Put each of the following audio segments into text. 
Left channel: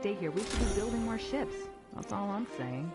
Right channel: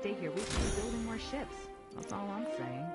stay here, we should be building more ships. That's all I'm saying.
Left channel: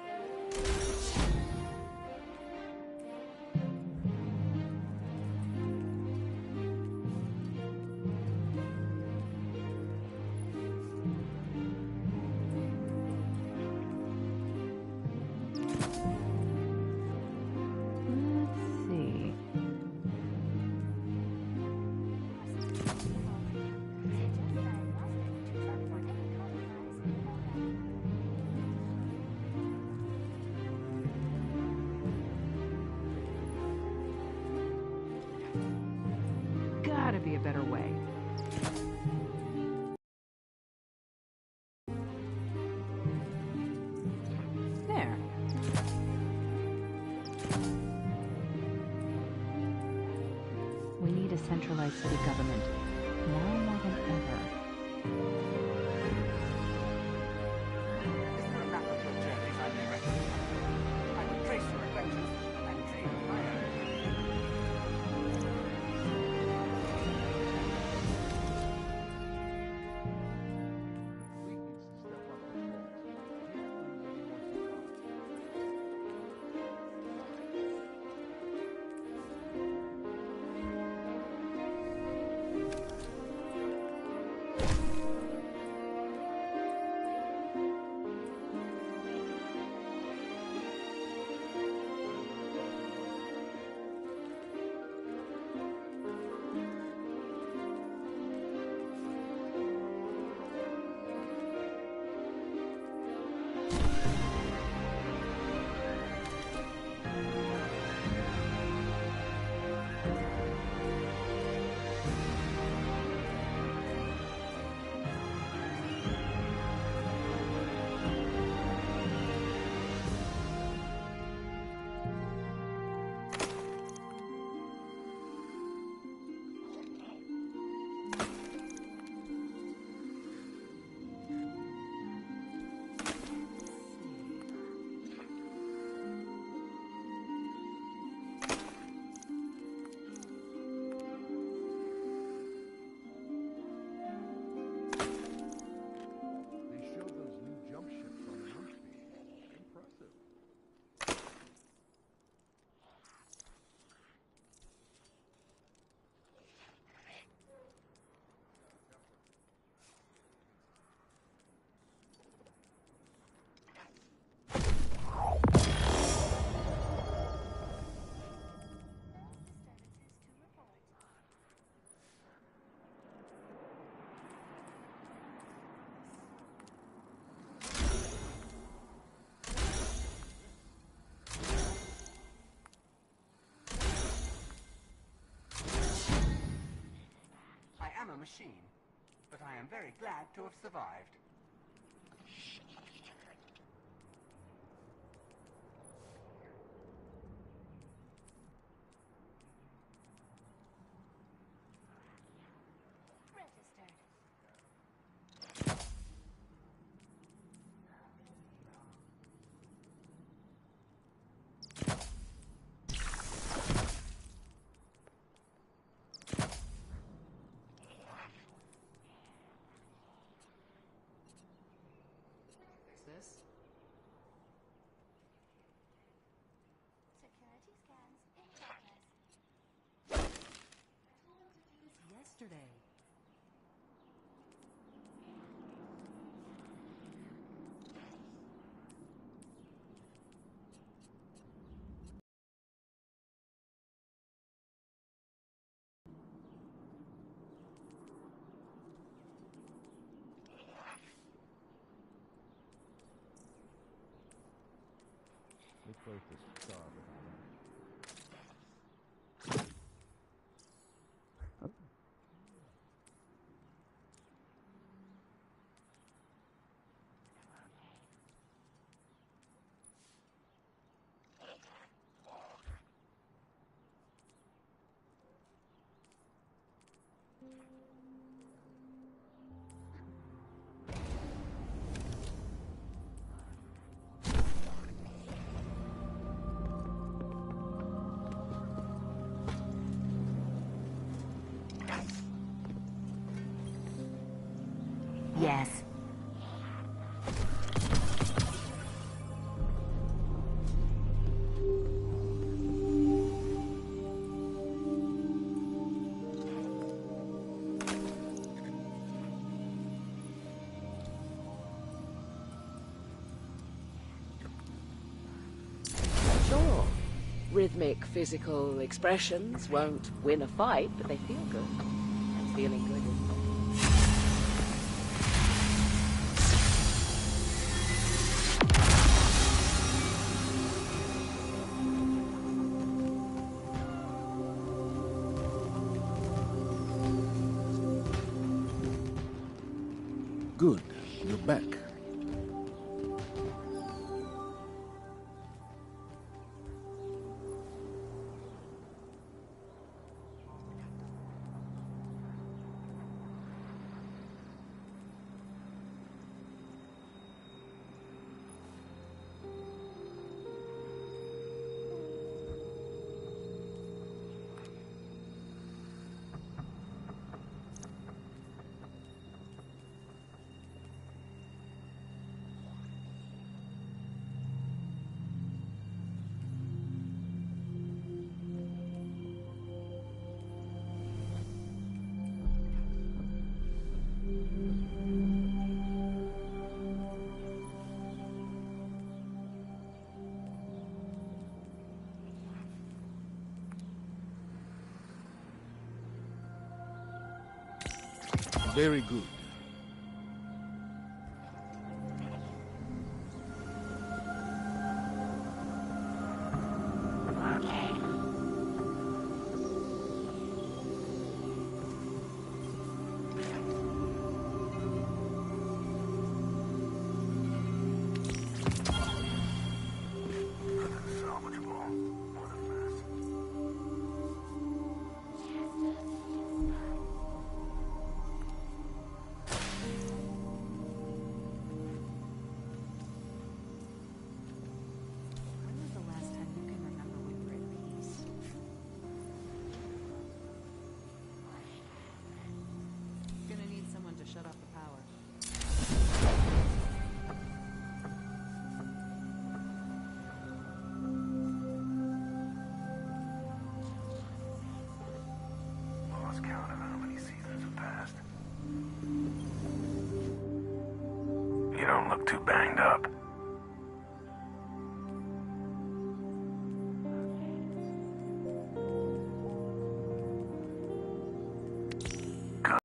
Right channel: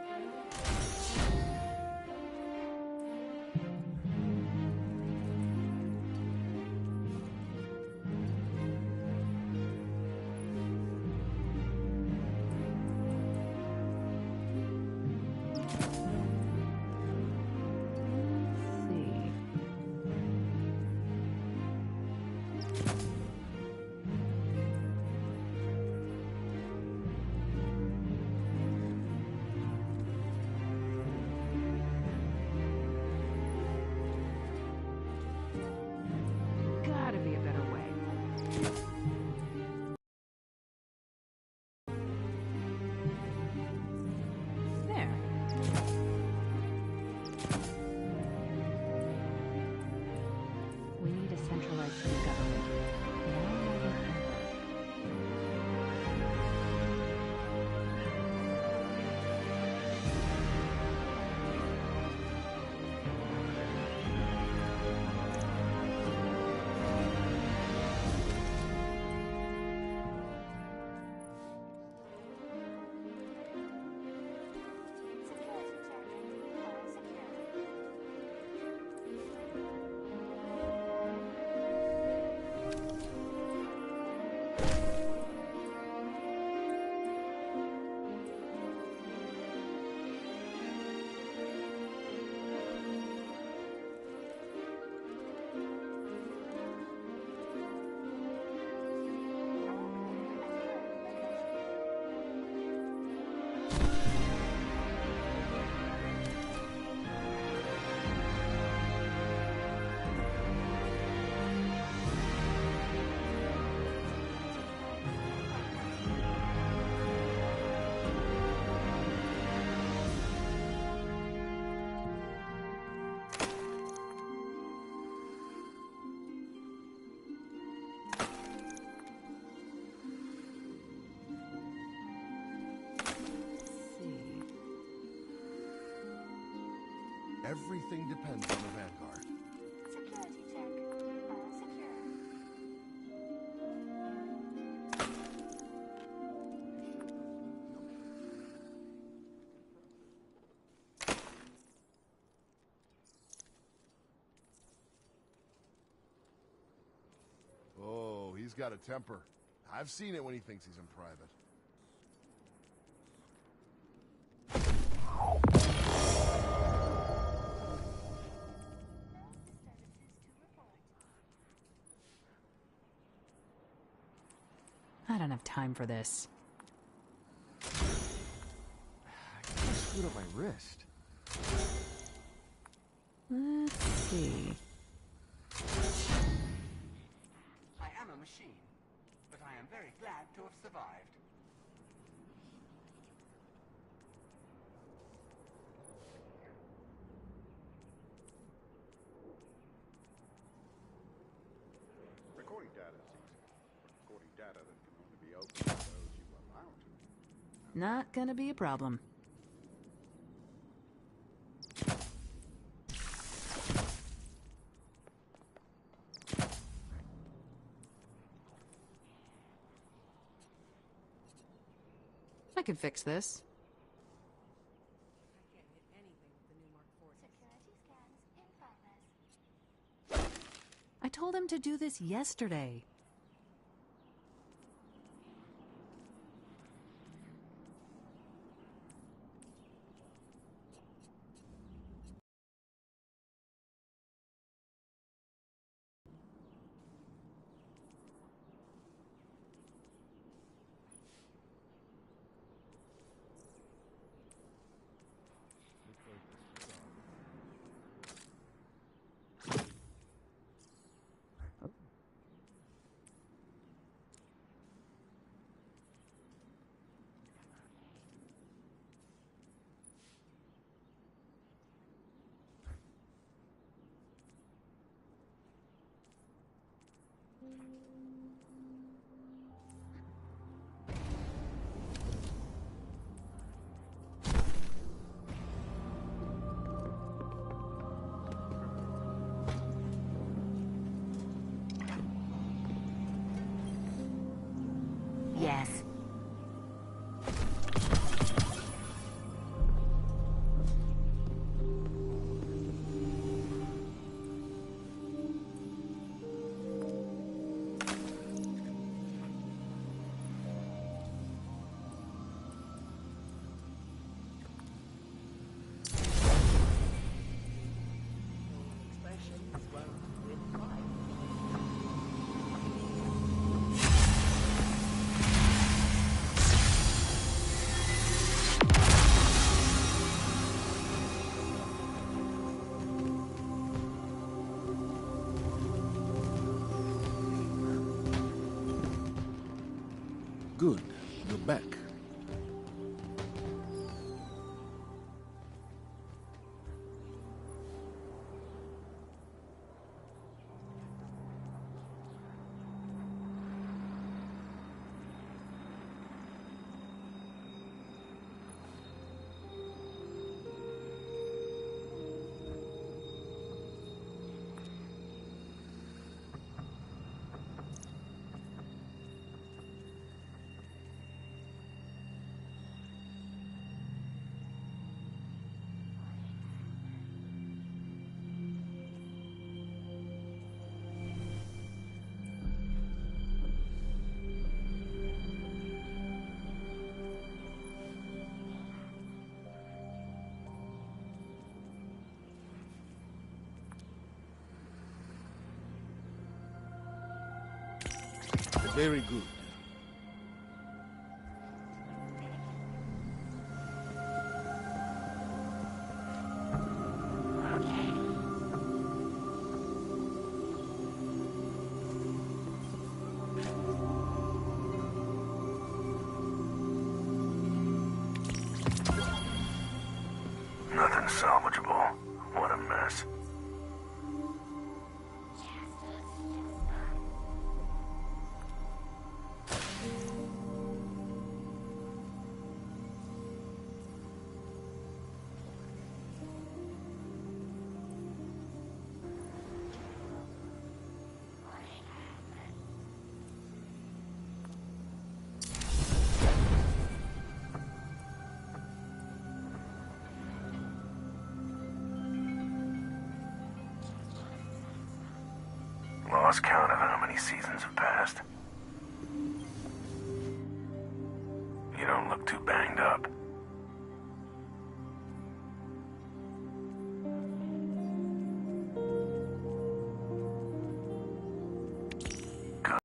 Gotta be a better way. There. We need a centralized city government, now more than ever. Everything depends on the Vanguard. Security check. All secure. They showed those new jump ships on the roof beam. Impressive. Oh, he's got a temper. I've seen it when he thinks he's in private. I don't have time for this. I got a suit on my wrist. Let's see. I am a machine, but I am very glad to have survived. Recording data. Recording data that can be opened by those who allow to. Not gonna be a problem. I can fix this. Security scans in progress. I told him to do this yesterday. Looks like the star behind him. Yes. rhythmic physical expressions won't win a fight, but they feel good. Feeling good. Good. You're back. Very good. Nothing salvageable. What a mess. Gonna need someone to shut off the power. Lost count of how many seasons have passed. You don't look too banged up. Good.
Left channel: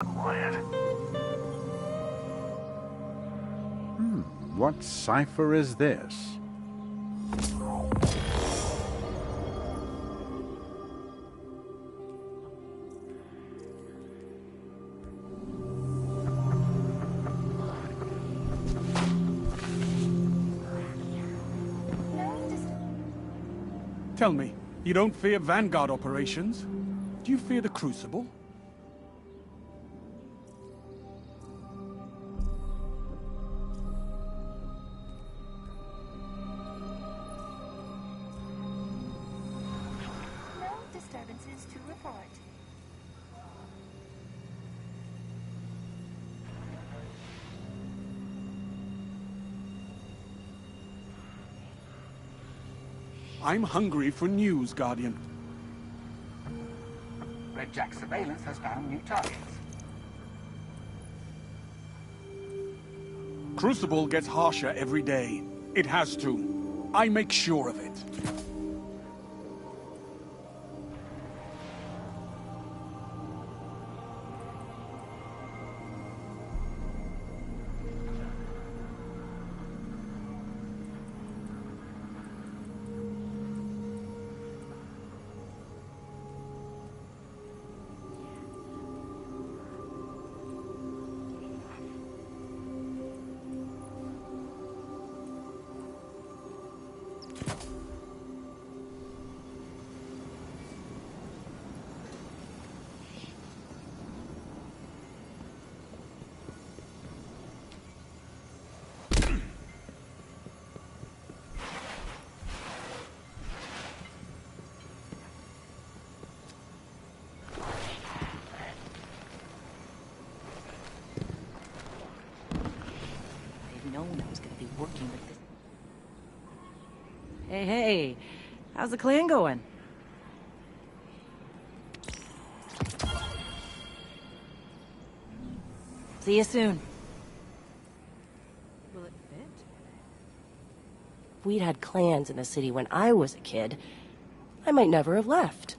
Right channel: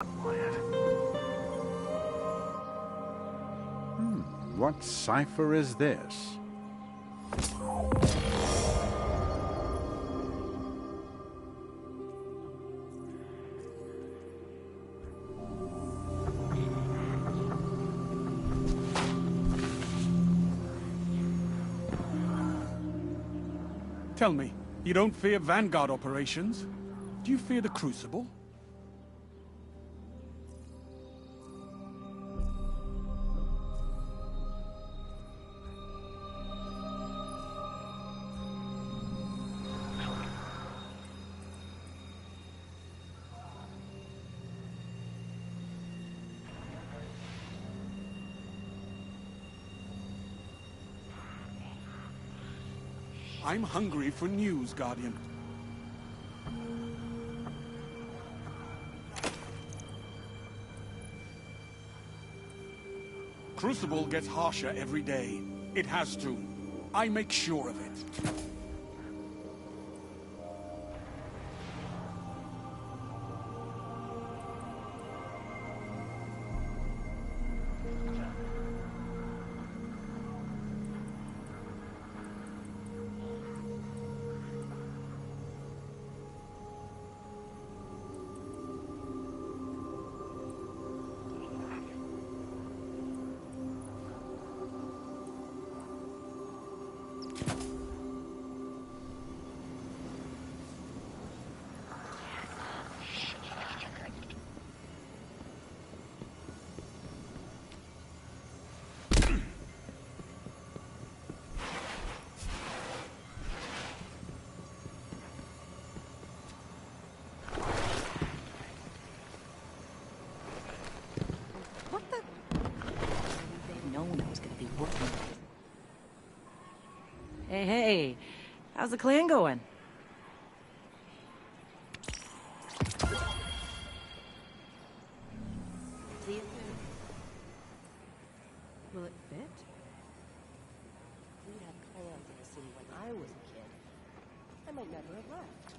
Quiet. What cipher is this? Tell me, you don't fear Vanguard operations? Do you fear the Crucible? No disturbances to report. I'm hungry for news, Guardian. Red Jack surveillance has found new targets. Crucible gets harsher every day. It has to. I make sure of it. They've known I was gonna be working with this. Hey, how's the clan going? See you soon. Will it fit? we'd had clans in the city when I was a kid, I might never have left.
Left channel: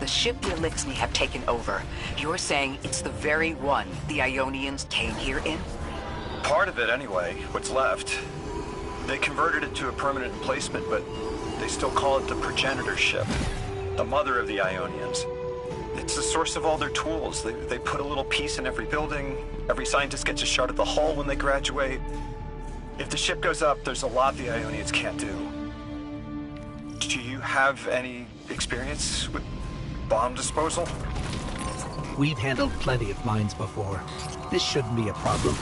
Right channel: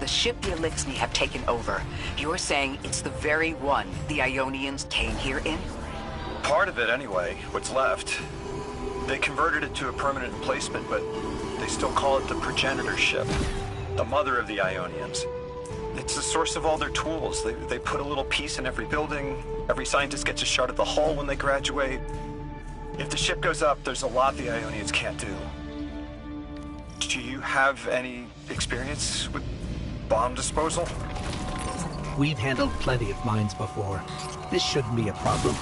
The ship the Elixni have taken over. You're saying it's the very one the Ionians came here in? Part of it, anyway. What's left. They converted it to a permanent emplacement, but they still call it the progenitor ship. The mother of the Ionians. It's the source of all their tools. They put a little piece in every building. Every scientist gets a shot at the hull when they graduate. If the ship goes up, there's a lot the Ionians can't do. Do you have any experience with bomb disposal? We've handled plenty of mines before. This shouldn't be a problem.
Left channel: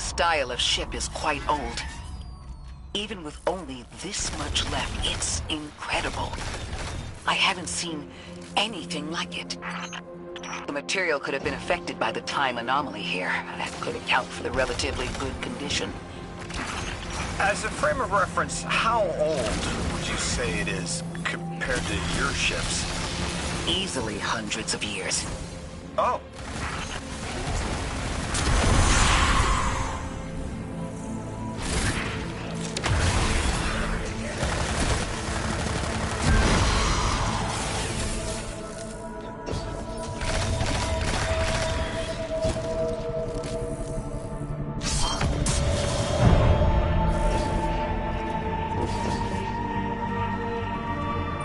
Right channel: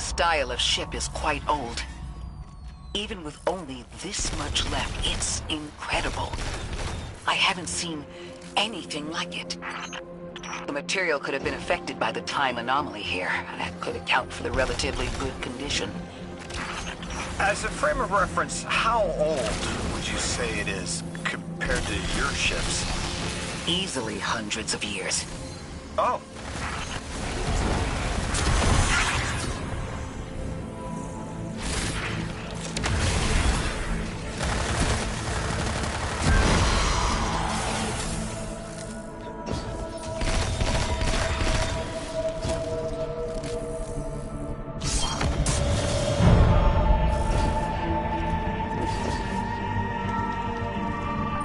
style of ship is quite old. Even with only this much left, it's incredible. I haven't seen anything like it. The material could have been affected by the time anomaly here. That could account for the relatively good condition. As a frame of reference, how old would you say it is compared to your ships? Easily hundreds of years. Oh.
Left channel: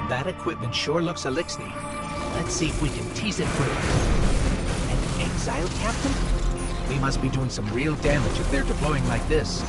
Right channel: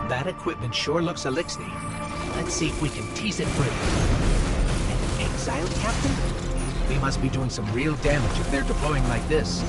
That equipment sure looks Elixni. Let's see if we can tease it free. An exiled captain? We must be doing some real damage if they're deploying like this.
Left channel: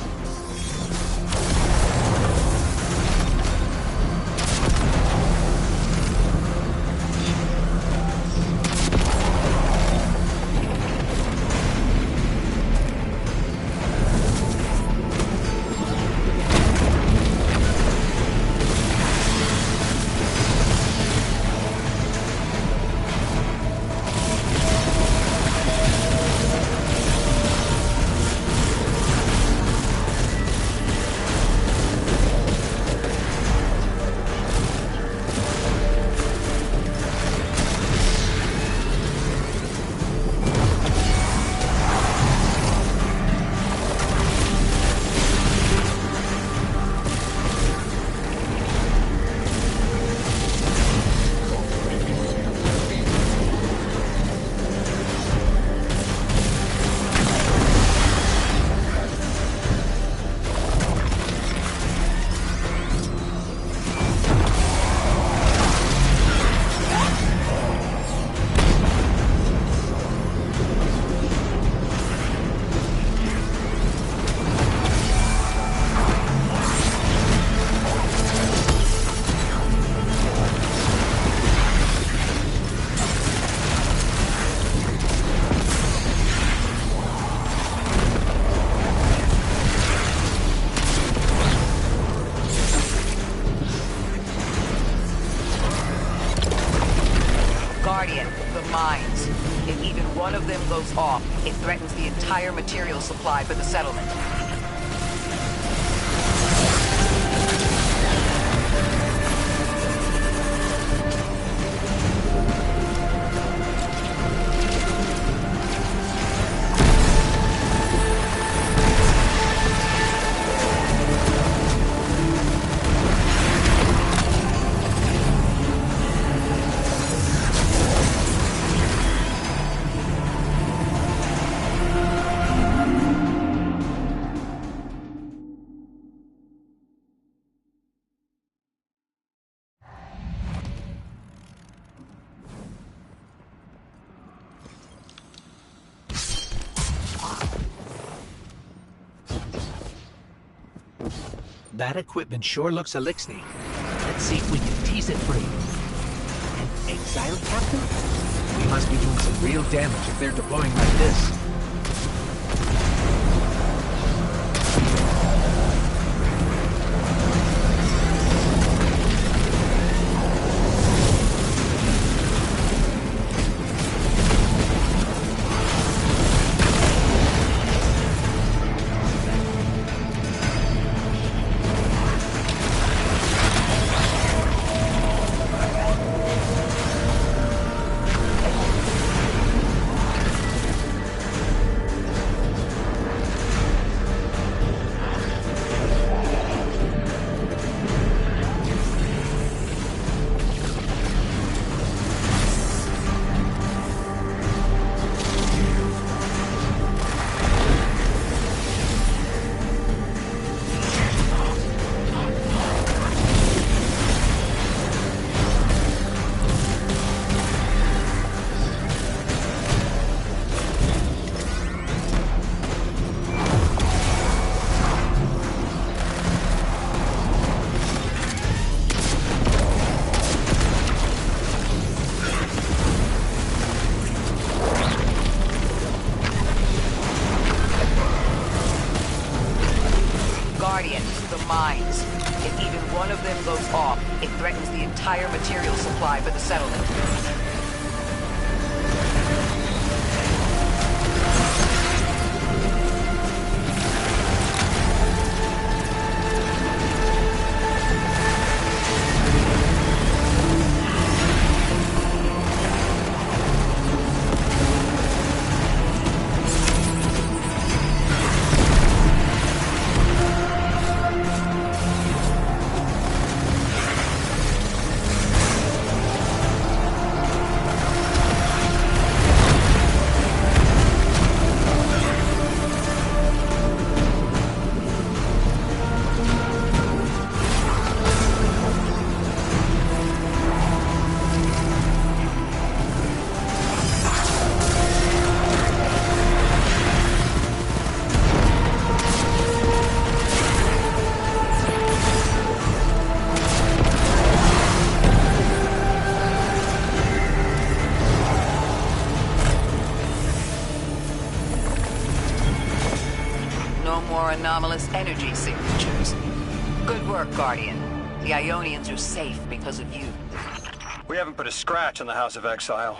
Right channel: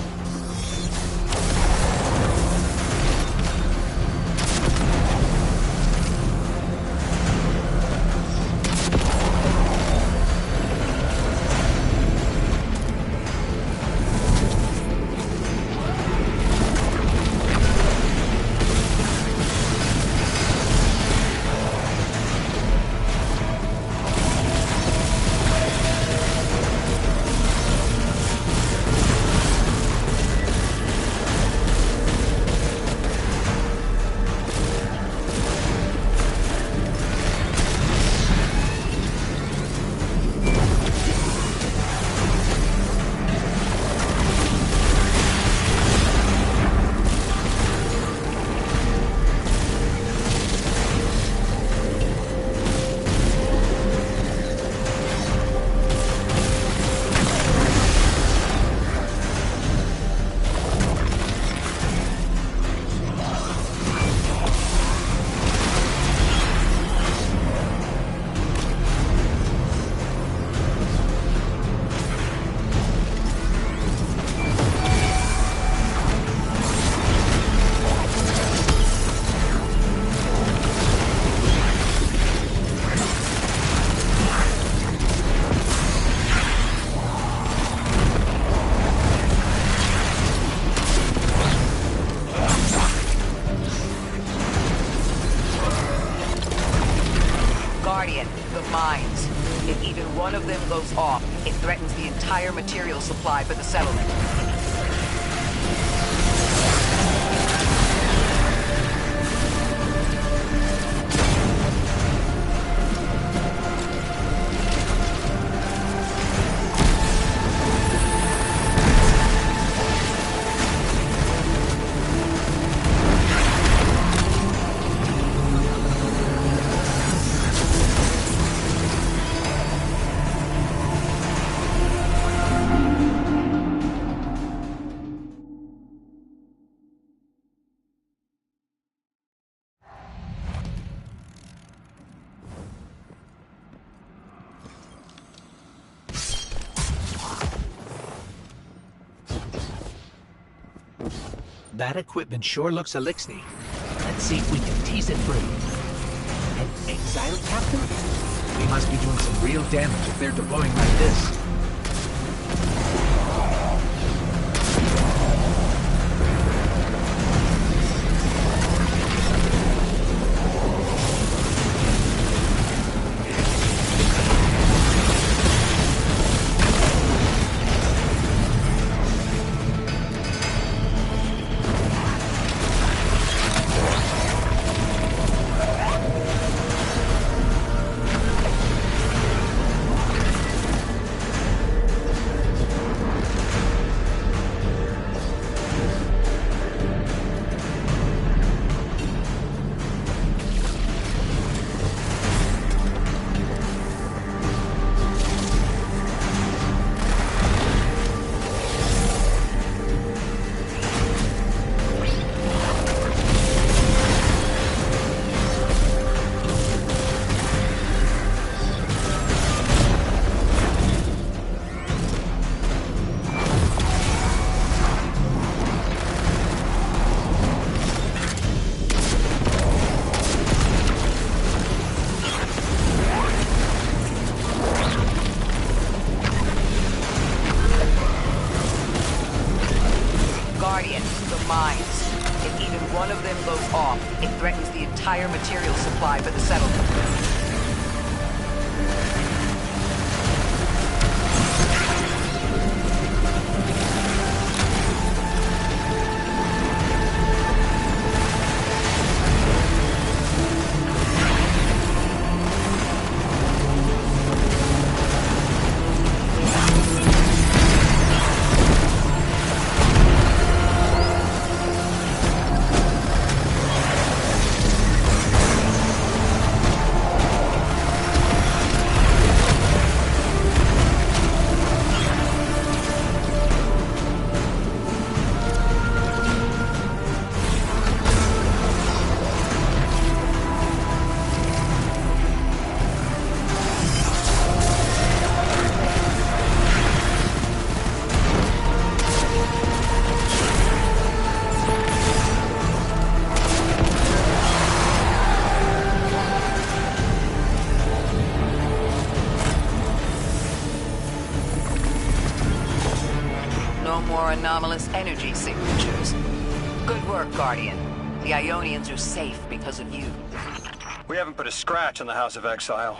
Guardian, the mines. If even one of them goes off, it threatens the entire material supply for the settlement. That equipment sure looks Elixni. Let's see if we can tease it free. An exiled captain? We must be doing some real damage if they're deploying like this. Guardian, the mines. If even one of them goes off, it threatens the entire material supply for the settlement. No more anomalous energy signatures. Good work, Guardian. The Ionians are safe because of you. We haven't put a scratch on the House of Exile.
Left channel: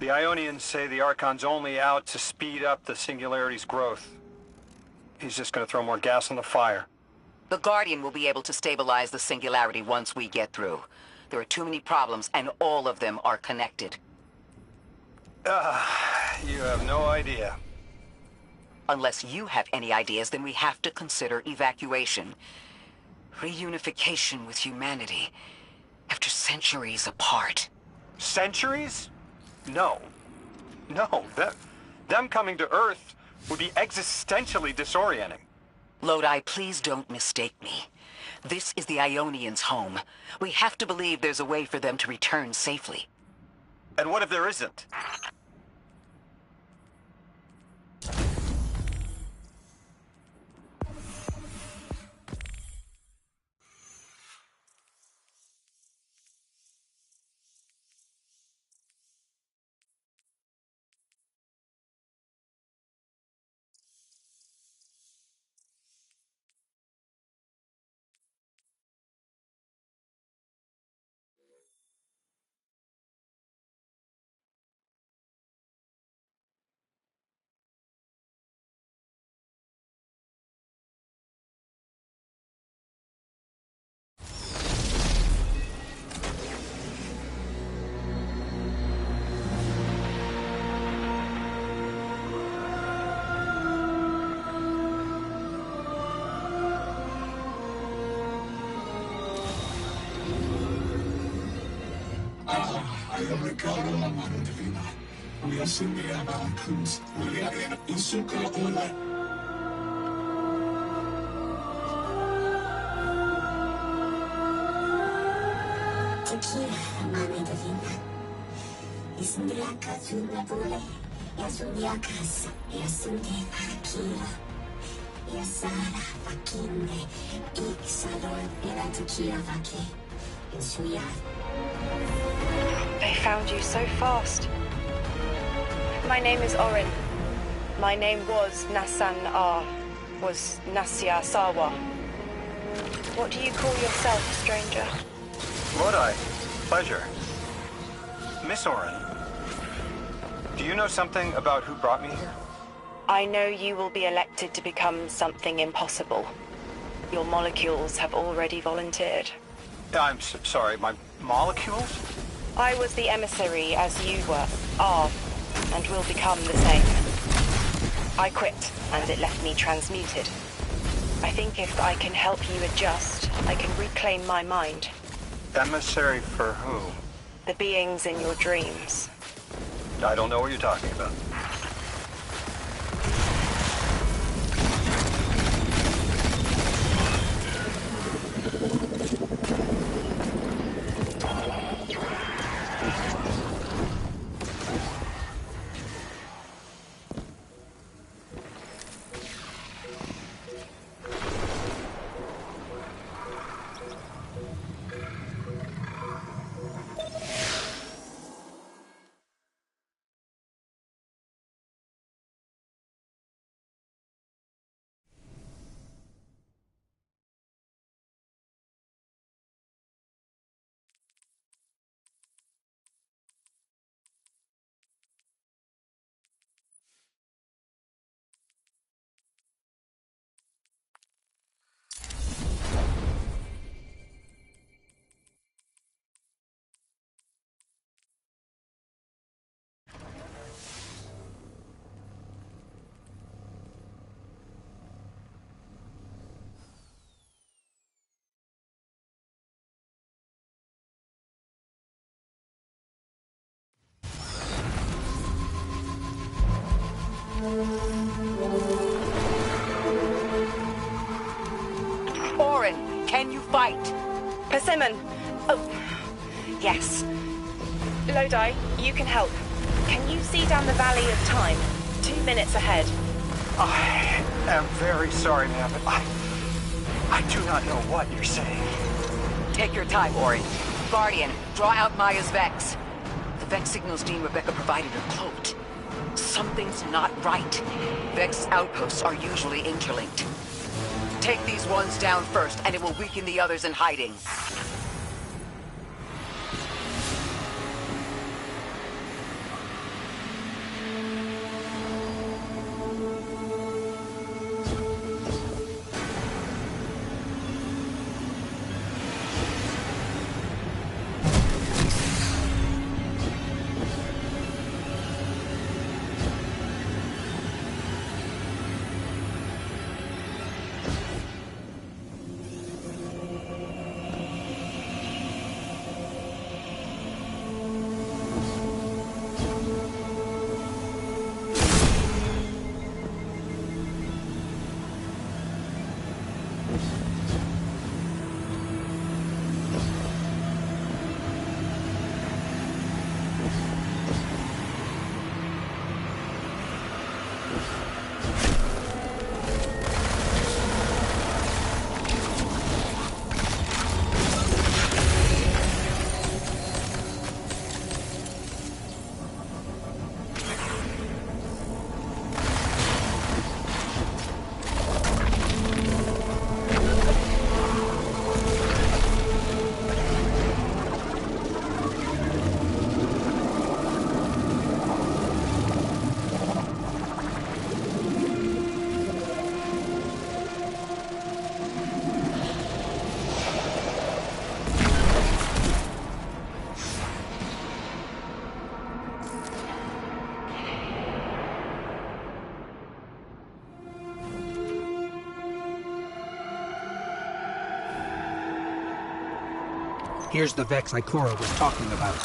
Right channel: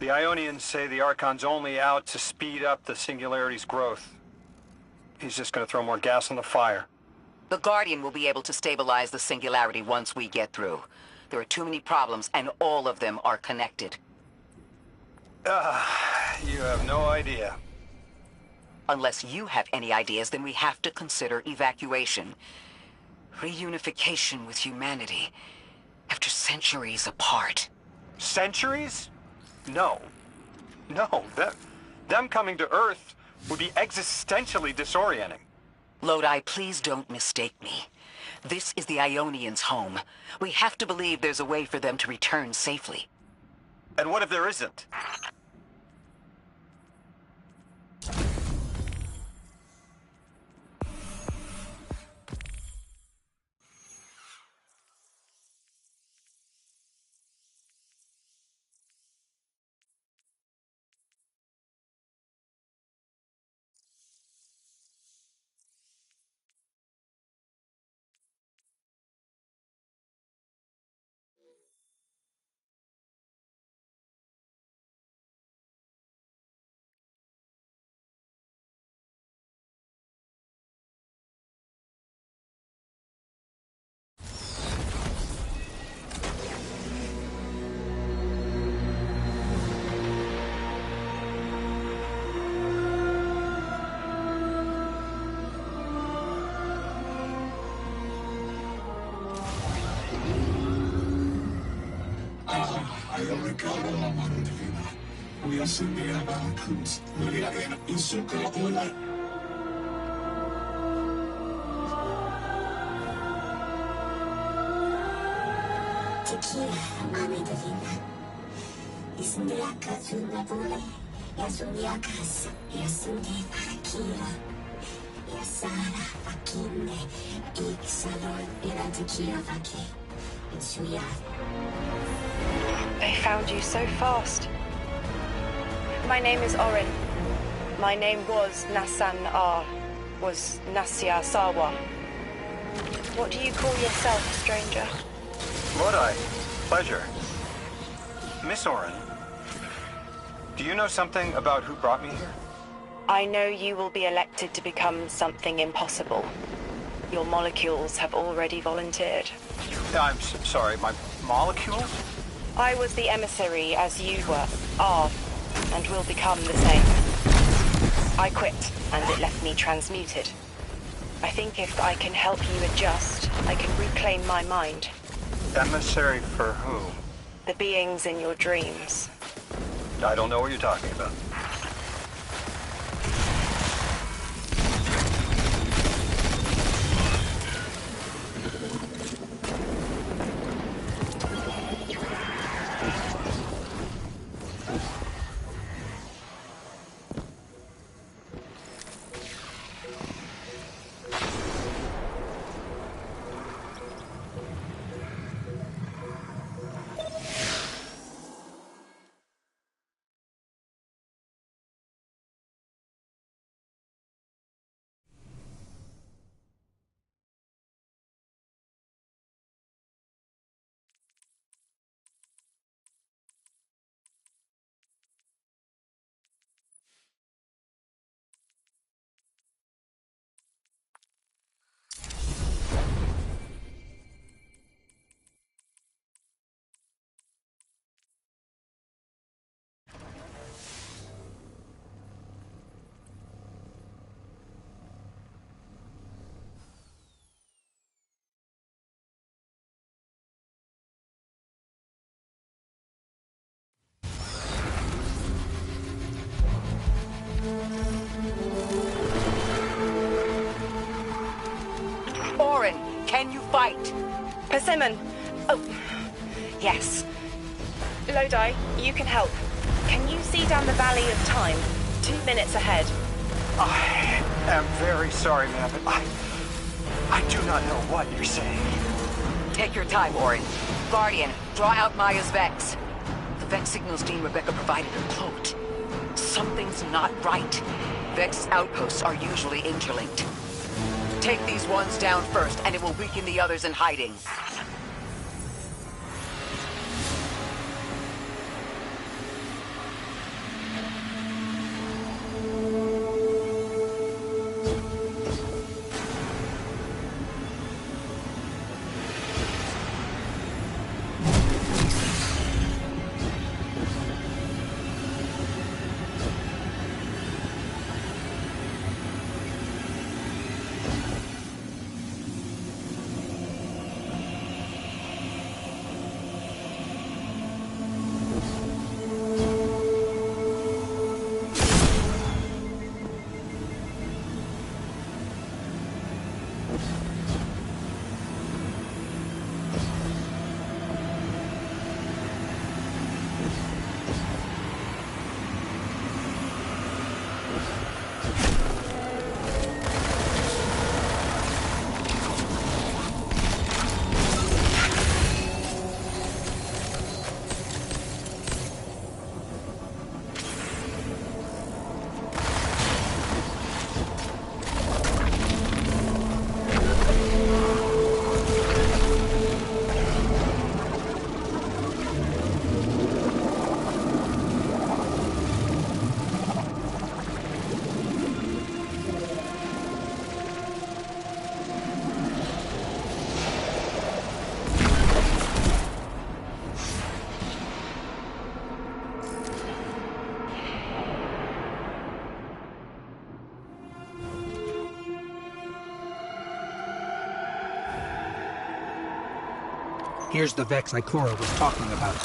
The Ionians say the Archon's only out to speed up the Singularity's growth. He's just gonna throw more gas on the fire. The Guardian will be able to stabilize the Singularity once we get through. There are too many problems, and all of them are connected. You have no idea. Unless you have any ideas, then we have to consider evacuation. Reunification with humanity. After centuries apart. Centuries? No. No, them coming to Earth would be existentially disorienting. Lodi, please don't mistake me. This is the Ionians' home. We have to believe there's a way for them to return safely. And what if there isn't? Ricardo Amaro Divina. We are Cindy Avalon Cruz. We are in Usuka Ola. Tequila, Mami Divina. Isundiaka Sunabule. Yasundiakas. Yasunde Akira. Yasara Akinde. Iksalor Iratekia Vaki. Insuya. They found you so fast. My name is Orin. My name was Nassan R. Was Nassia Sawa. What do you call yourself, stranger? Lodi, pleasure. Miss Orin, do you know something about who brought me here? I know you will be elected to become something impossible. Your molecules have already volunteered. I'm sorry, my molecules? I was the emissary as you are, and will become the same. I quit, and it left me transmuted. I think if I can help you adjust, I can reclaim my mind. Emissary for who? The beings in your dreams. I don't know what you're talking about. Orin, can you fight? Persimmon! Oh, yes. Lodi, you can help. Can you see down the Valley of Time? 2 minutes ahead. I am very sorry, ma'am, but I do not know what you're saying. Take your time, Orin. Guardian, draw out Maya's Vex. The Vex signals Dean Rebecca provided are cloaked. Something's not right. Vex outposts are usually interlinked. Take these ones down first, and it will weaken the others in hiding. Here's the Vex Ikora was talking about.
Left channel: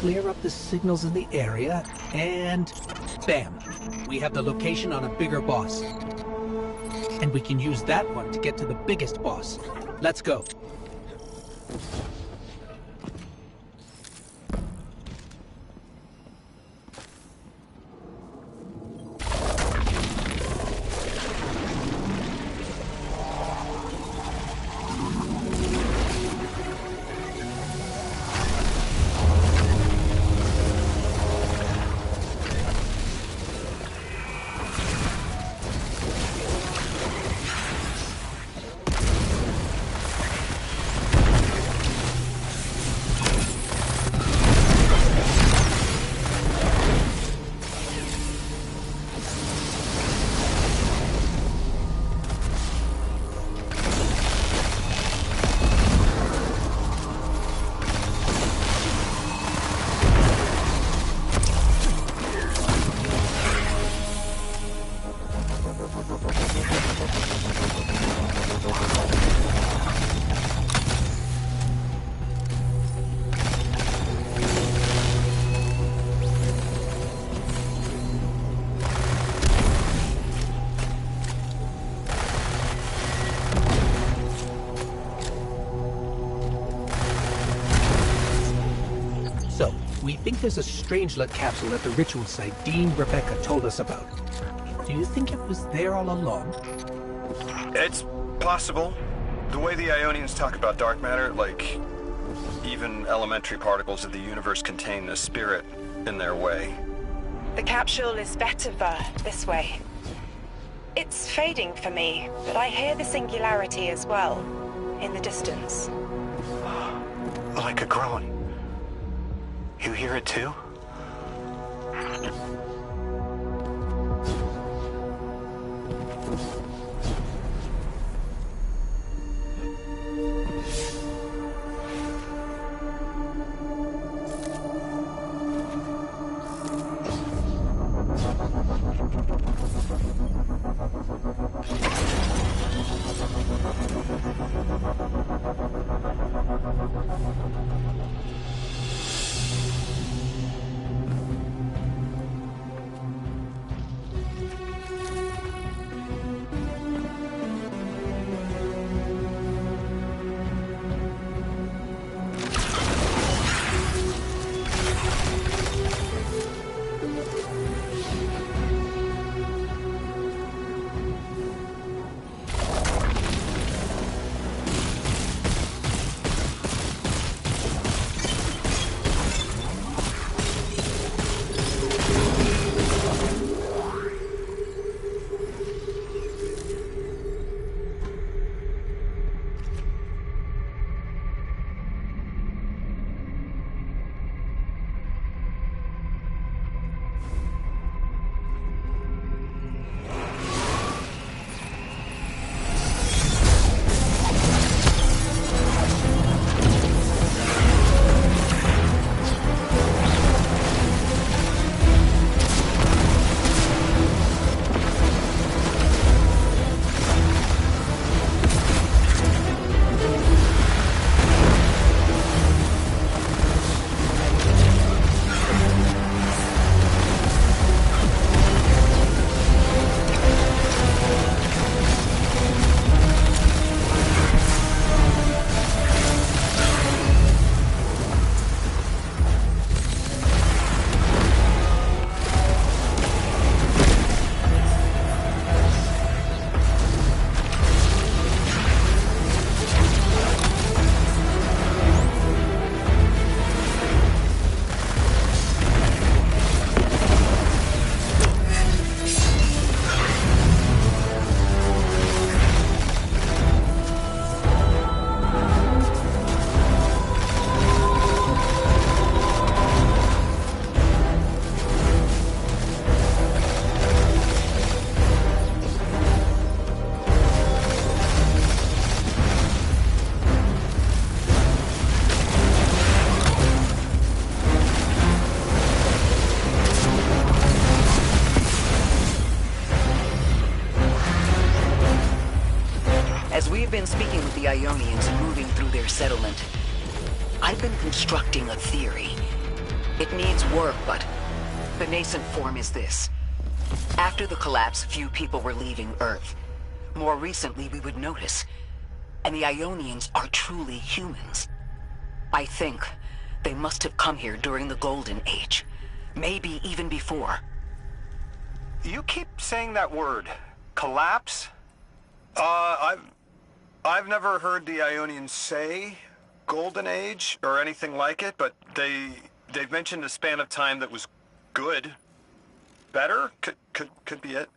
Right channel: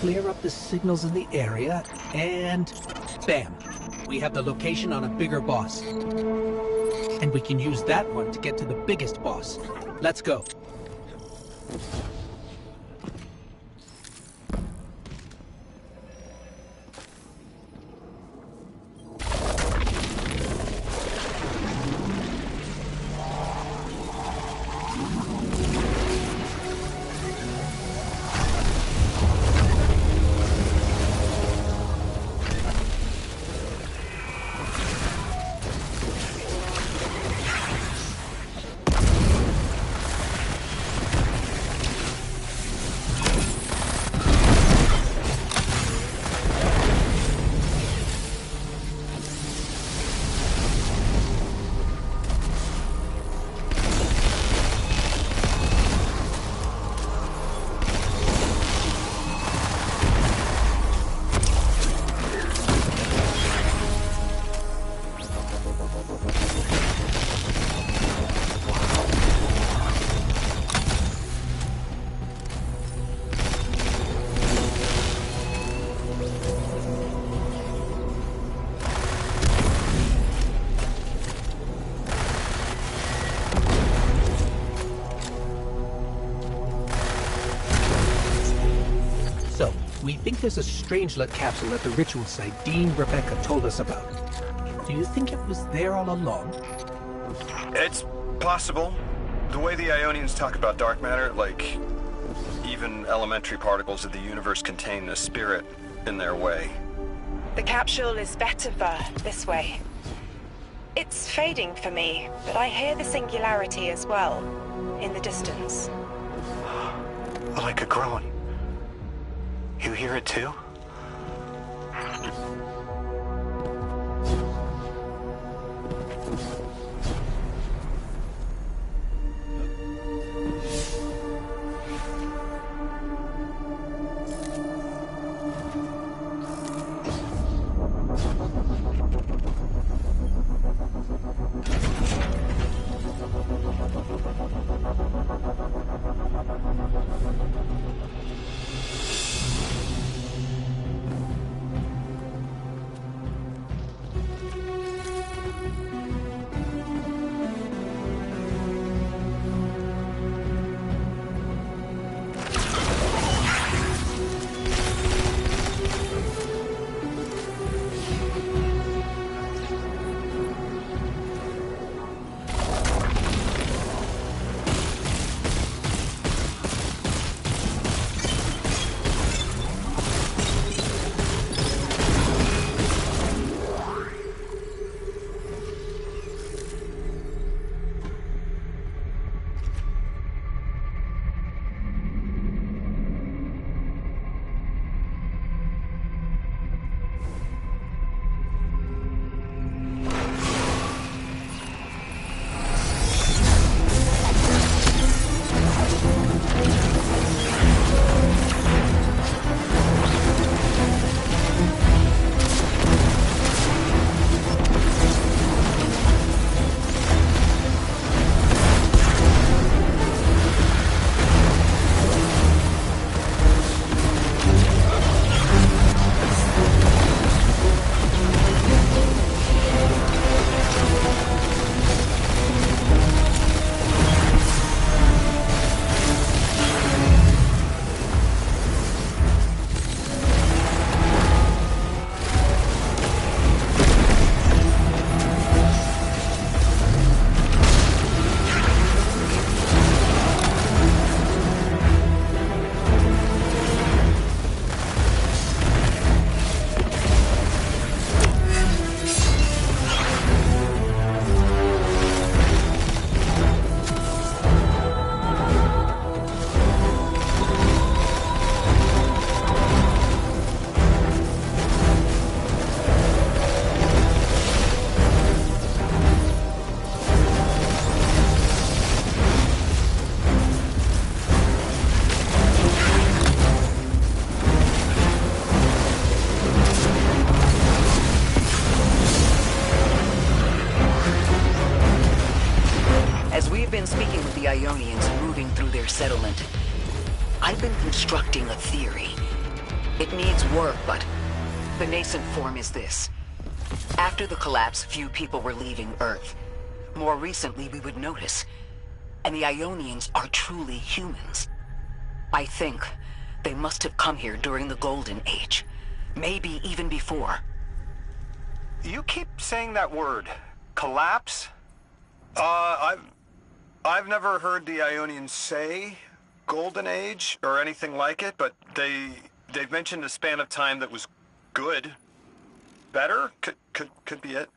Clear up the signals in the area, and bam! We have the location on a bigger boss. And we can use that one to get to the biggest boss. Let's go. We think there's a Strangelet capsule at the ritual site Dean Rebecca told us about. Do you think it was there all along? It's possible. The way the Ionians talk about dark matter, like even elementary particles of the universe contain the spirit in their way. The capsule is better this way. It's fading for me, but I hear the singularity as well, in the distance. like a groan. You hear it too? Been speaking with the Ionians and moving through their settlement. I've been constructing a theory. It needs work, but the nascent form is this. After the collapse, few people were leaving Earth. More recently, we would notice. And the Ionians are truly humans. I think they must have come here during the Golden Age. Maybe even before. You keep saying that word. Collapse? I've never heard the Ionians say Golden Age or anything like it, but they've mentioned a span of time that was good. Better? Could be it.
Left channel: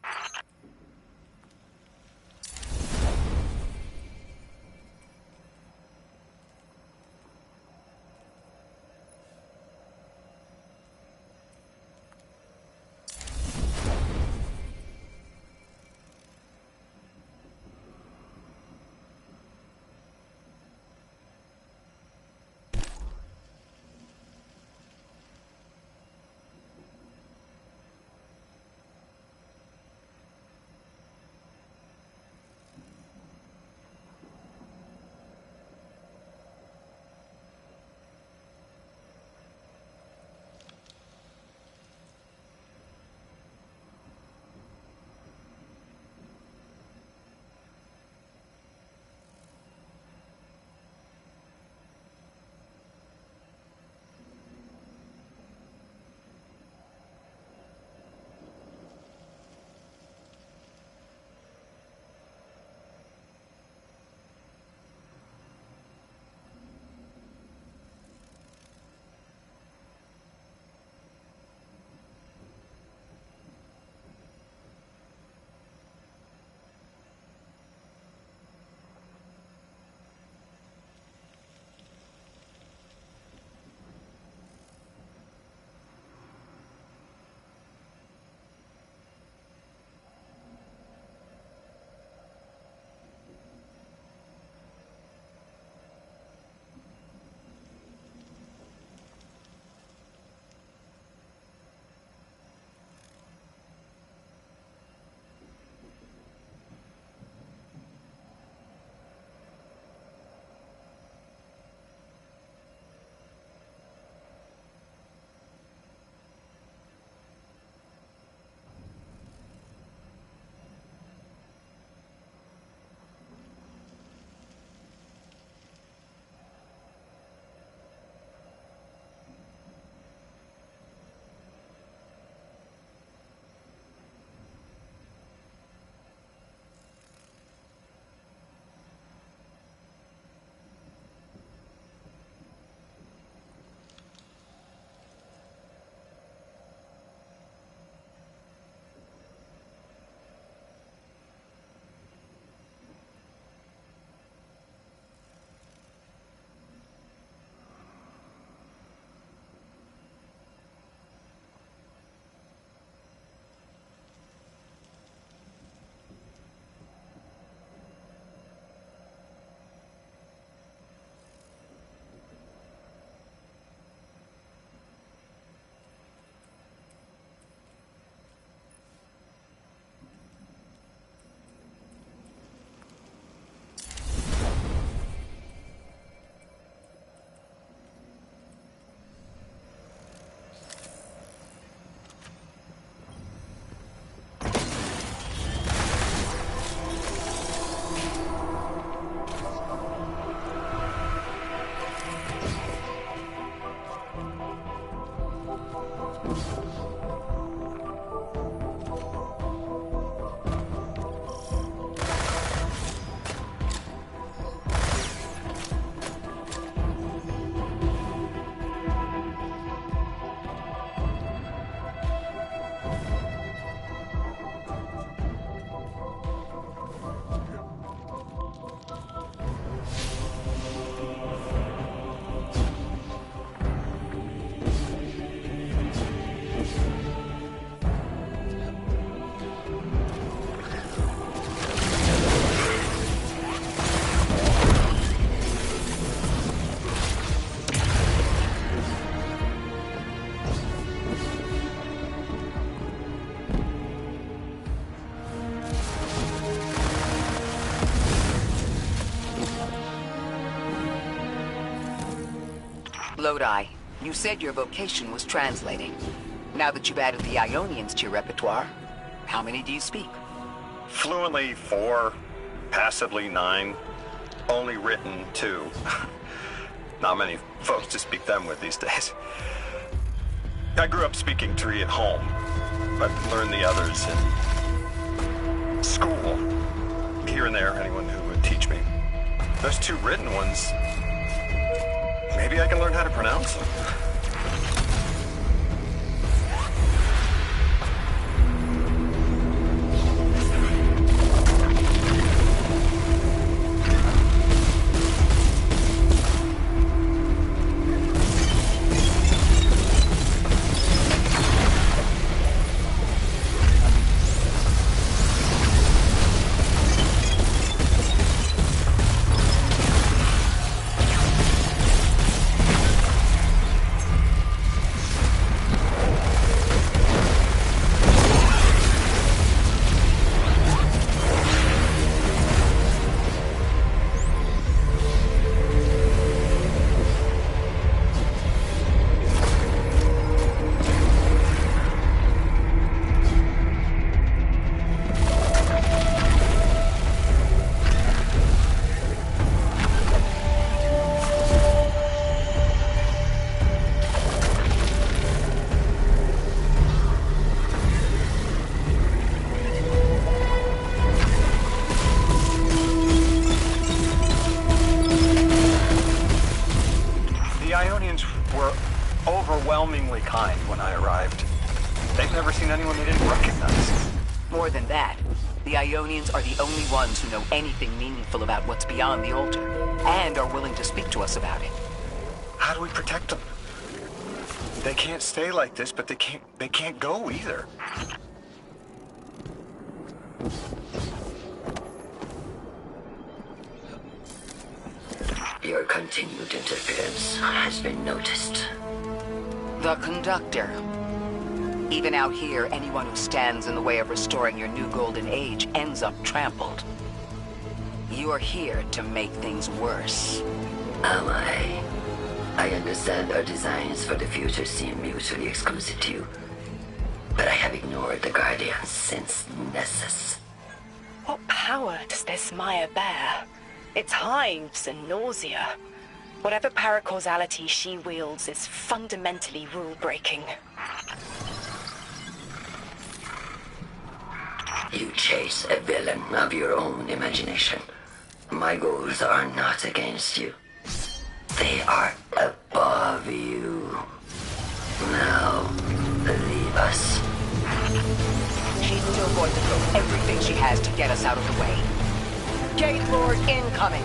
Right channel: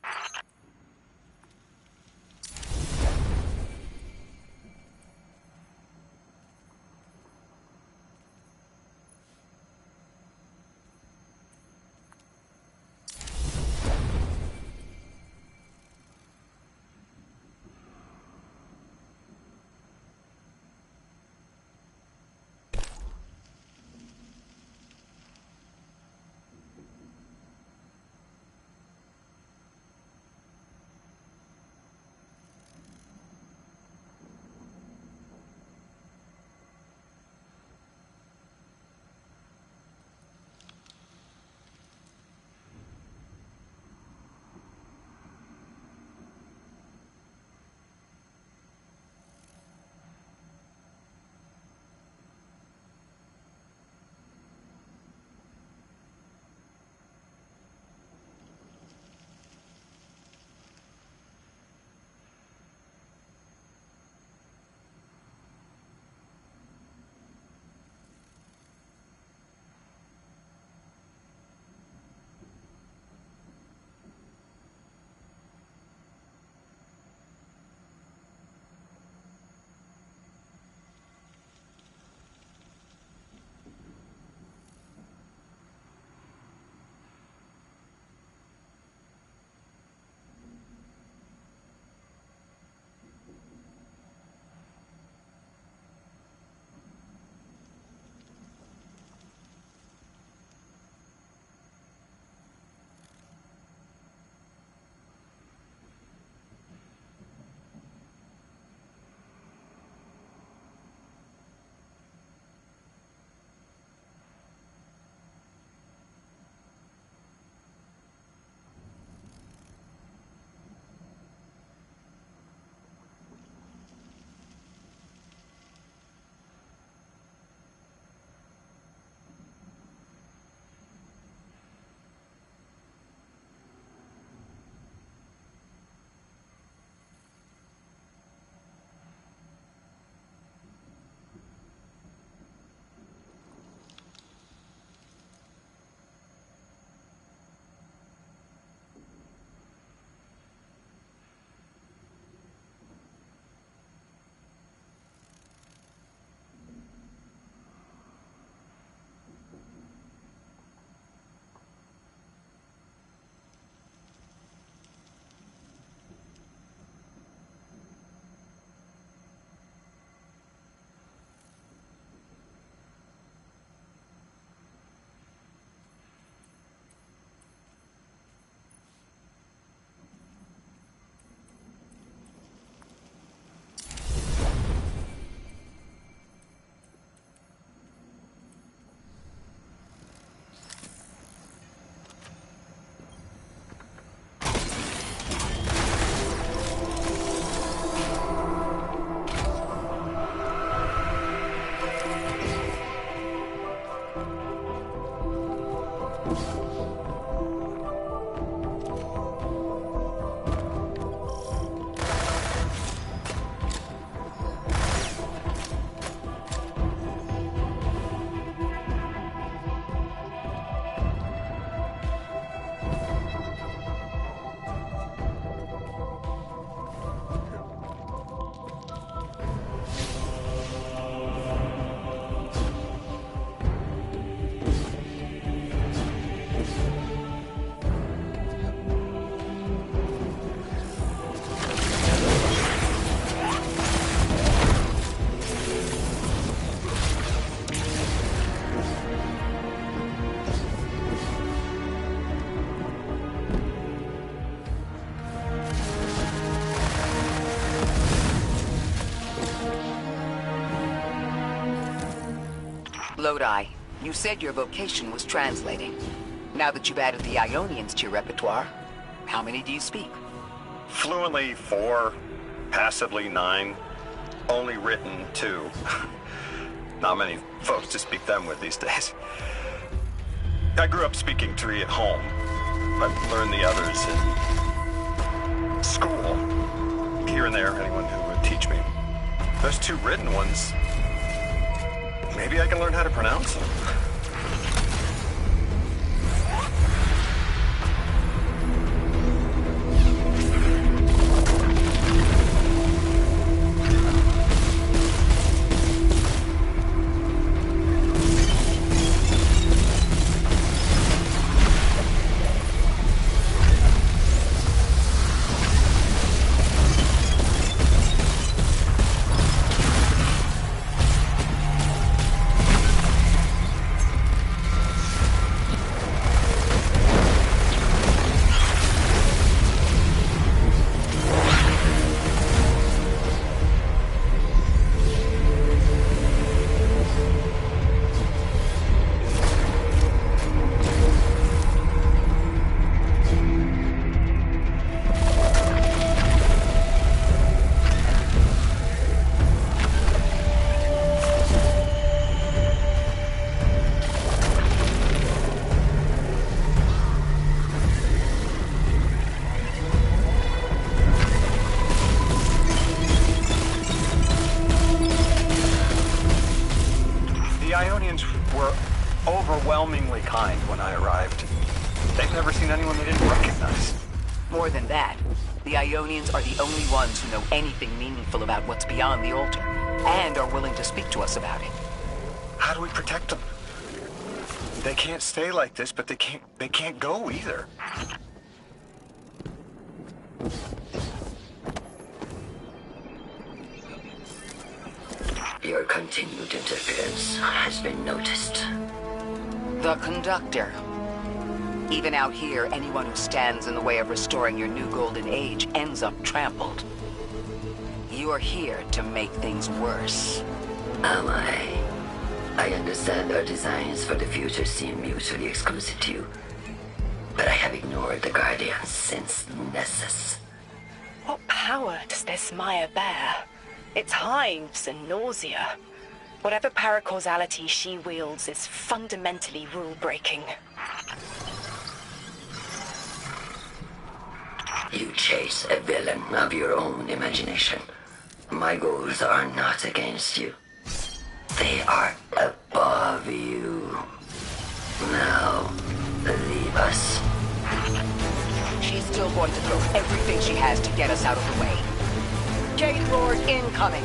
Lodi, you said your vocation was translating. Now that you've added the Ionians to your repertoire, how many do you speak? Fluently 4, passively 9, only written 2. Not many folks to speak them with these days. I grew up speaking 3 at home. I've learned the others in school. Here and there, anyone who would teach me. Those 2 written ones, maybe I can learn how to pronounce them. Overwhelmingly kind when I arrived. They've never seen anyone they didn't recognize. More than that, the Ionians are the only ones who know anything meaningful about what's beyond the altar, and are willing to speak to us about it. How do we protect them? They can't stay like this, but they can't go either. Your continued interference has been noticed. The Conductor. Even out here, anyone who stands in the way of restoring your new golden age ends up trampled. You're here to make things worse. Am I? I understand our designs for the future seem mutually exclusive to you, but I have ignored the Guardians since Nessus. What power does this Maya bear? It's hives and nausea. Whatever paracausality she wields is fundamentally rule-breaking. You chase a villain of your own imagination. My goals are not against you. They are above you. Now, leave us. She's still going to throw everything she has to get us out of the way. Gate Lord incoming!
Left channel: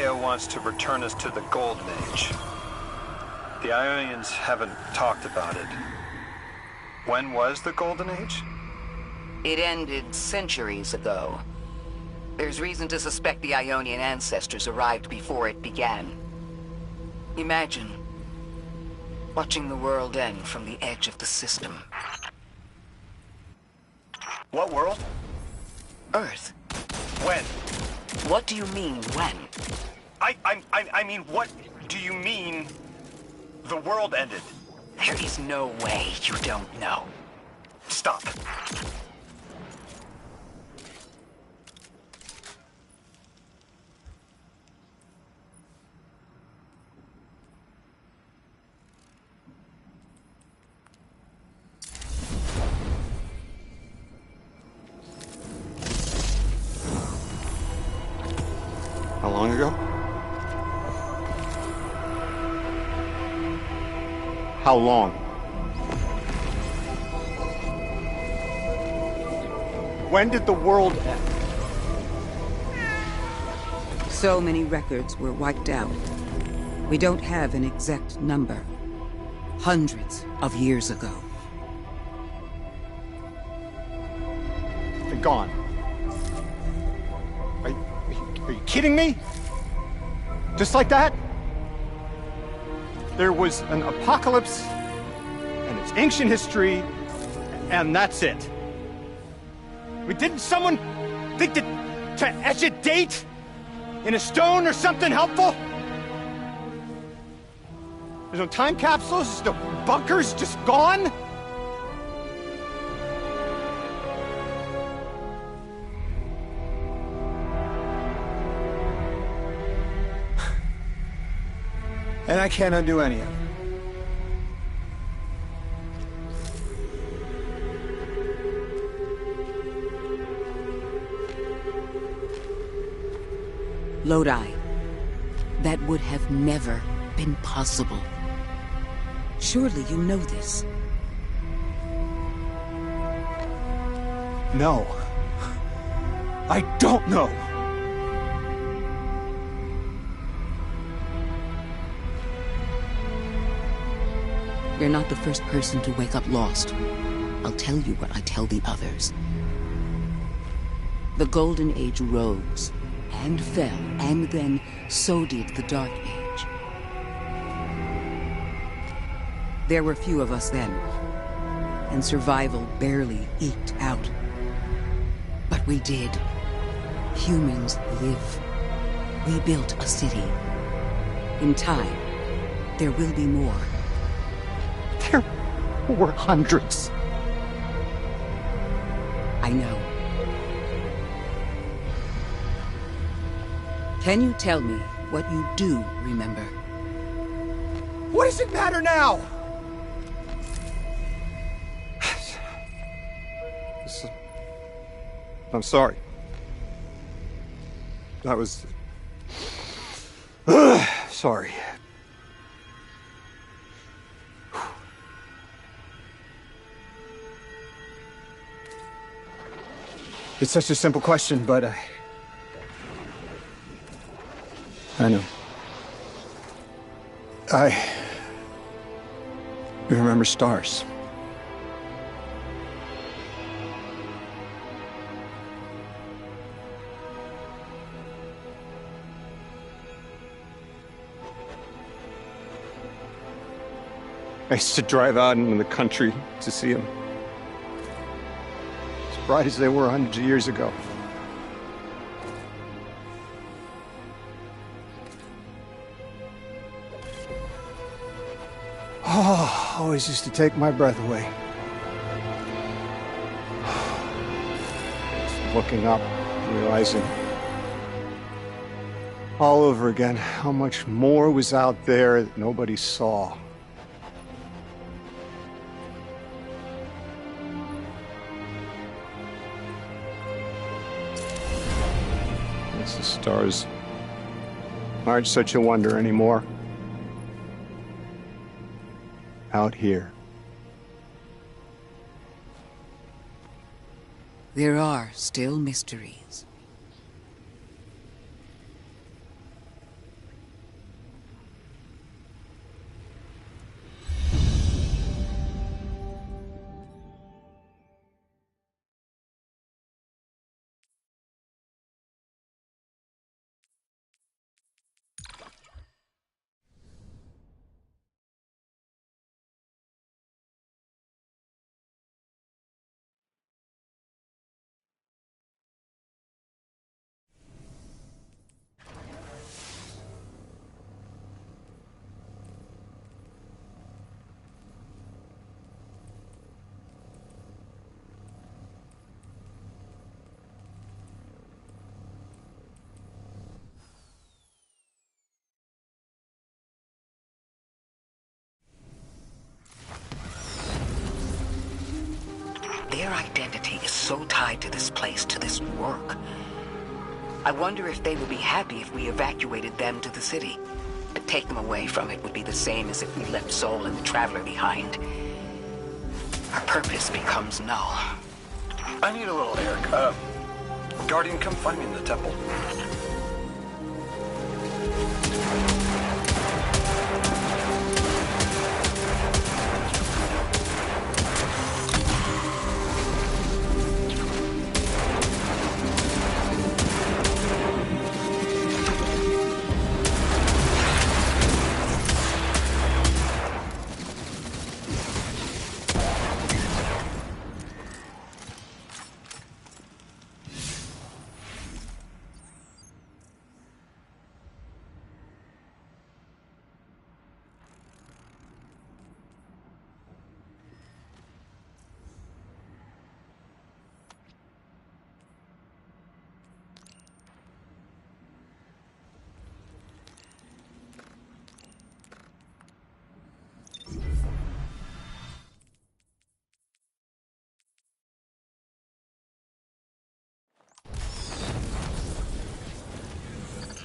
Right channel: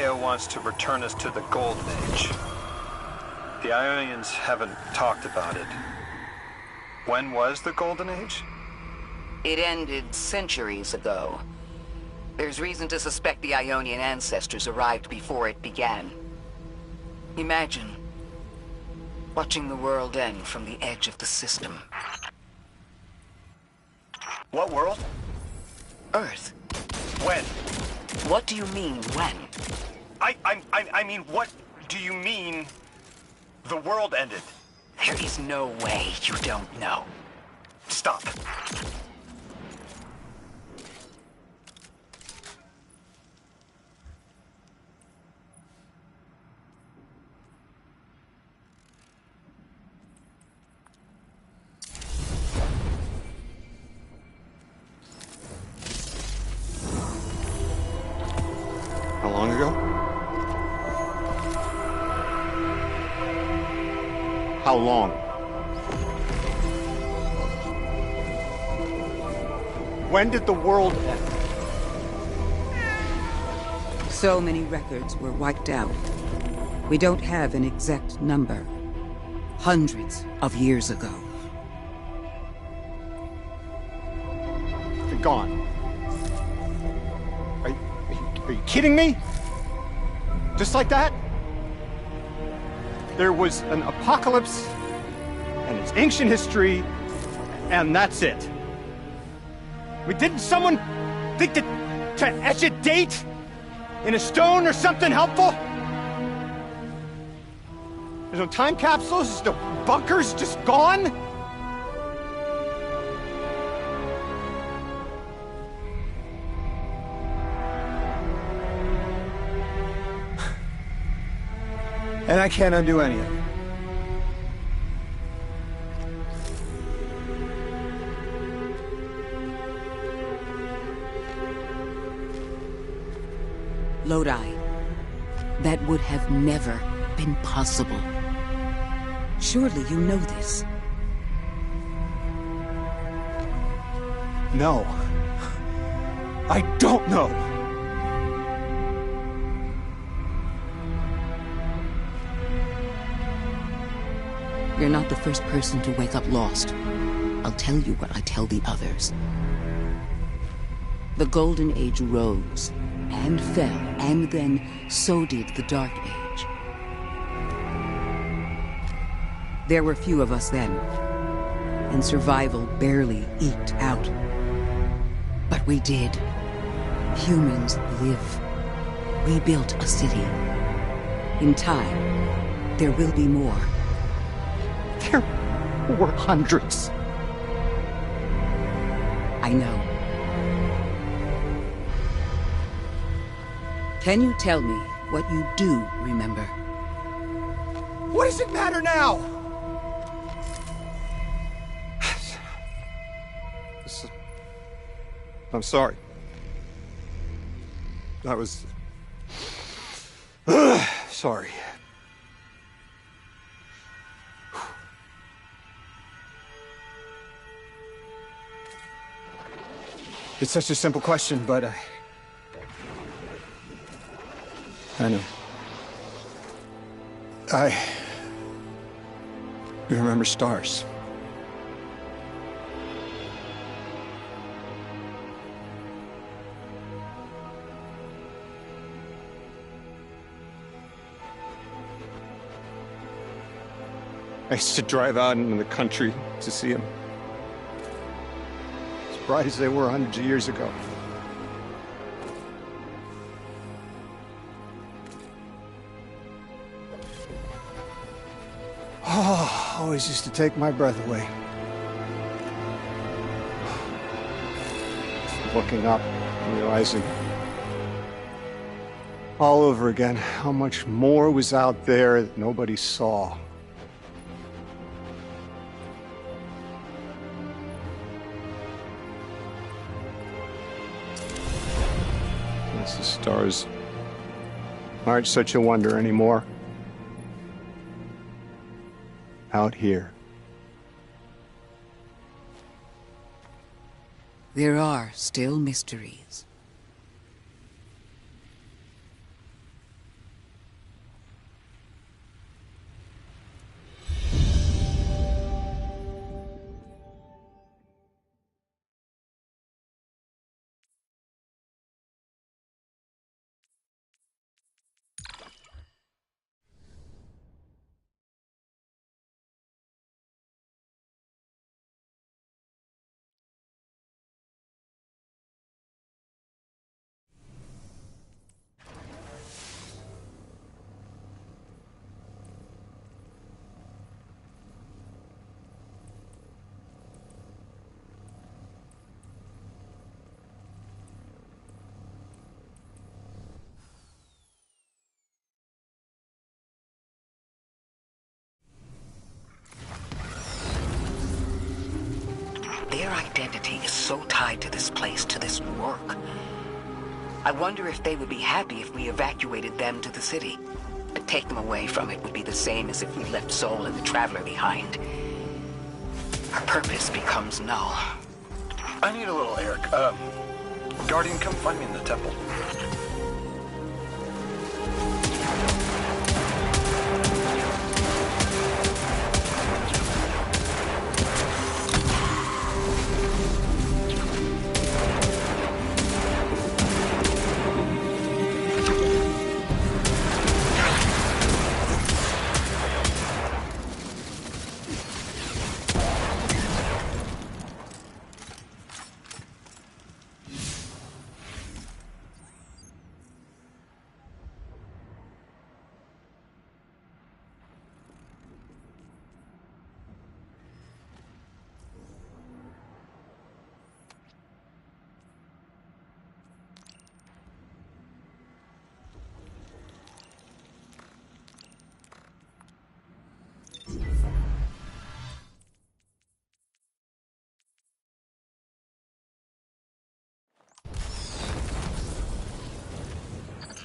Gaia wants to return us to the Golden Age. The Ionians haven't talked about it. When was the Golden Age? It ended centuries ago. There's reason to suspect the Ionian ancestors arrived before it began. Imagine watching the world end from the edge of the system. What world? Earth. When? What do you mean, when? I mean, what do you mean the world ended? There is no way you don't know. Stop. How long ago? How long? When did the world end? So many records were wiped out. We don't have an exact number. Hundreds of years ago. They're gone. Are you kidding me? Just like that? There was an apocalypse, and it's ancient history, and that's it. Didn't someone think to etch a date in a stone or something helpful? There's no time capsules, there's no bunkers, just gone? And I can't undo any of it. Lodi. That would have never been possible. Surely you know this. No. I don't know. You're not the first person to wake up lost. I'll tell you what I tell the others. The Golden Age rose and fell, and then so did the Dark Age. There were few of us then, and survival barely eked out. But we did. Humans live. We built a city. In time, there will be more. There were hundreds. I know. Can you tell me what you do remember? What does it matter now? I'm sorry. I was... sorry. It's such a simple question, but I know. I remember stars. I used to drive out into the country to see them. As bright as they were hundreds of years ago. Oh, always used to take my breath away. Looking up, realizing all over again how much more was out there that nobody saw. Guess the stars aren't such a wonder anymore. Out here. There are still mysteries. Their identity is so tied to this place, to this work. I wonder if they would be happy if we evacuated them to the city. To take them away from it would be the same as if we left Soul and the Traveler behind. Our purpose becomes null. I need a little Eric. Guardian, come find me in the temple.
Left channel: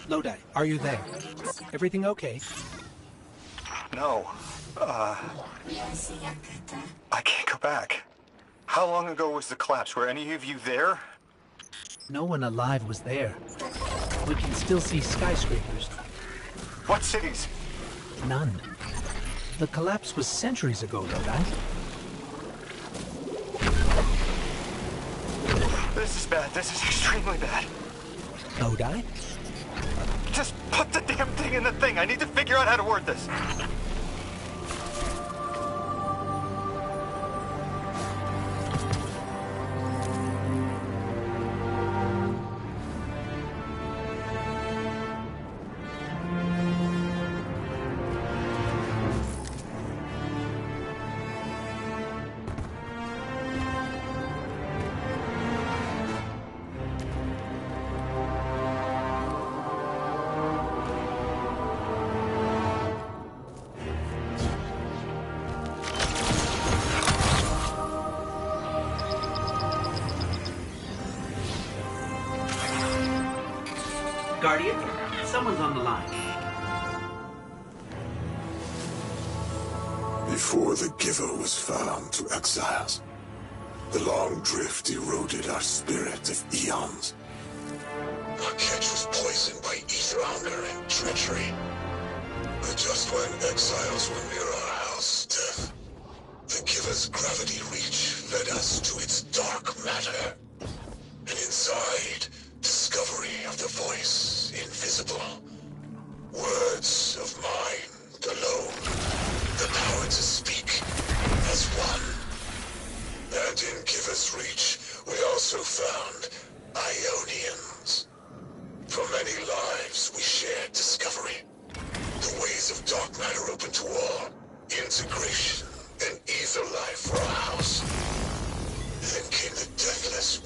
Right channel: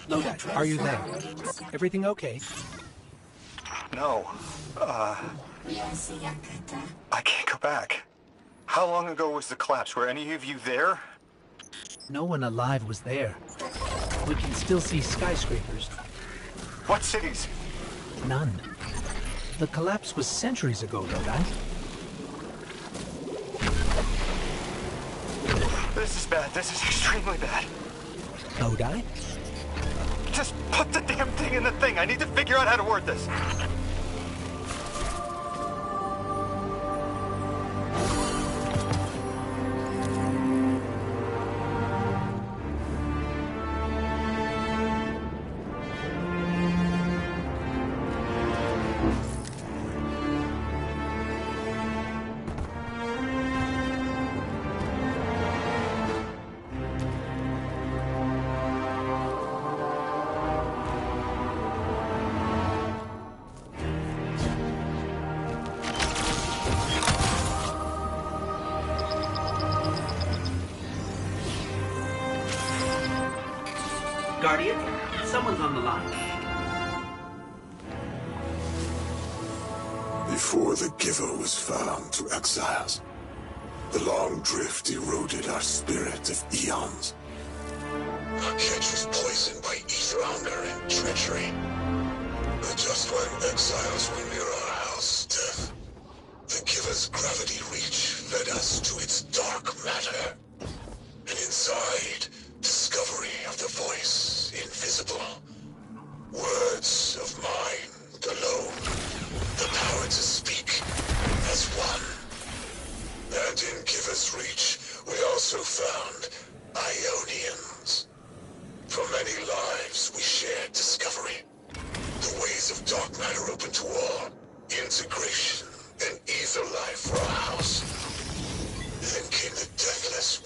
Lodi, are you there? Everything okay? No. I can't go back. How long ago was the collapse? Were any of you there? No one alive was there. We can still see skyscrapers. What cities? None. The collapse was centuries ago, Lodi. This is bad. This is extremely bad. Lodi? Just put the damn thing in the thing. I need to figure out how to word this. Guardian, someone's on the line. Before the Giver was found to exiles, the long drift eroded our spirit of eons. Our catch was poisoned by ether hunger and treachery. But just when exiles were near our house, death, the Giver's gravity reach led us to its dark matter. And inside, discovery of the voice invisible. Words of mind alone. The power to speak as one. And in Giver's reach, we also found Ionians. For many lives, we shared discovery. The ways of dark matter open to all. Integration and ether life for our house. Then came the deathless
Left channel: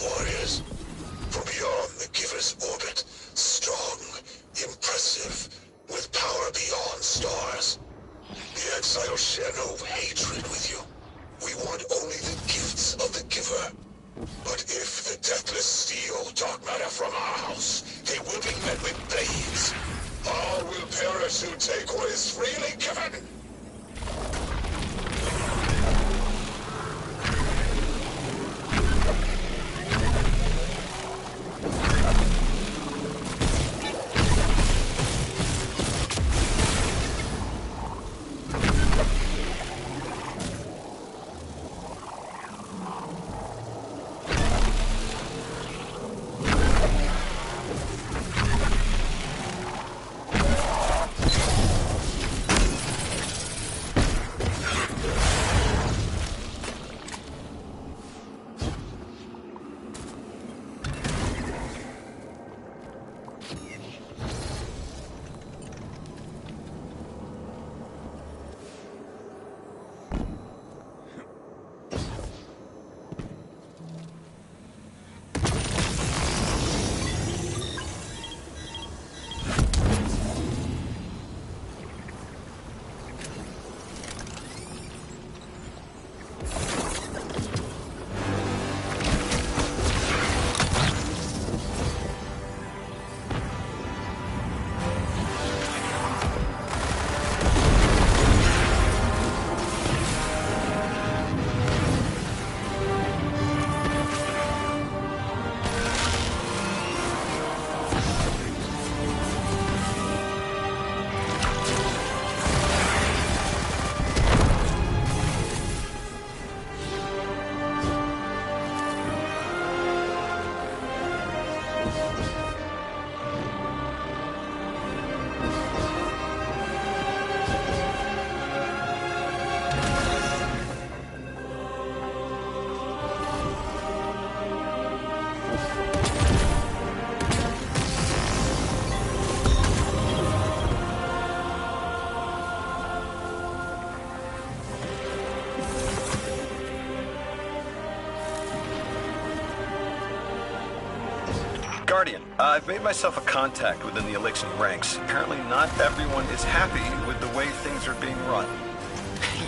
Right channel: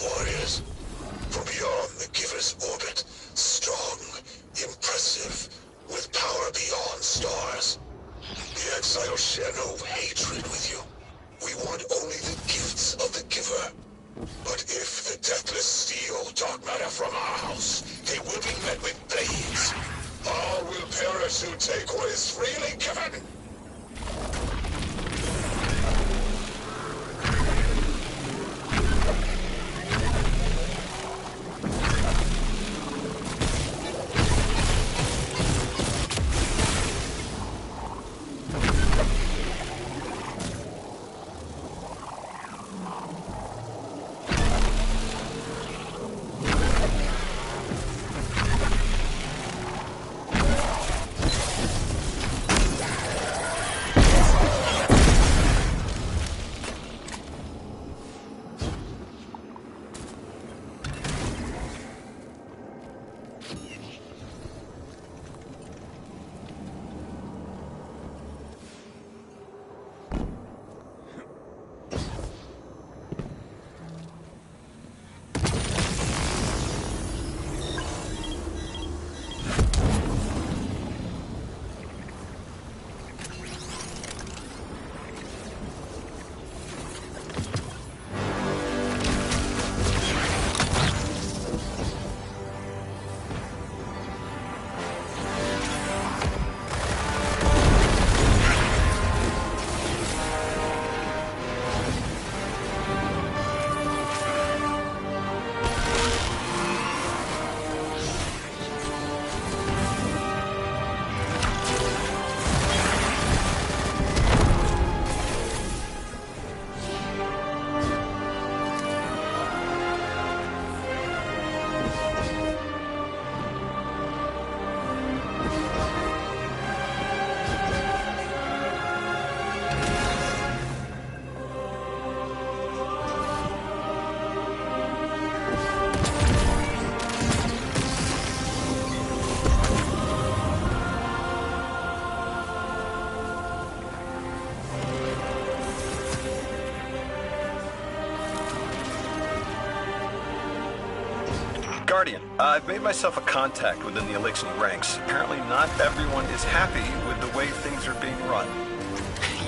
Guardian, I've made myself a contact within the Elixni ranks. Apparently not everyone is happy with the way things are being run.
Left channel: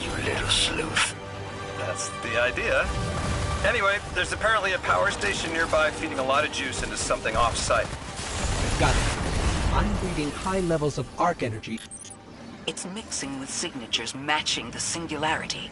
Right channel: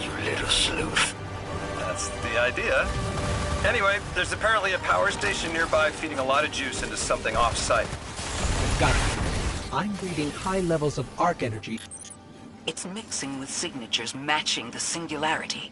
You little sleuth. That's the idea. Anyway, there's apparently a power station nearby feeding a lot of juice into something off-site. Got it. I'm reading high levels of arc energy. It's mixing with signatures matching the singularity.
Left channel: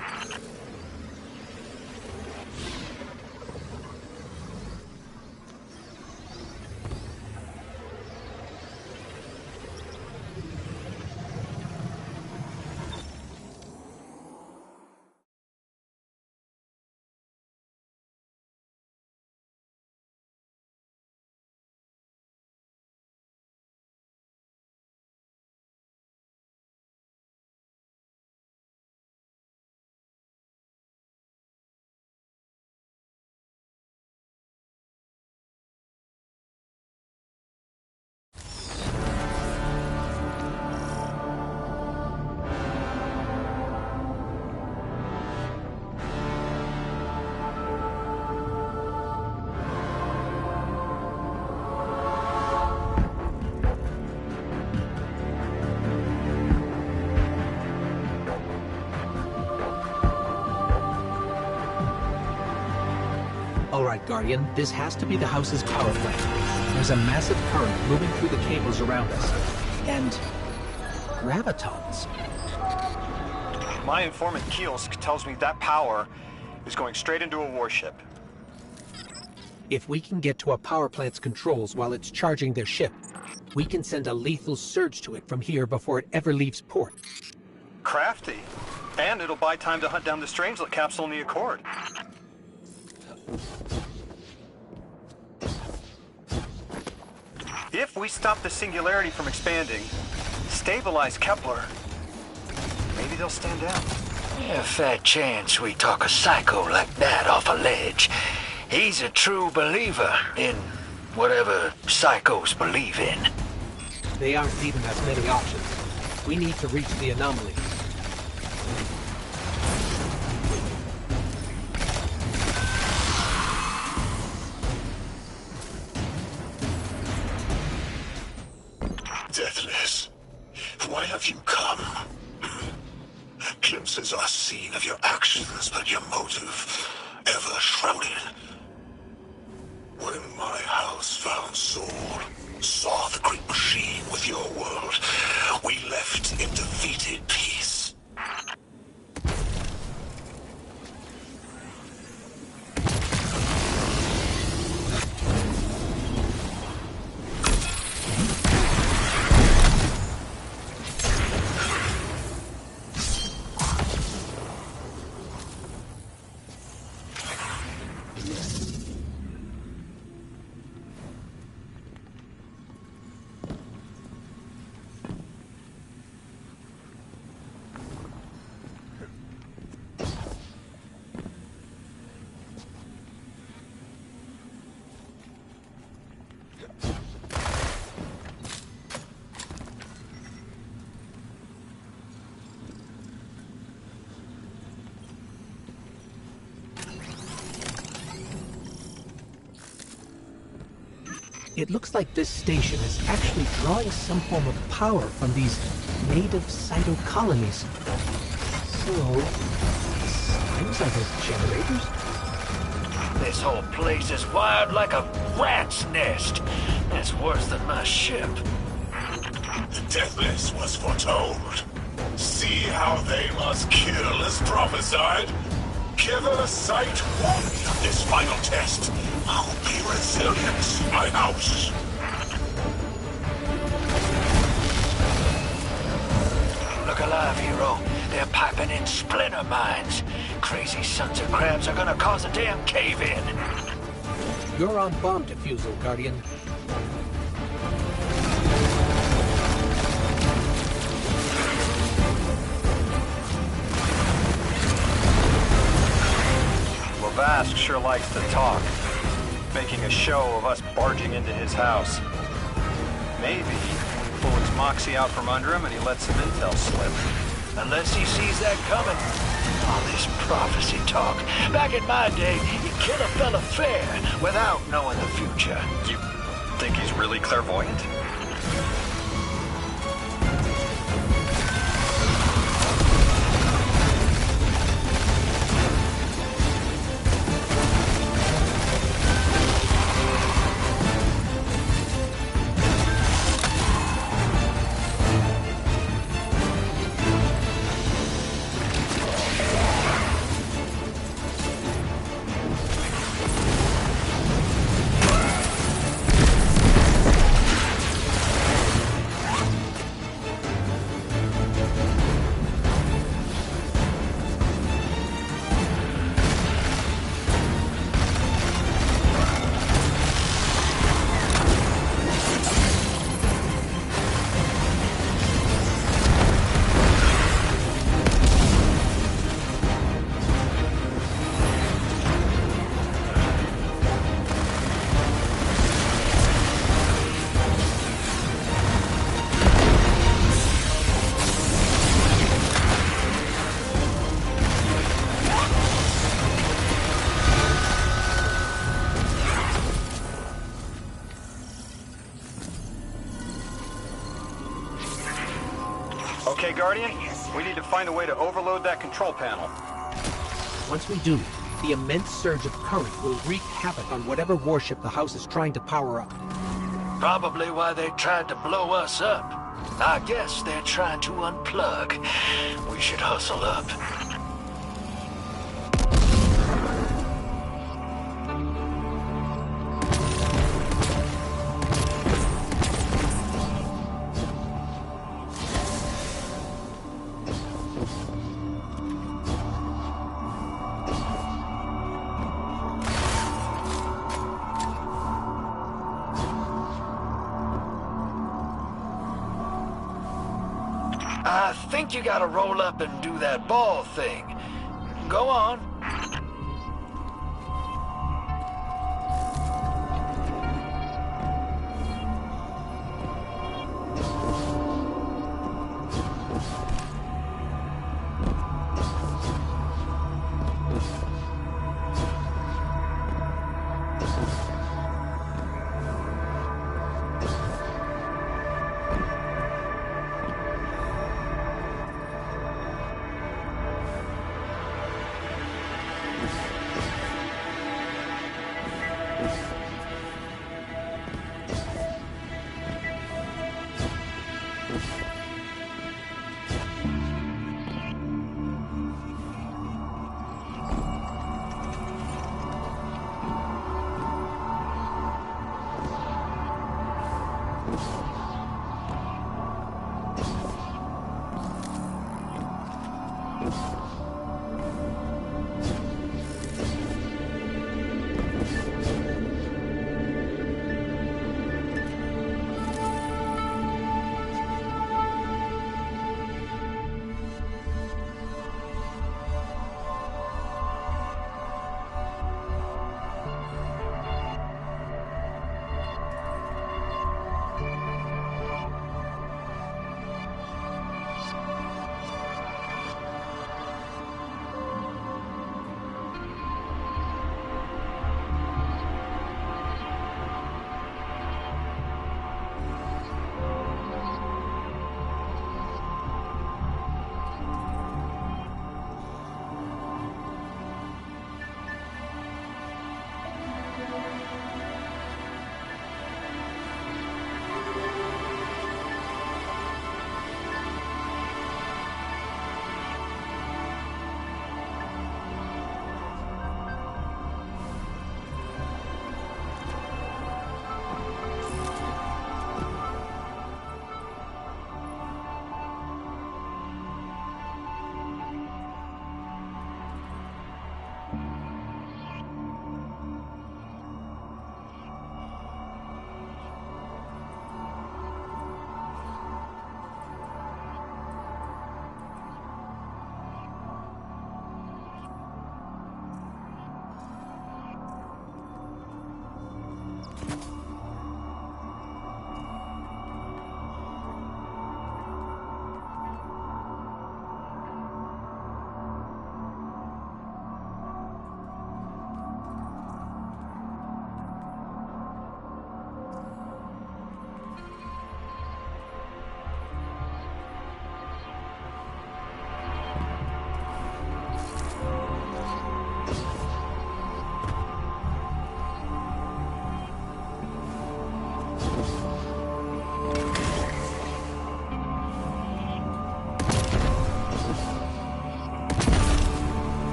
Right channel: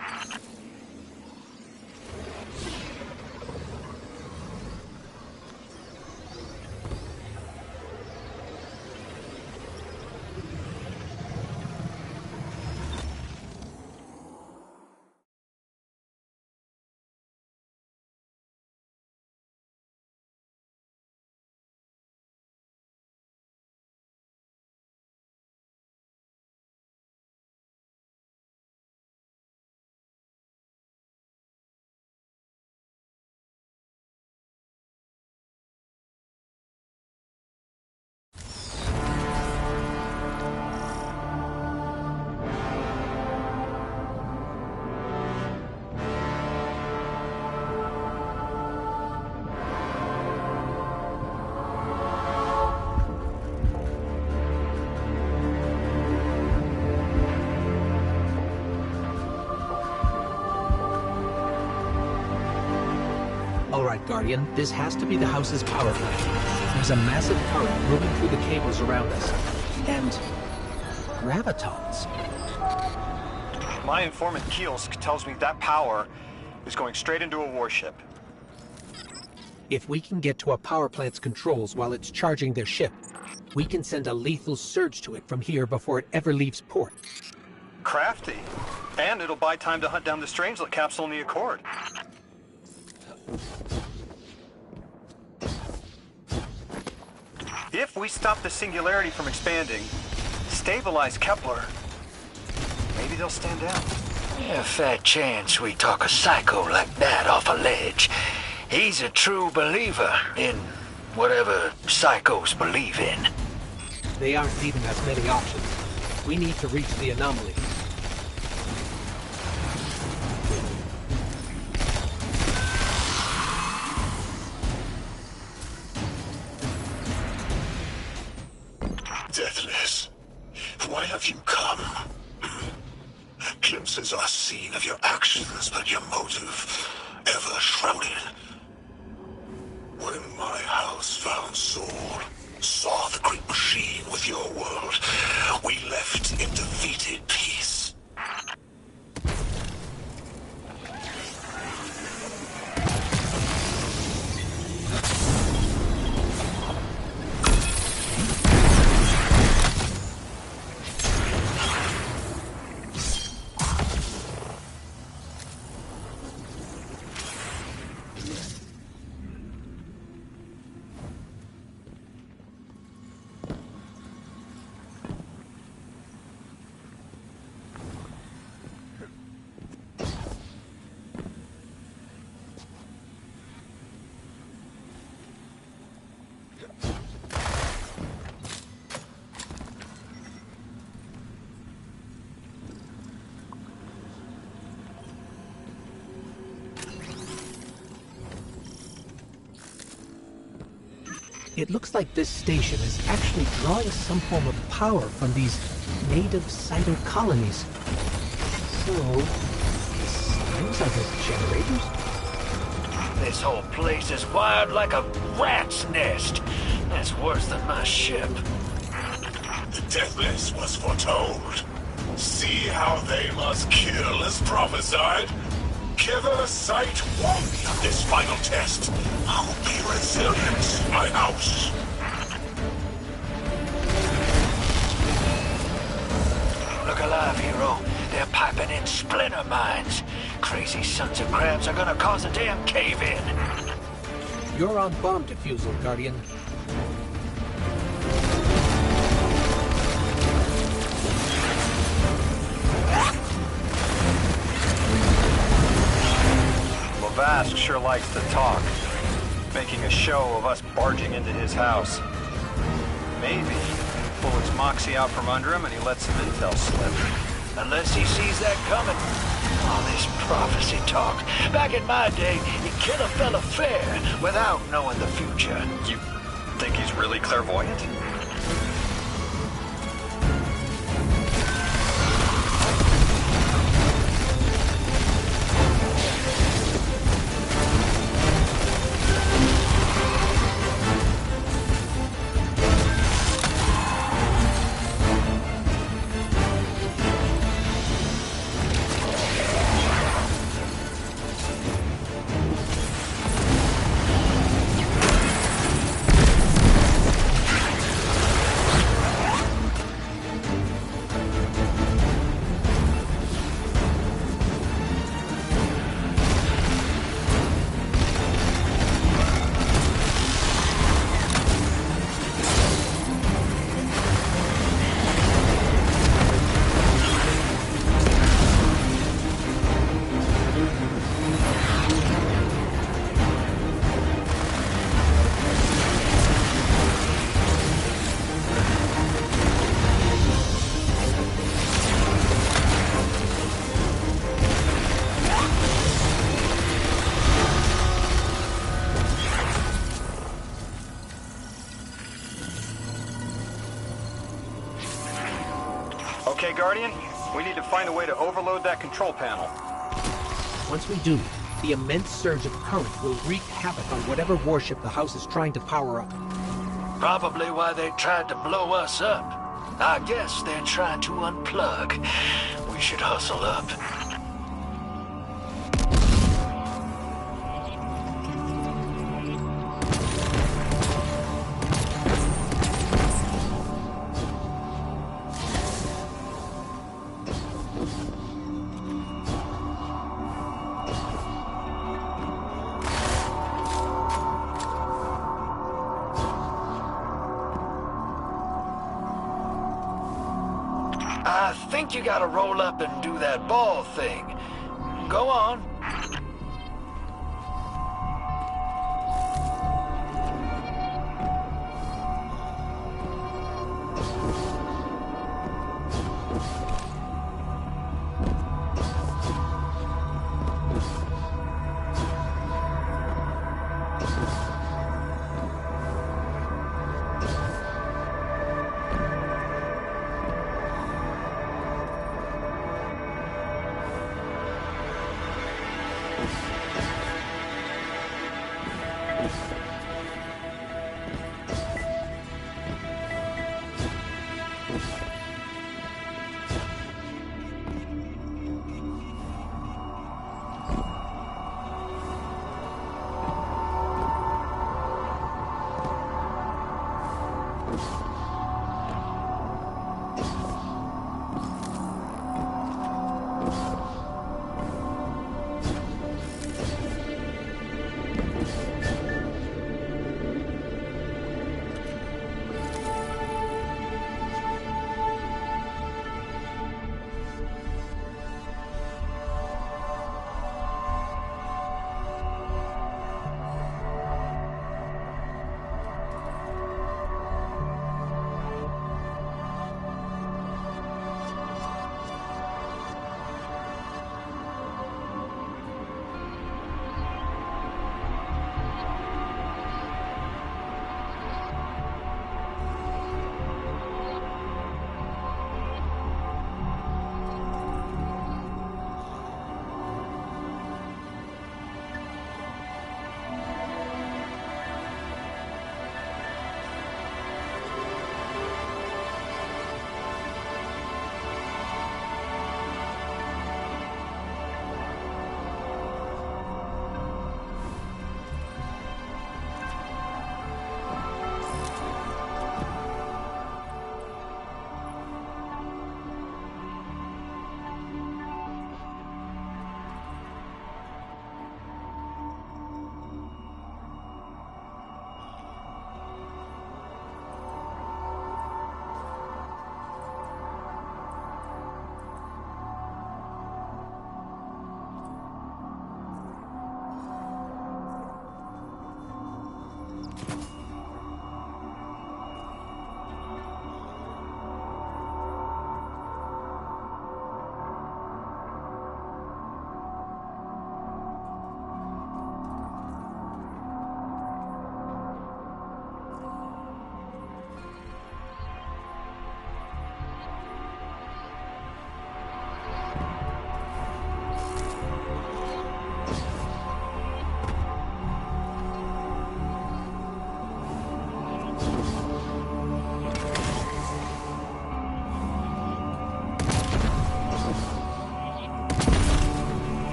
All right, Guardian, this has to be the house's power plant. There's a massive current moving through the cables around us. And gravitons. My informant Kielsk tells me that power is going straight into a warship. If we can get to a power plant's controls while it's charging their ship, we can send a lethal surge to it from here before it ever leaves port. Crafty. And it'll buy time to hunt down the Strangelet capsule in the Accord. If we stop the singularity from expanding, stabilize Kepler, maybe they'll stand down. Yeah, fair chance we talk a psycho like that off a ledge. He's a true believer in whatever psychos believe in. They aren't leaving us many options. We need to reach the anomaly. Deathless, why have you come? Glimpses are seen of your actions, but your motive ever shrouded. When my house found Saul, saw the great machine with your world, we left in defeated peace. It looks like this station is actually drawing some form of power from these native cytocolonies. So, things like his generators? This whole place is wired like a rat's nest. That's worse than my ship. The Deathless was foretold. See how they must kill as prophesied? Give sight won of this final test. I'll be resilient, my house. Look alive, hero. They're piping in splinter mines. Crazy sons of crabs are gonna cause a damn cave-in. You're on bomb defusal, Guardian. Vask sure likes to talk, making a show of us barging into his house. Maybe we pull his moxie out from under him and he lets some intel slip. Unless he sees that coming. All this prophecy talk. Back in my day, you'd kill a fella fair without knowing the future. You Think he's really clairvoyant? Okay, Guardian, we need to find a way to overload that control panel. Once we do, the immense surge of current will wreak havoc on whatever warship the house is trying to power up. Probably why they tried to blow us up. I guess they're trying to unplug. We should hustle up. I think you gotta roll up and do that ball thing. Go on.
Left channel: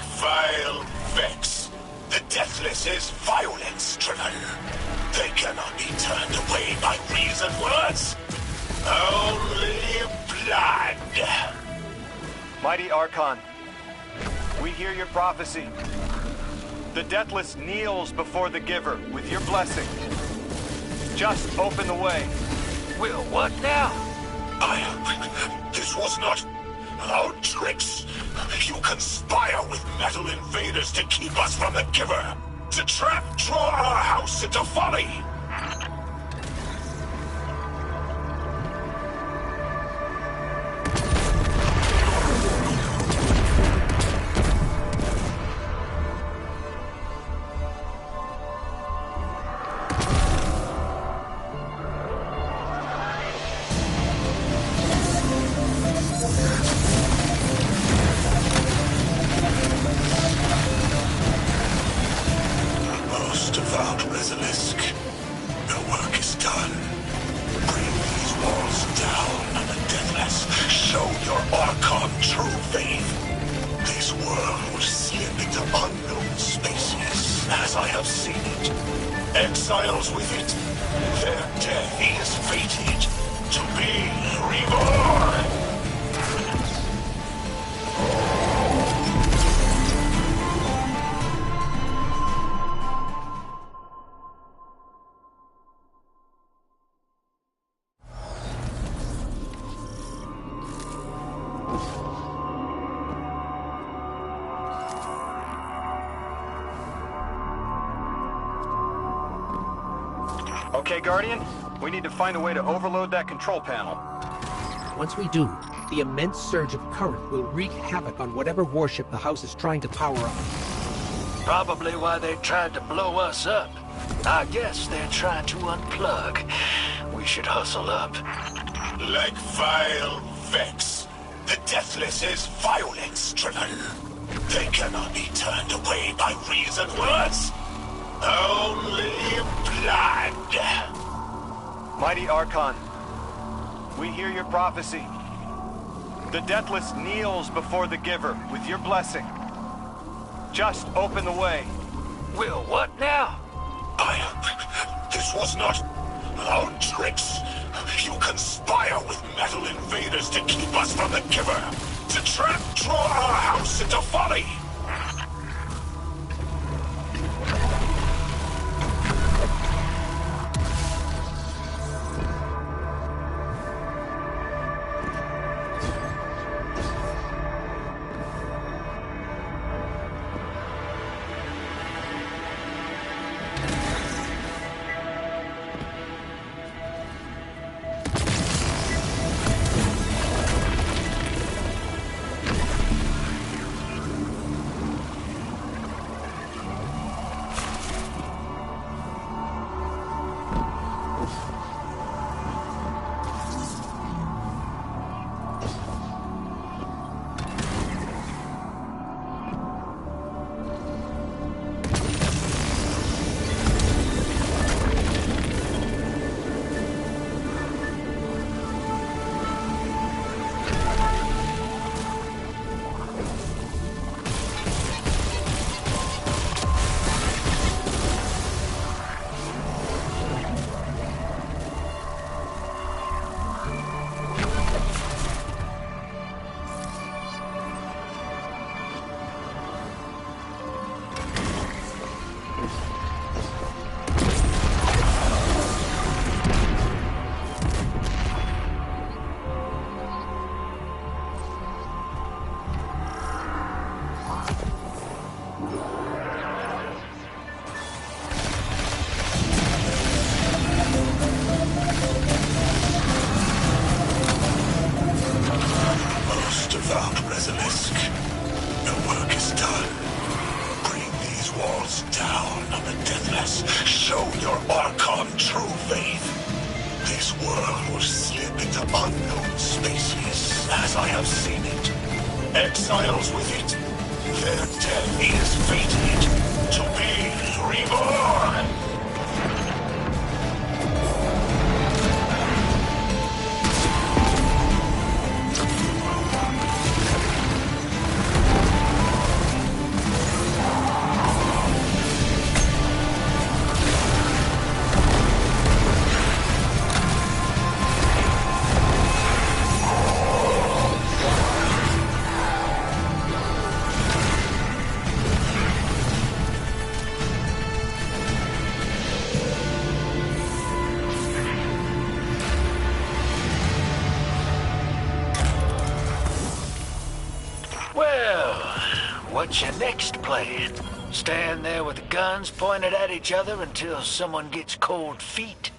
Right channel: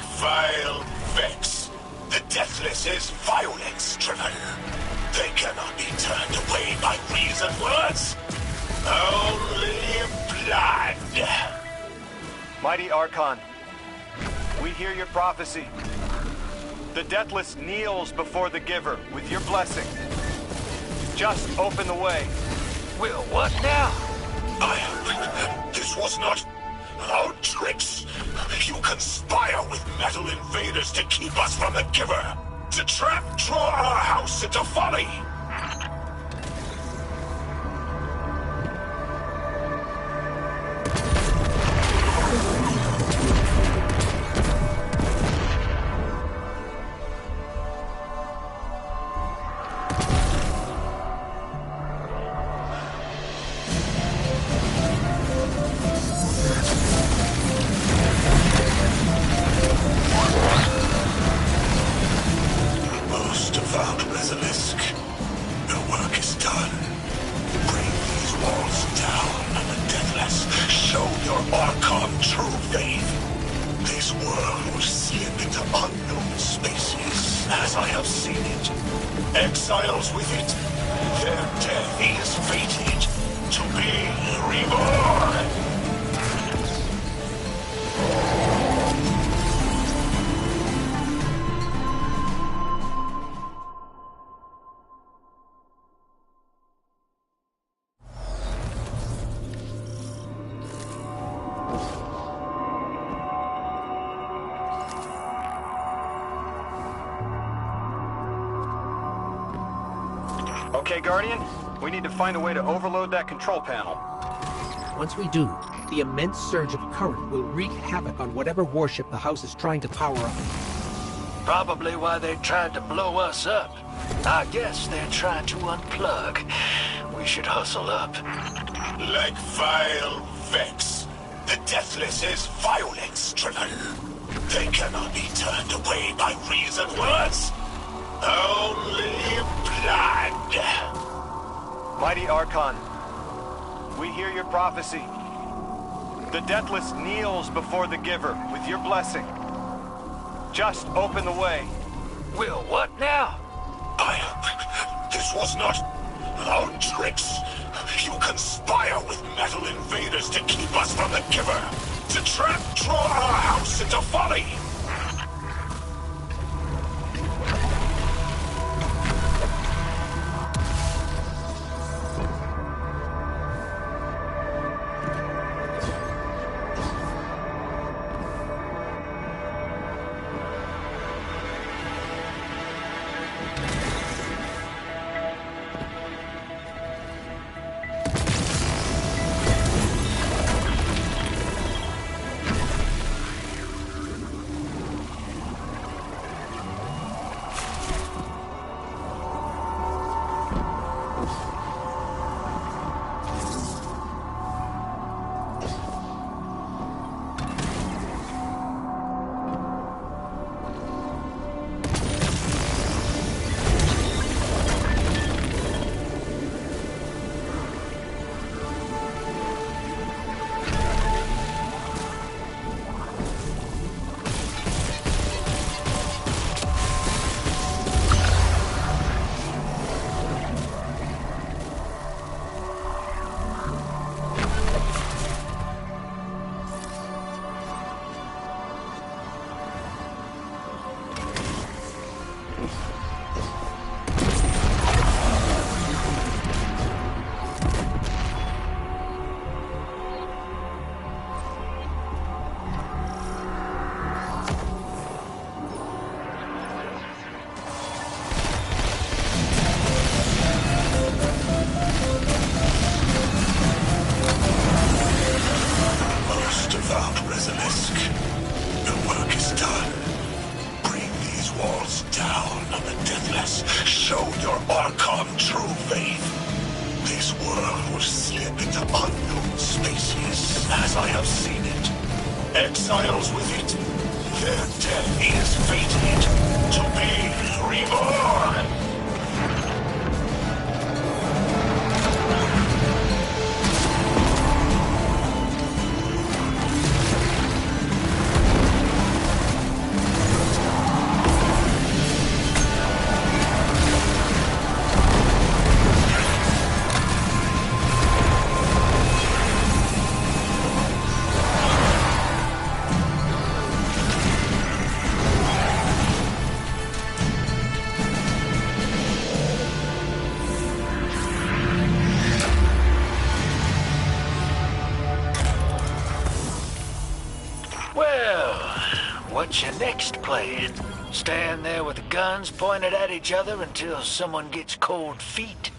Like vile Vex, the Deathless is violence driven. They cannot be turned away by reasoned words. Only blood. Mighty Archon, we hear your prophecy. The Deathless kneels before the Giver with your blessing. Just open the way. Will what now? This was not our tricks. You conspire with metal invaders to keep us from the Giver. To draw our house into folly. Most devout Resilisk, the work is done. Bring these walls down, and the Deathless. Show your Archon true faith. This world will slip into unknown spaces, as I have seen it. Exiles with it, their death is fated to be reborn. Okay, Guardian, we need to find a way to overload that control panel. Once we do, the immense surge of current will wreak havoc on whatever warship the house is trying to power up. Probably why they tried to blow us up. I guess they're trying to unplug. We should hustle up. Like vile Vex, the Deathless is violence driven. They cannot be turned away by reasoned words. Only blood. Mighty Archon, we hear your prophecy. The Deathless kneels before the Giver with your blessing. Just open the way. Will what now? This was not our tricks. You conspire with metal invaders to keep us from the Giver. To draw our house into folly. Resilisk, the work is done. Bring these walls down on the Deathless. Show your Archon true faith. This world will slip into unknown spaces, as I have seen it. Exiles with it, their death is fated to be reborn. Well, what's your next plan? Stand there with the guns pointed at each other until someone gets cold feet?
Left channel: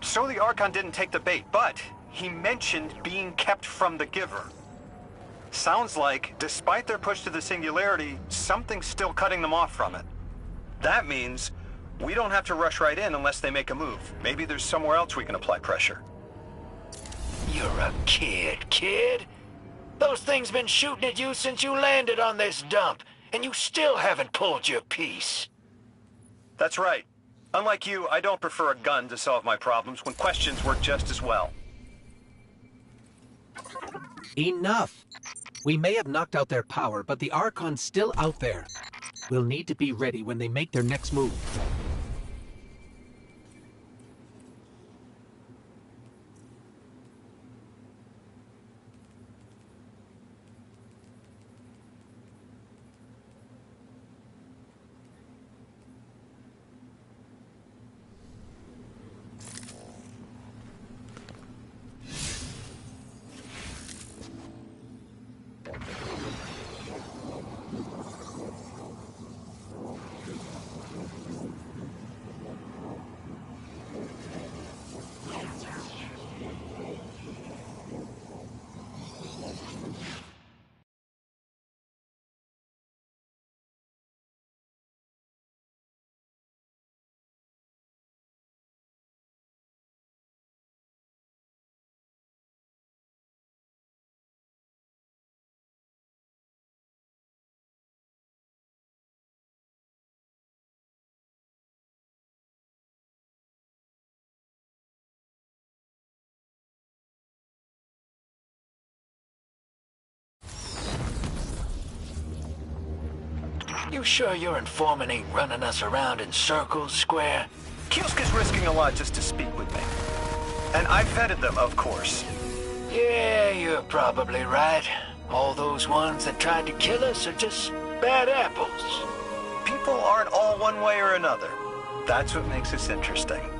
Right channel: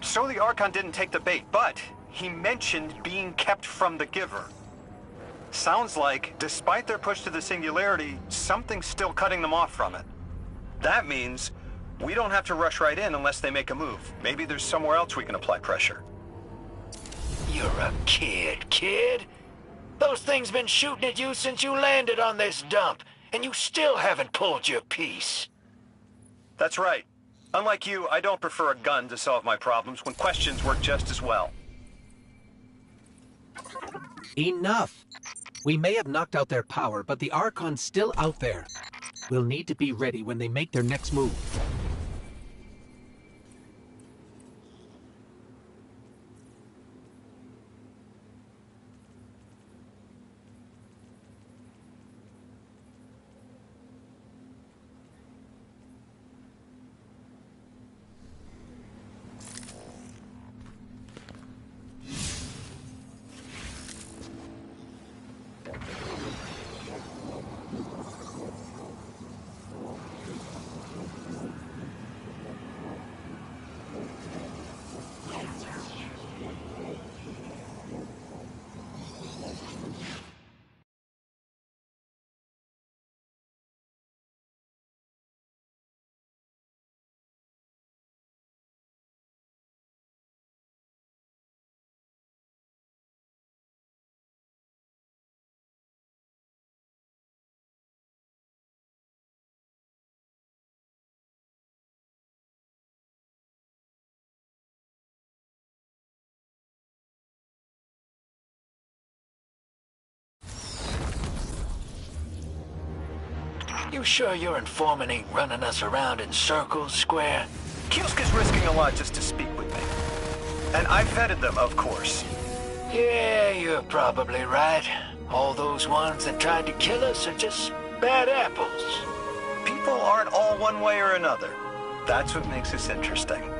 So the Archon didn't take the bait, but he mentioned being kept from the Giver. Sounds like, despite their push to the Singularity, something's still cutting them off from it. That means we don't have to rush right in unless they make a move. Maybe there's somewhere else we can apply pressure. You're a kid. Those things been shooting at you since you landed on this dump, and you still haven't pulled your piece. That's right. Unlike you, I don't prefer a gun to solve my problems when questions work just as well. Enough! We may have knocked out their power, but the Archon's still out there. We'll need to be ready when they make their next move. You sure your informant ain't running us around in circles, Square? Kiosk is risking a lot just to speak with me. And I vetted them, of course. Yeah, you're probably right. All those ones that tried to kill us are just bad apples. People aren't all one way or another. That's what makes us interesting.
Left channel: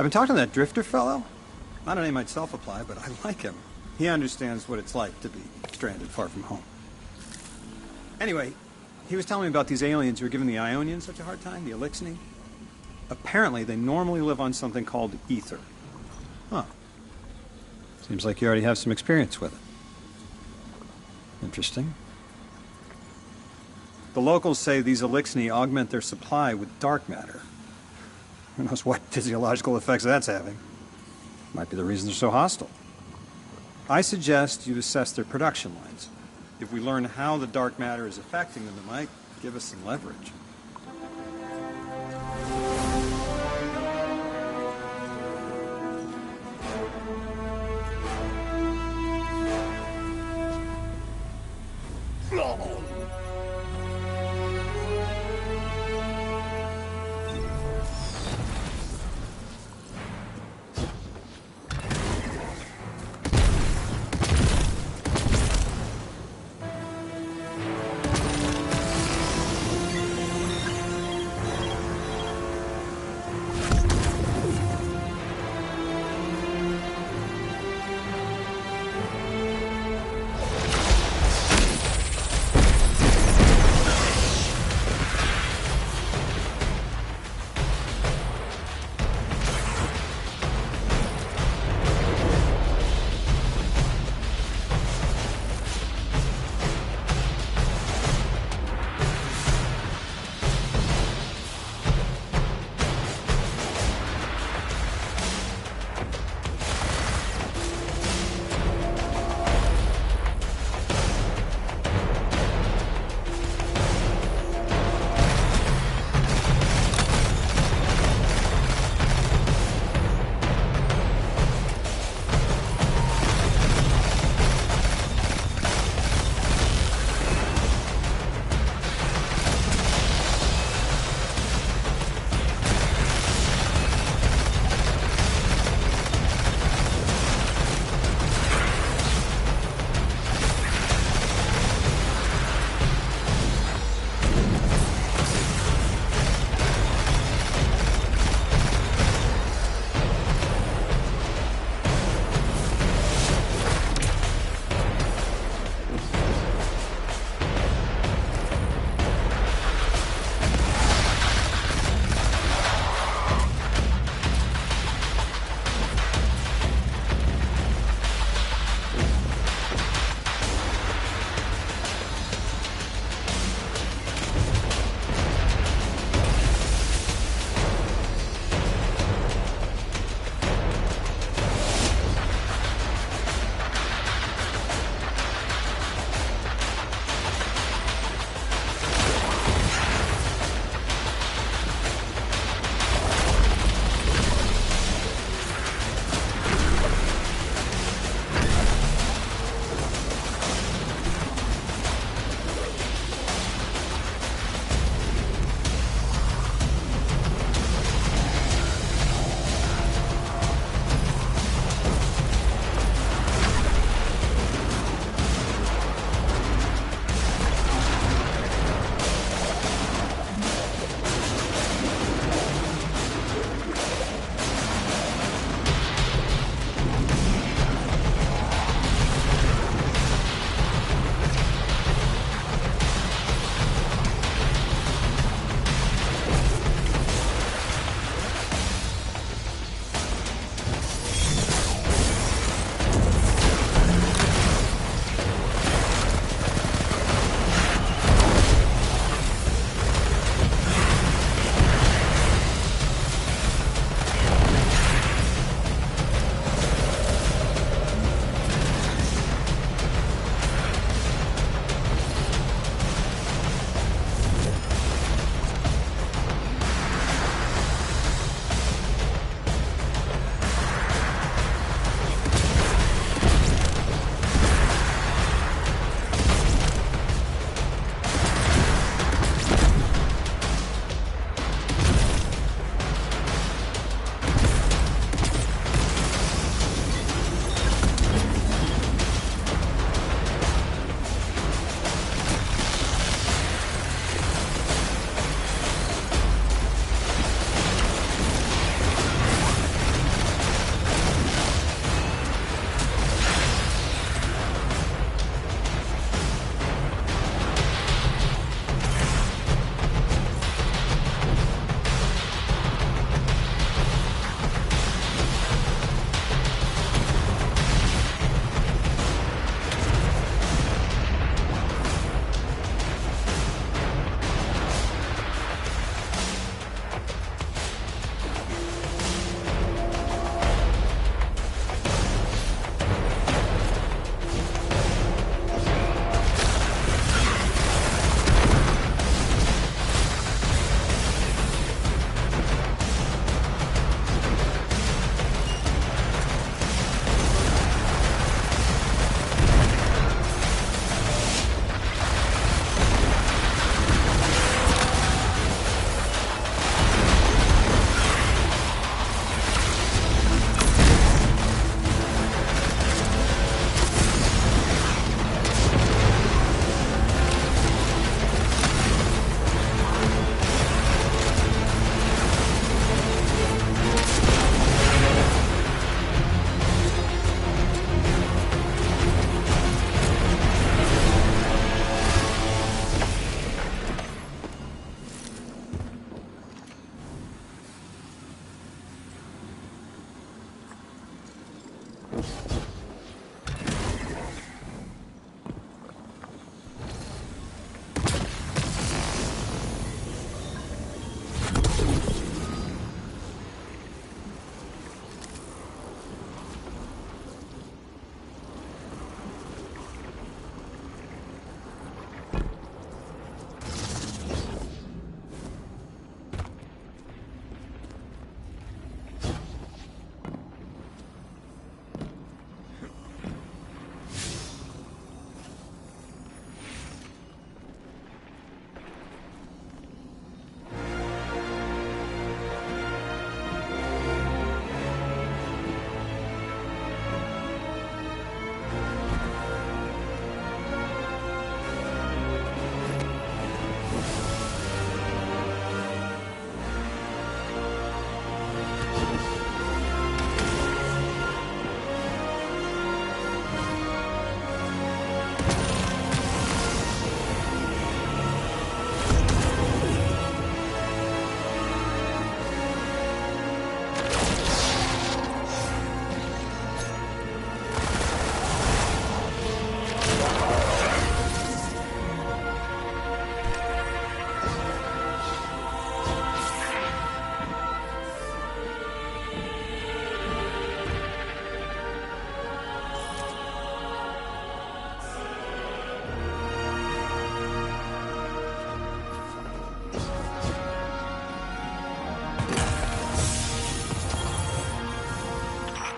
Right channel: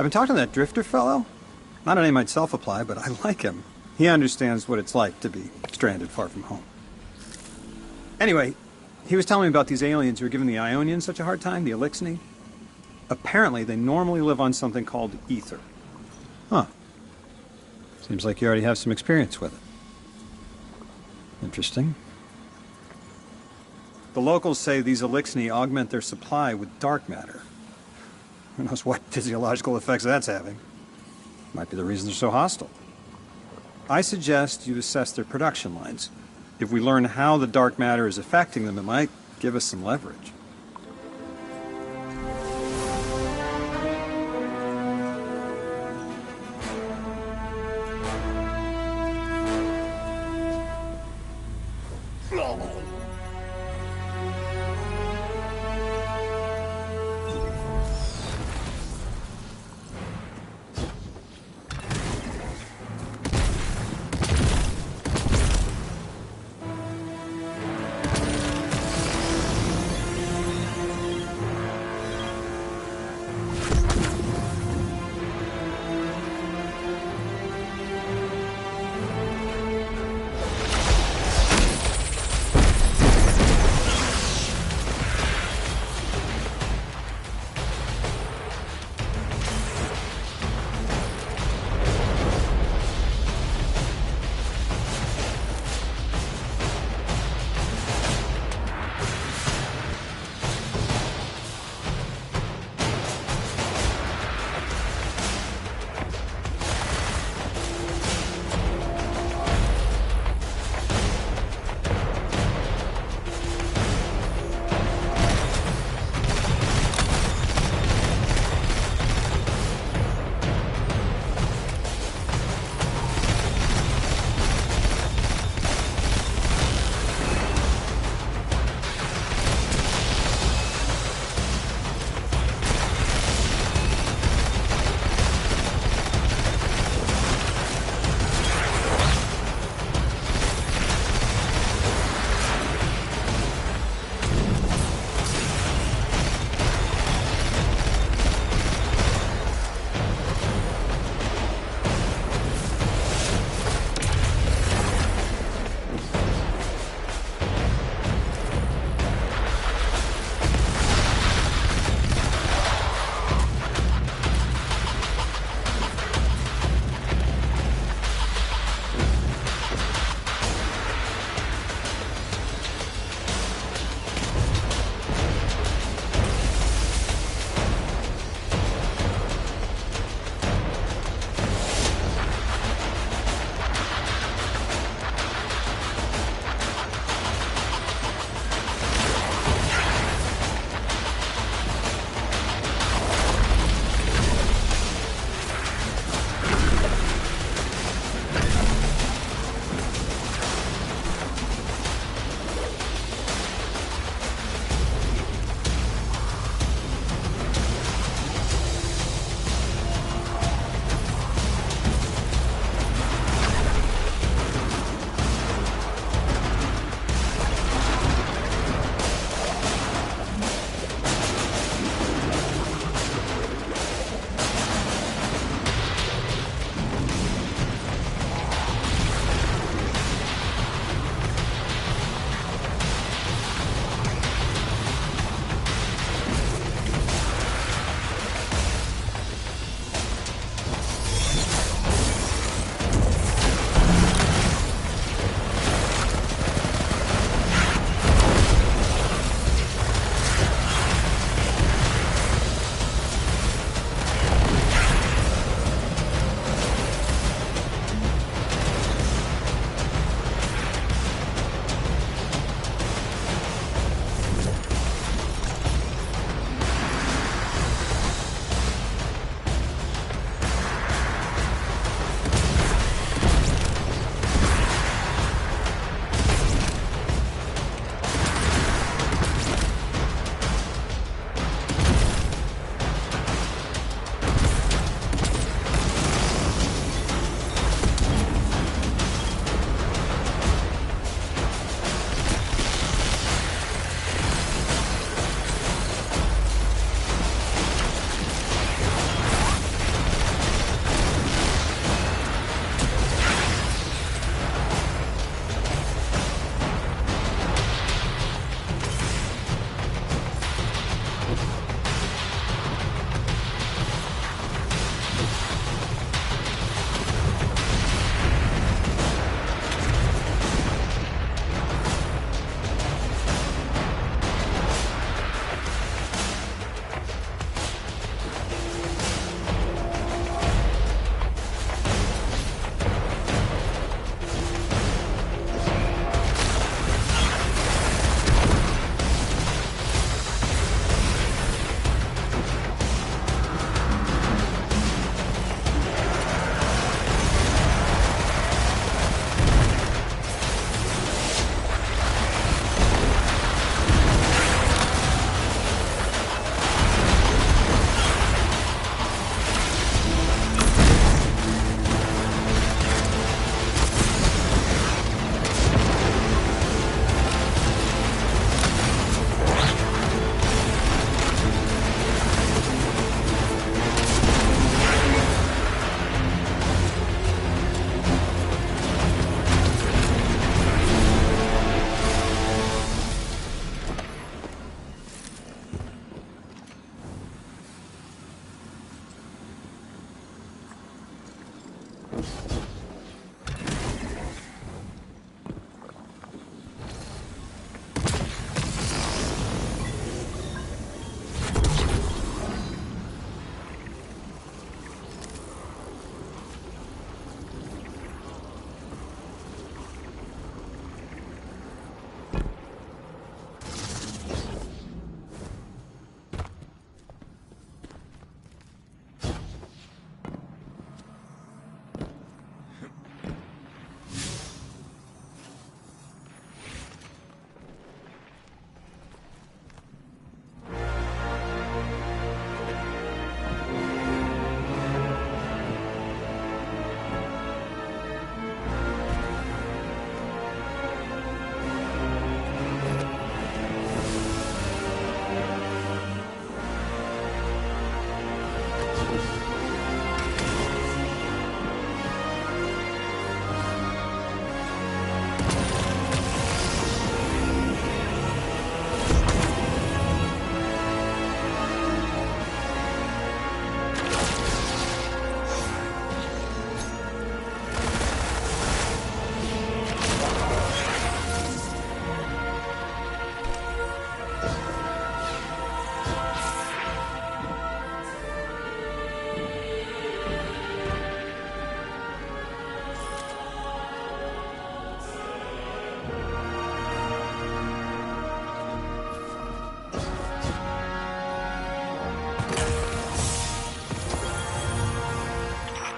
I've been talking to that Drifter fellow. Not a name I'd self-apply, but I like him. He understands what it's like to be stranded far from home. Anyway, he was telling me about these aliens who are giving the Ionians such a hard time, the Eliksni. Apparently, they normally live on something called ether. Huh. Seems like you already have some experience with it. Interesting. The locals say these Eliksni augment their supply with dark matter. Who knows what physiological effects that's having. Might be the reason they're so hostile. I suggest you assess their production lines. If we learn how the dark matter is affecting them, it might give us some leverage.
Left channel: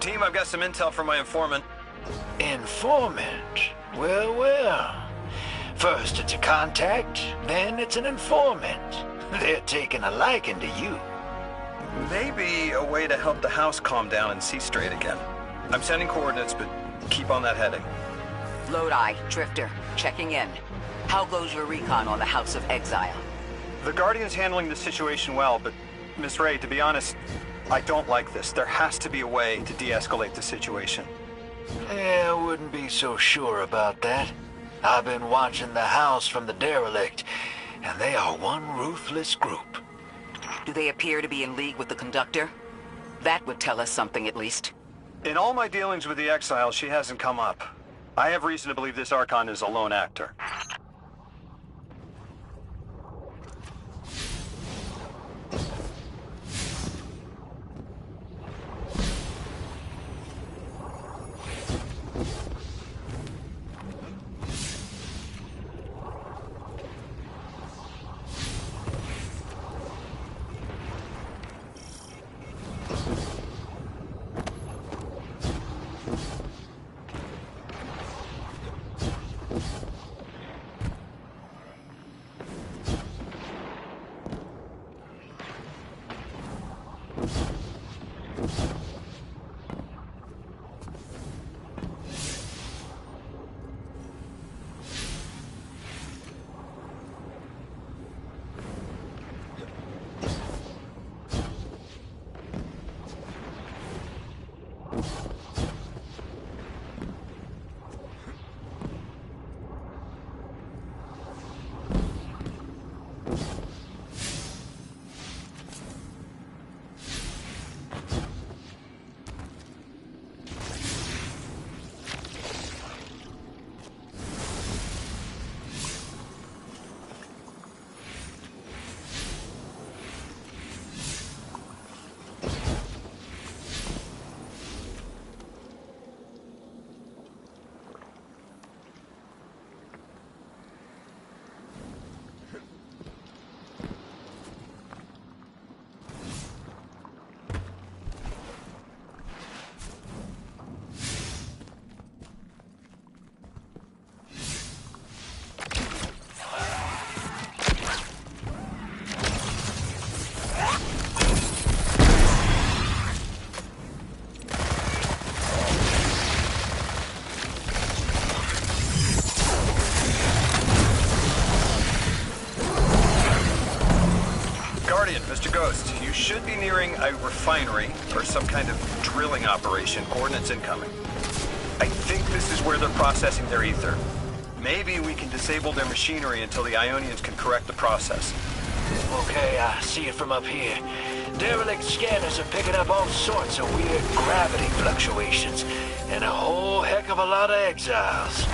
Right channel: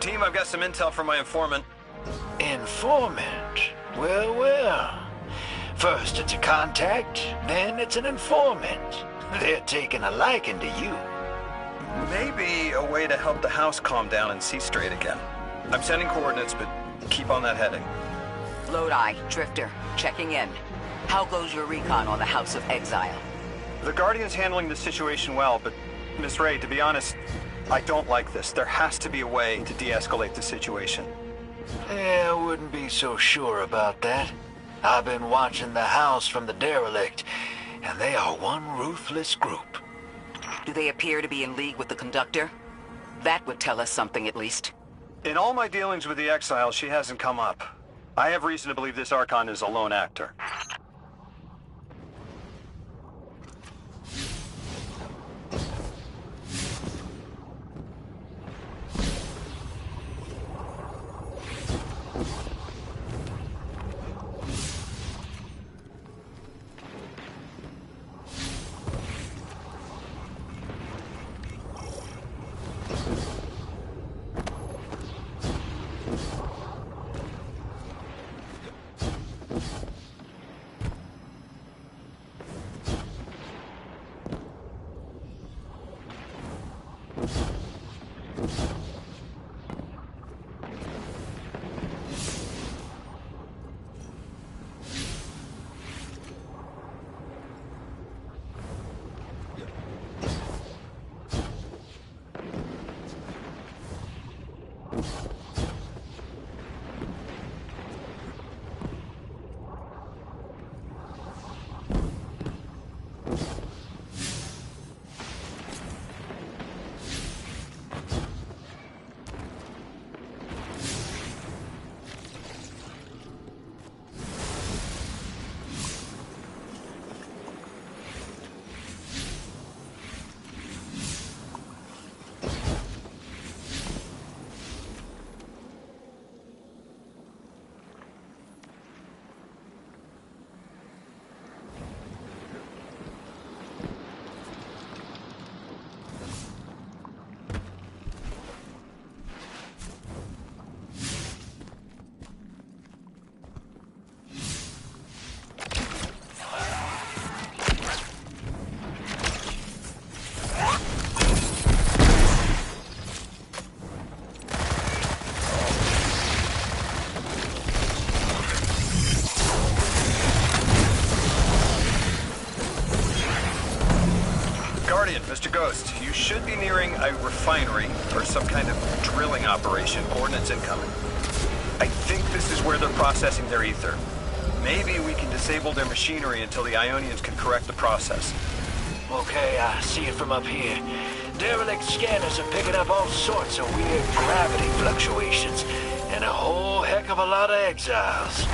Team, I've got some intel from my informant. Informant? Well, well. First it's a contact, then it's an informant. They're taking a liking to you. Maybe a way to help the house calm down and see straight again. I'm sending coordinates, but keep on that heading. Lodi, Drifter, checking in. How goes your recon on the House of Exile? The Guardian's handling the situation well, but Miss Ray, to be honest, I don't like this. There has to be a way to de-escalate the situation. I wouldn't be so sure about that. I've been watching the house from the derelict, and they are one ruthless group. Do they appear to be in league with the Conductor? That would tell us something, at least. In all my dealings with the Exiles, she hasn't come up. I have reason to believe this Archon is a lone actor. Mr. Ghost, you should be nearing a refinery or some kind of drilling operation. Coordinates incoming. I think this is where they're processing their ether. Maybe we can disable their machinery until the Ionians can correct the process. Okay, I see it from up here. Derelict scanners are picking up all sorts of weird gravity fluctuations. and a whole heck of a lot of exiles.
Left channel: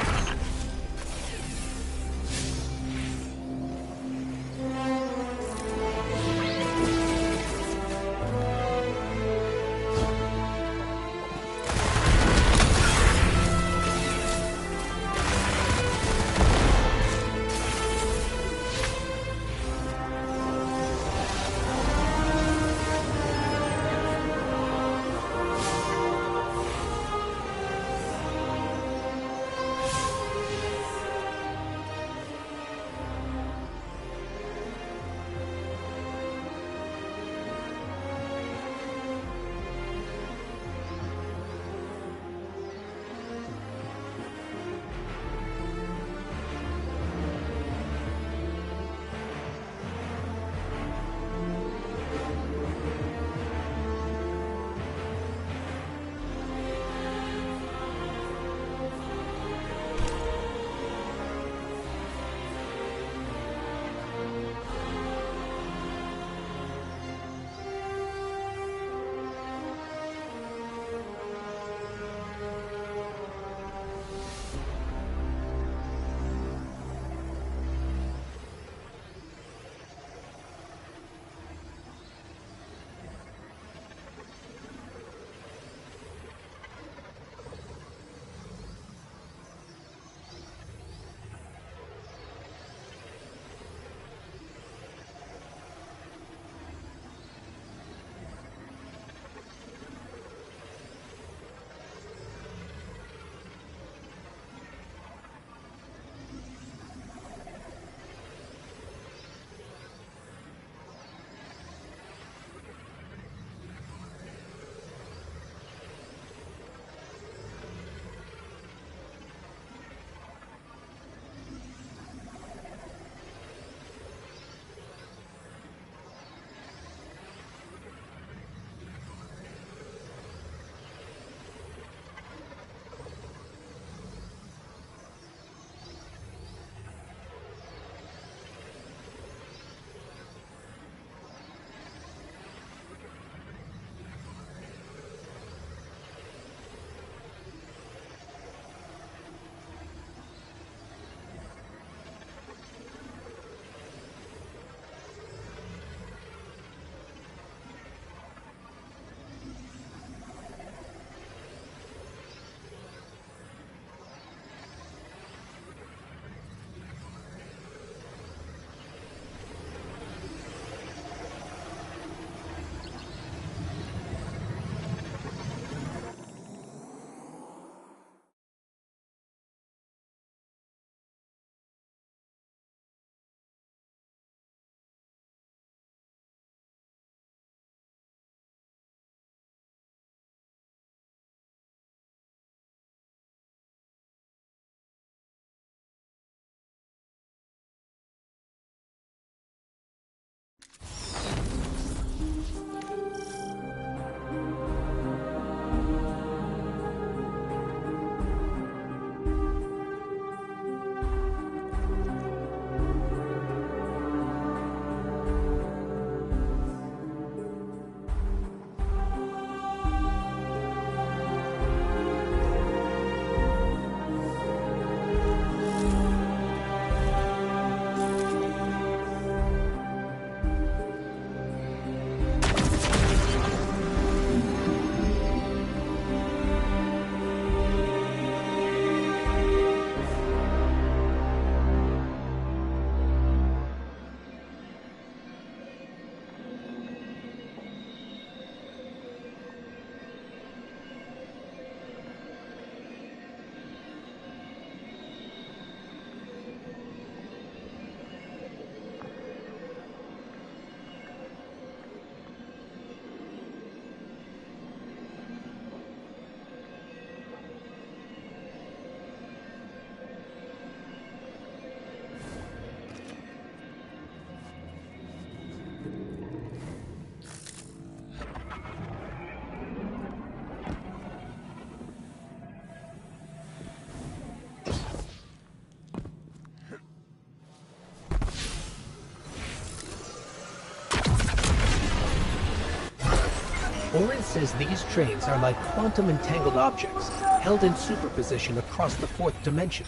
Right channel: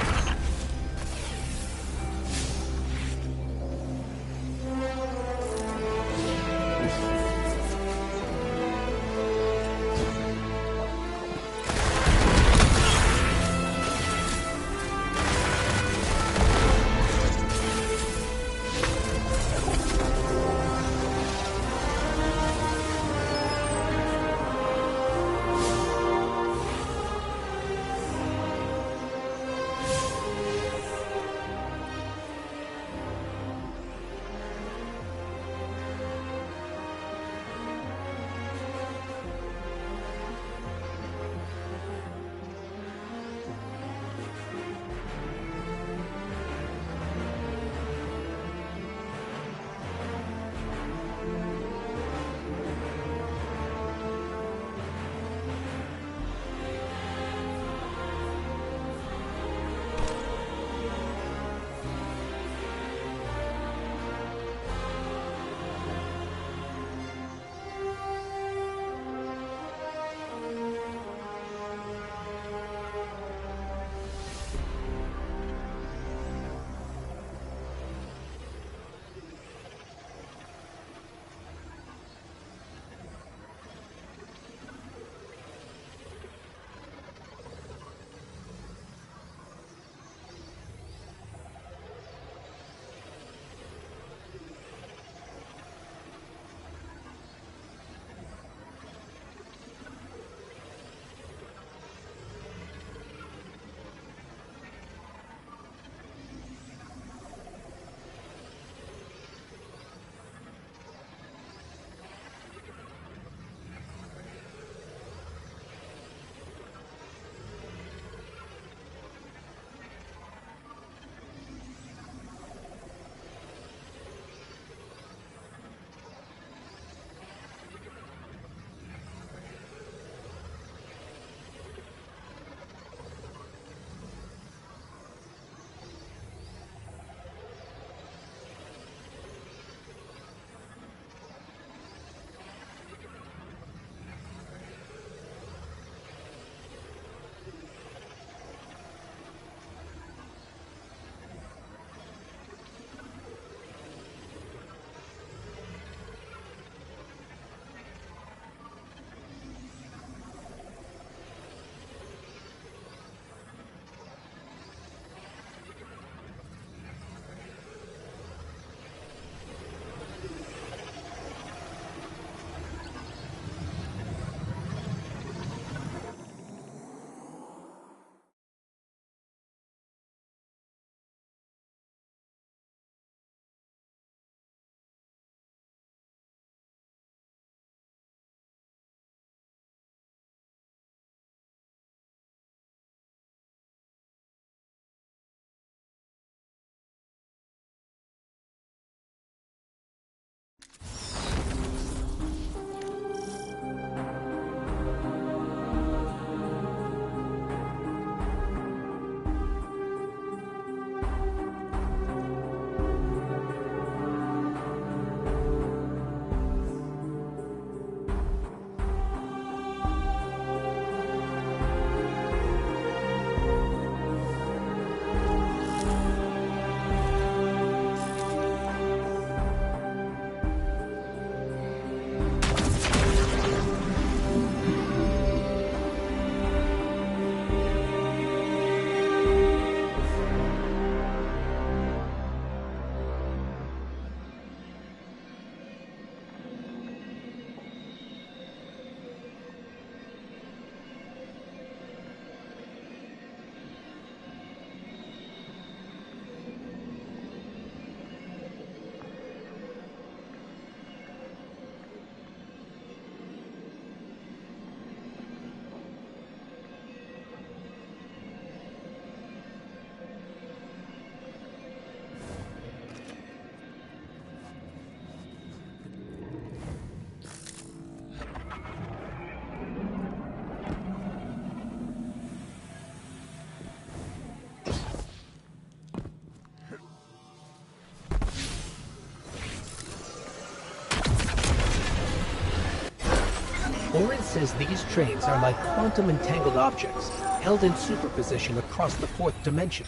Orin says these trains are like quantum entangled objects, held in superposition across the fourth dimension.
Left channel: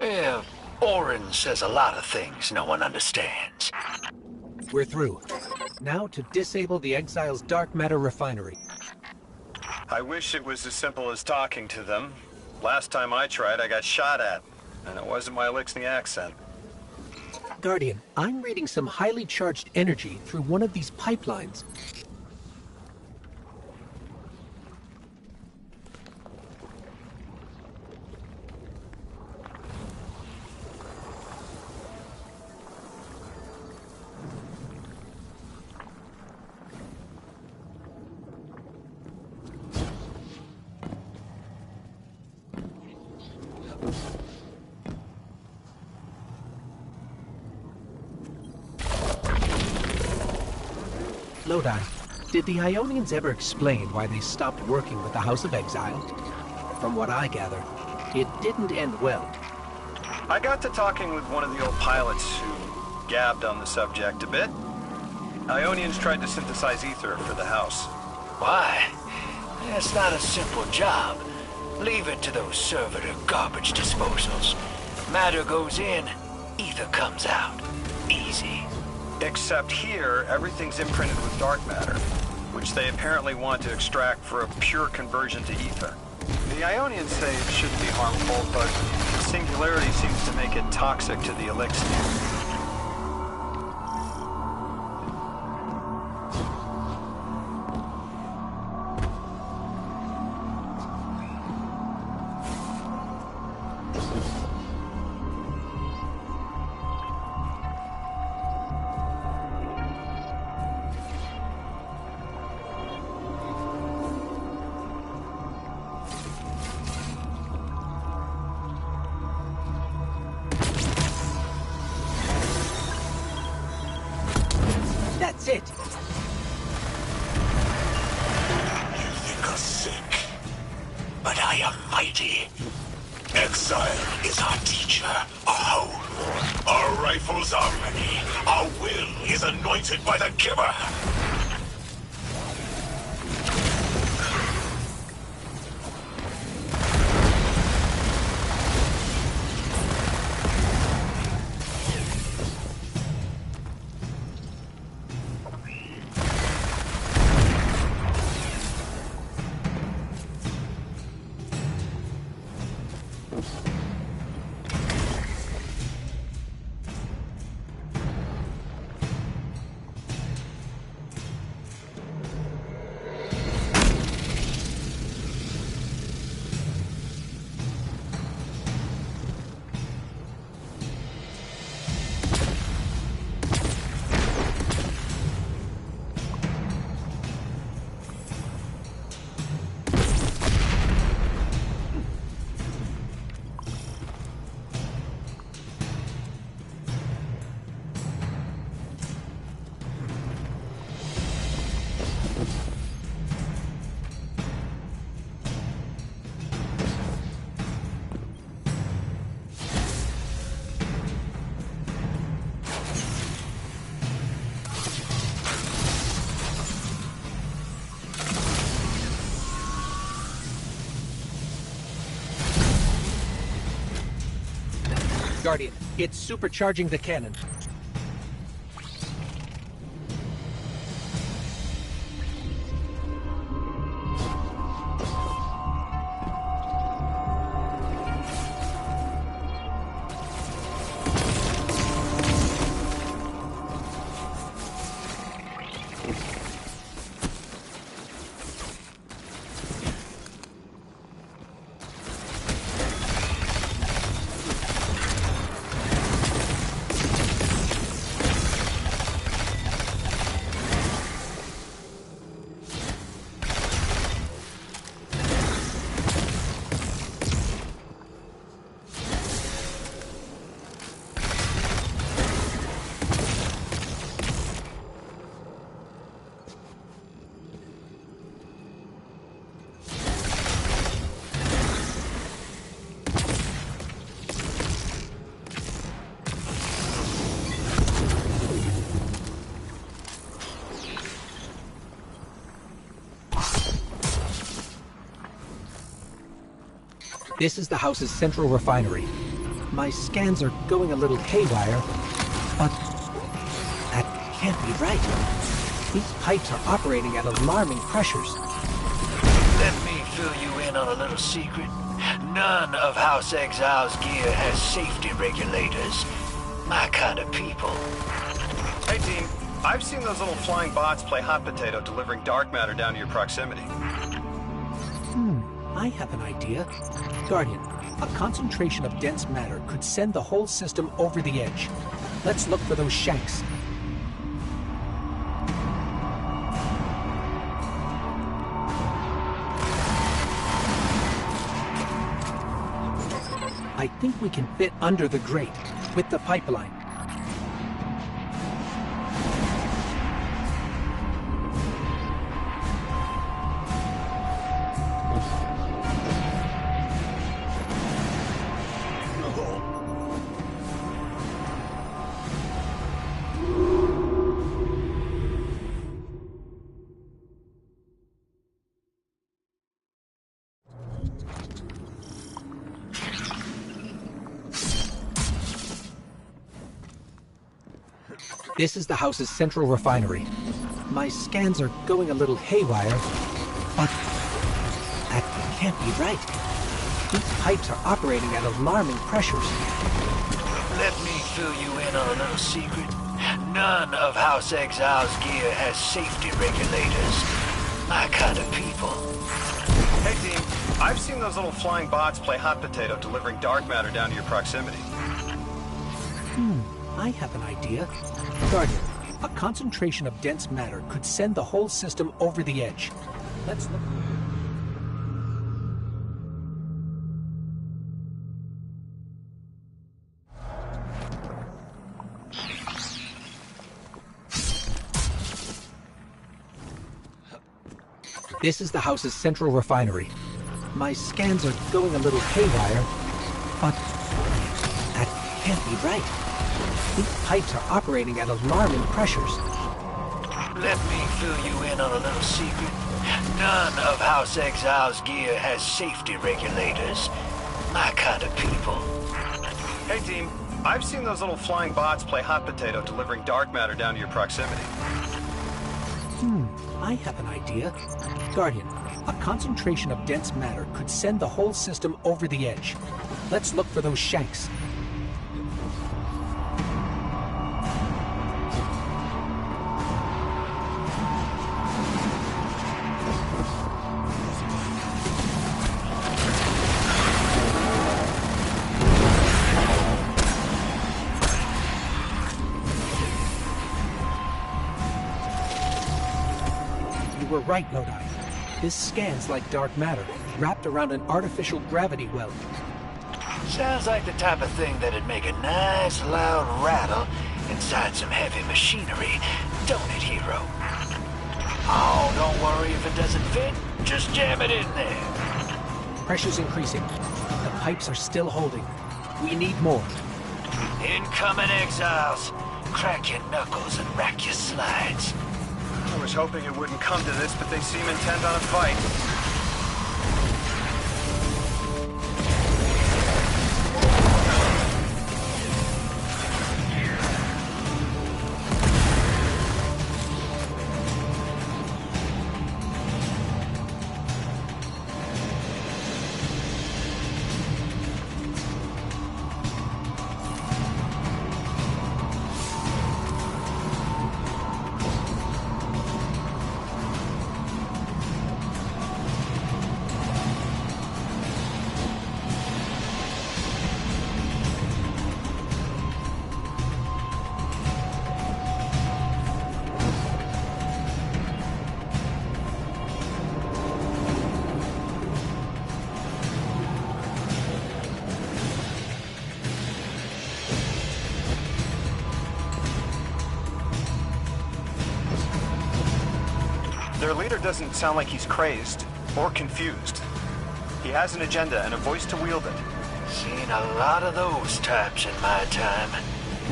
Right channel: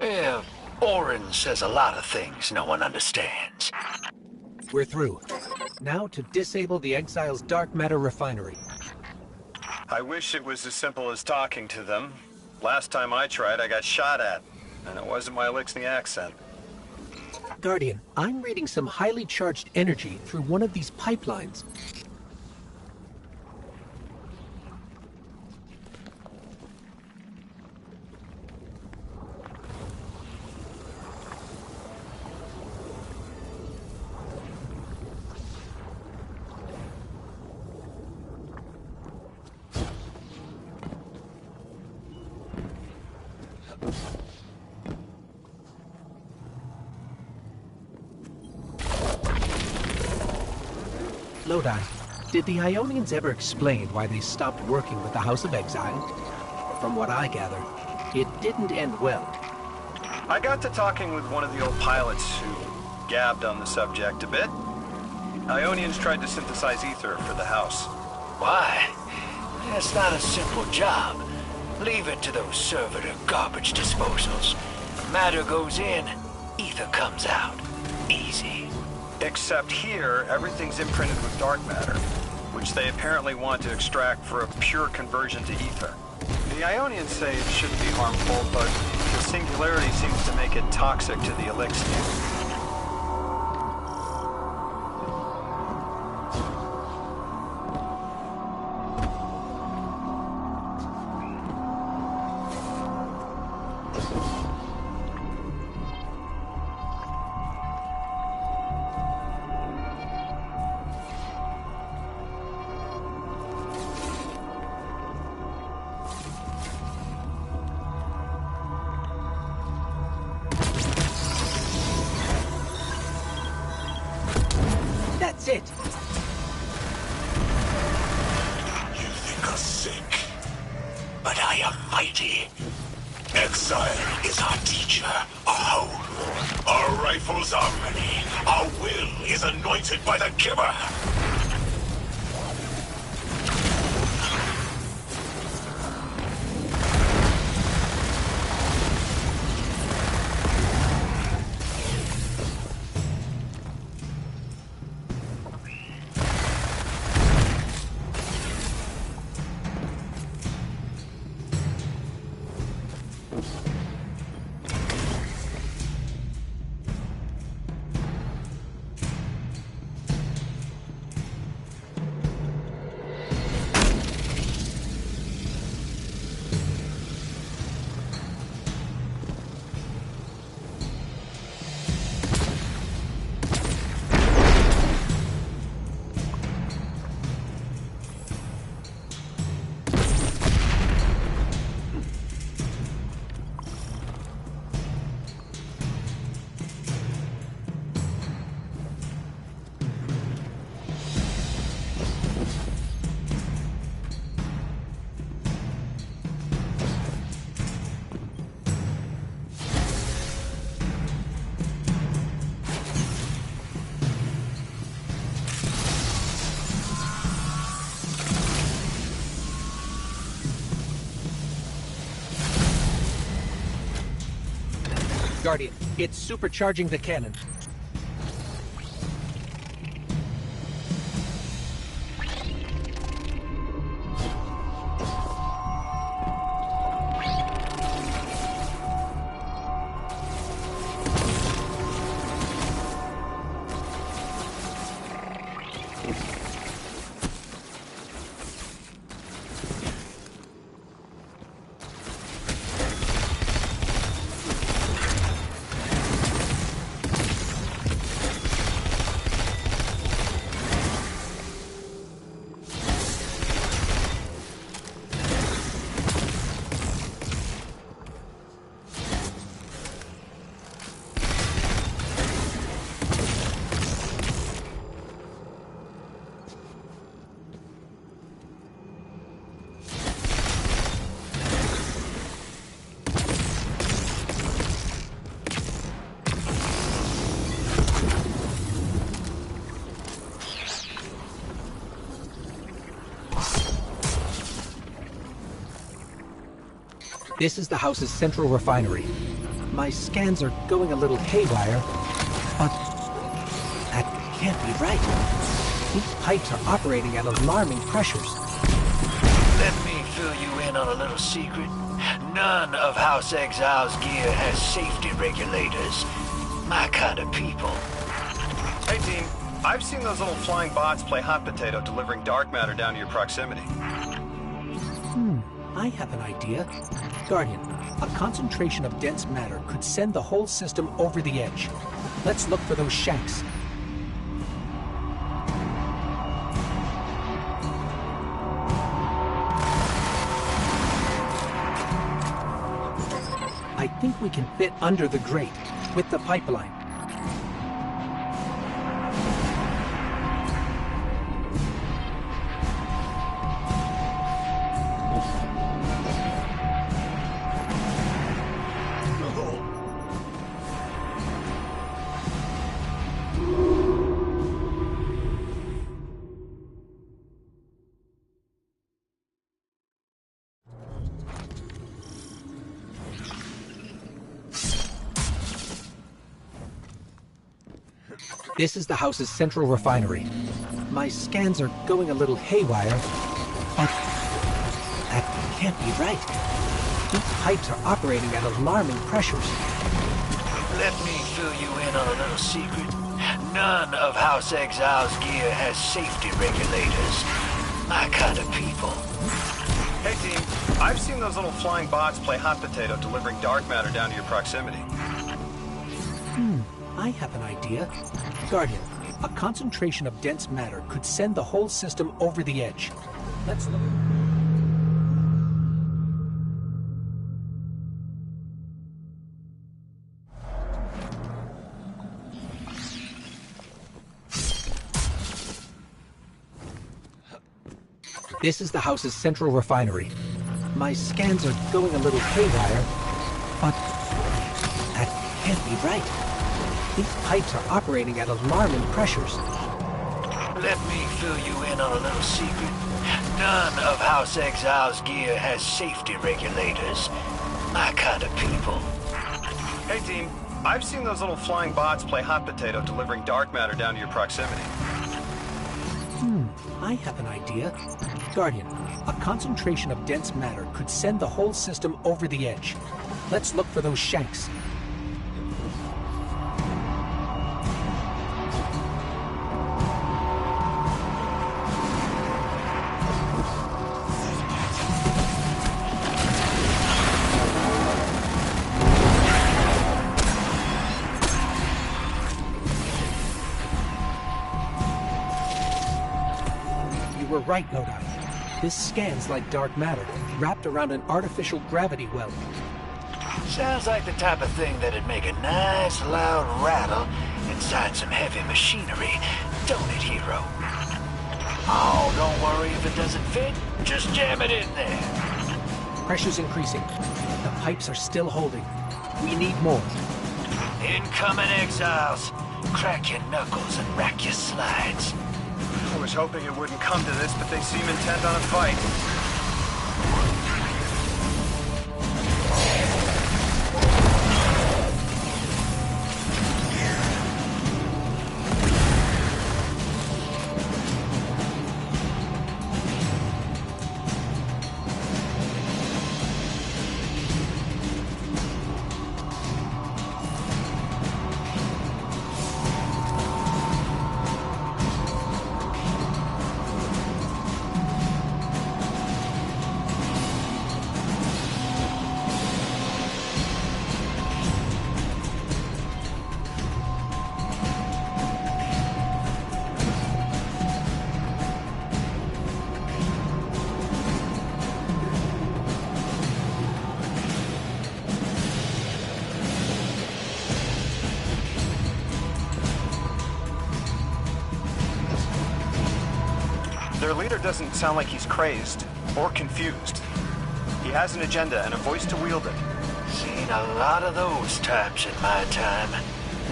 Yeah, Orin says a lot of things no one understands. We're through. Now to disable the Exile's dark matter refinery. I wish it was as simple as talking to them. Last time I tried, I got shot at. And it wasn't my Elixni accent. Guardian, I'm reading some highly charged energy through one of these pipelines. Lodi, did the Ionians ever explain why they stopped working with the House of Exile? From what I gather, it didn't end well. I got to talking with one of the old pilots who gabbed on the subject a bit. Ionians tried to synthesize ether for the House. Why? That's not a simple job. Leave it to those servitor garbage disposals. Matter goes in, ether comes out. Easy. Except here, everything's imprinted with dark matter, which they apparently want to extract for a pure conversion to ether. The Ionians say it shouldn't be harmful, but the singularity seems to make it toxic to the Elixni. That's it! You think us sick, but I am mighty. Exile is our teacher, our home. Our rifles are many. Our will is anointed by the giver. Guardian, it's supercharging the cannon. This is the house's central refinery. My scans are going a little haywire, but that can't be right. These pipes are operating at alarming pressures. Let me fill you in on a little secret. None of House Exile's gear has safety regulators. My kind of people. Hey team, I've seen those little flying bots play hot potato delivering dark matter down to your proximity. I have an idea. Guardian, a concentration of dense matter could send the whole system over the edge. Let's look for those shanks. I think we can fit under the grate with the pipeline. This is the house's central refinery. My scans are going a little haywire, but that can't be right. These pipes are operating at alarming pressures. Let me fill you in on a little secret. None of House Exile's gear has safety regulators. My kind of people. Hey team, I've seen those little flying bots play hot potato delivering dark matter down to your proximity. I have an idea. Guardian, a concentration of dense matter could send the whole system over the edge. Let's look. This is the house's central refinery. My scans are going a little haywire, but that can't be right. These pipes are operating at alarming pressures. Let me fill you in on a little secret. None of House Exile's gear has safety regulators. My kind of people. Hey team, I've seen those little flying bots play hot potato delivering dark matter down to your proximity. I have an idea. Guardian, a concentration of dense matter could send the whole system over the edge. Let's look for those shanks. You were right, Lodi. This scans like dark matter, wrapped around an artificial gravity well. Sounds like the type of thing that'd make a nice loud rattle inside some heavy machinery, don't it, hero? Oh, don't worry if it doesn't fit. Just jam it in there. Pressure's increasing, but the pipes are still holding. We need more. Incoming exiles. Crack your knuckles and rack your slides. I was hoping it wouldn't come to this, but they seem intent on a fight. Their leader doesn't sound like he's crazed or confused. He has an agenda and a voice to wield it. Seen a lot of those types in my time.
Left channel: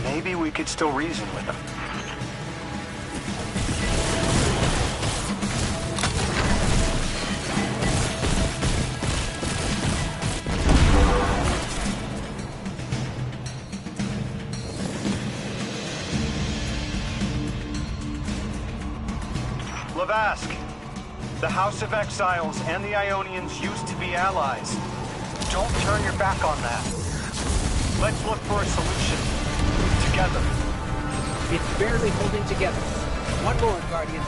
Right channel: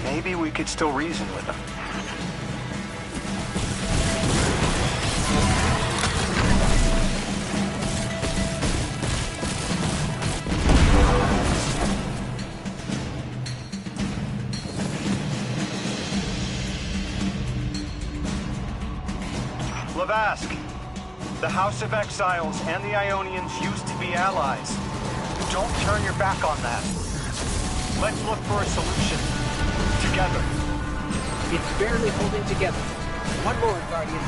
Maybe we could still reason with him. Lavask, the House of Exiles and the Ionians used to be allies. Don't turn your back on that. Let's look for a solution. Together. It's barely holding together. One more, Guardian.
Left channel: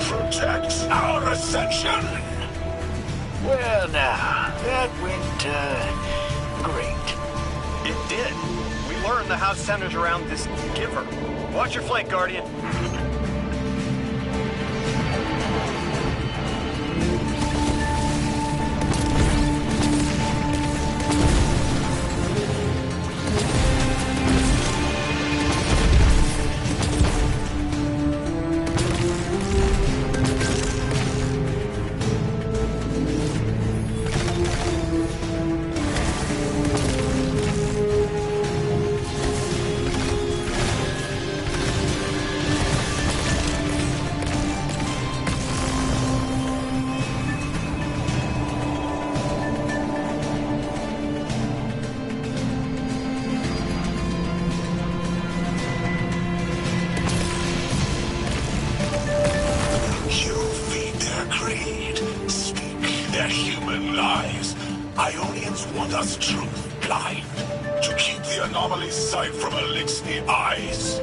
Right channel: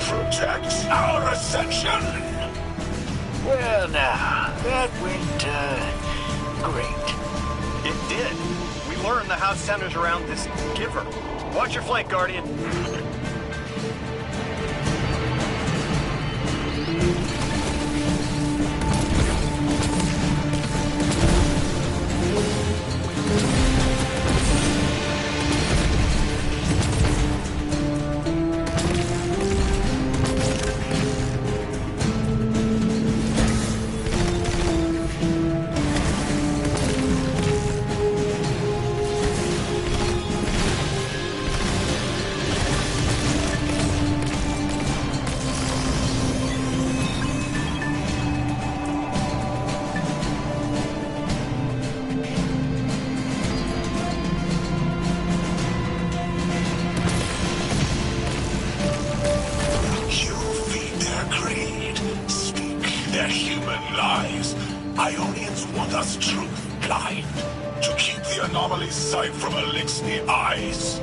Protect our ascension! Well now, that went, great. It did. We learned the house centers around this giver. Watch your flank, Guardian. Ionians want us truth blind, to keep the anomaly's sight from Elixni eyes.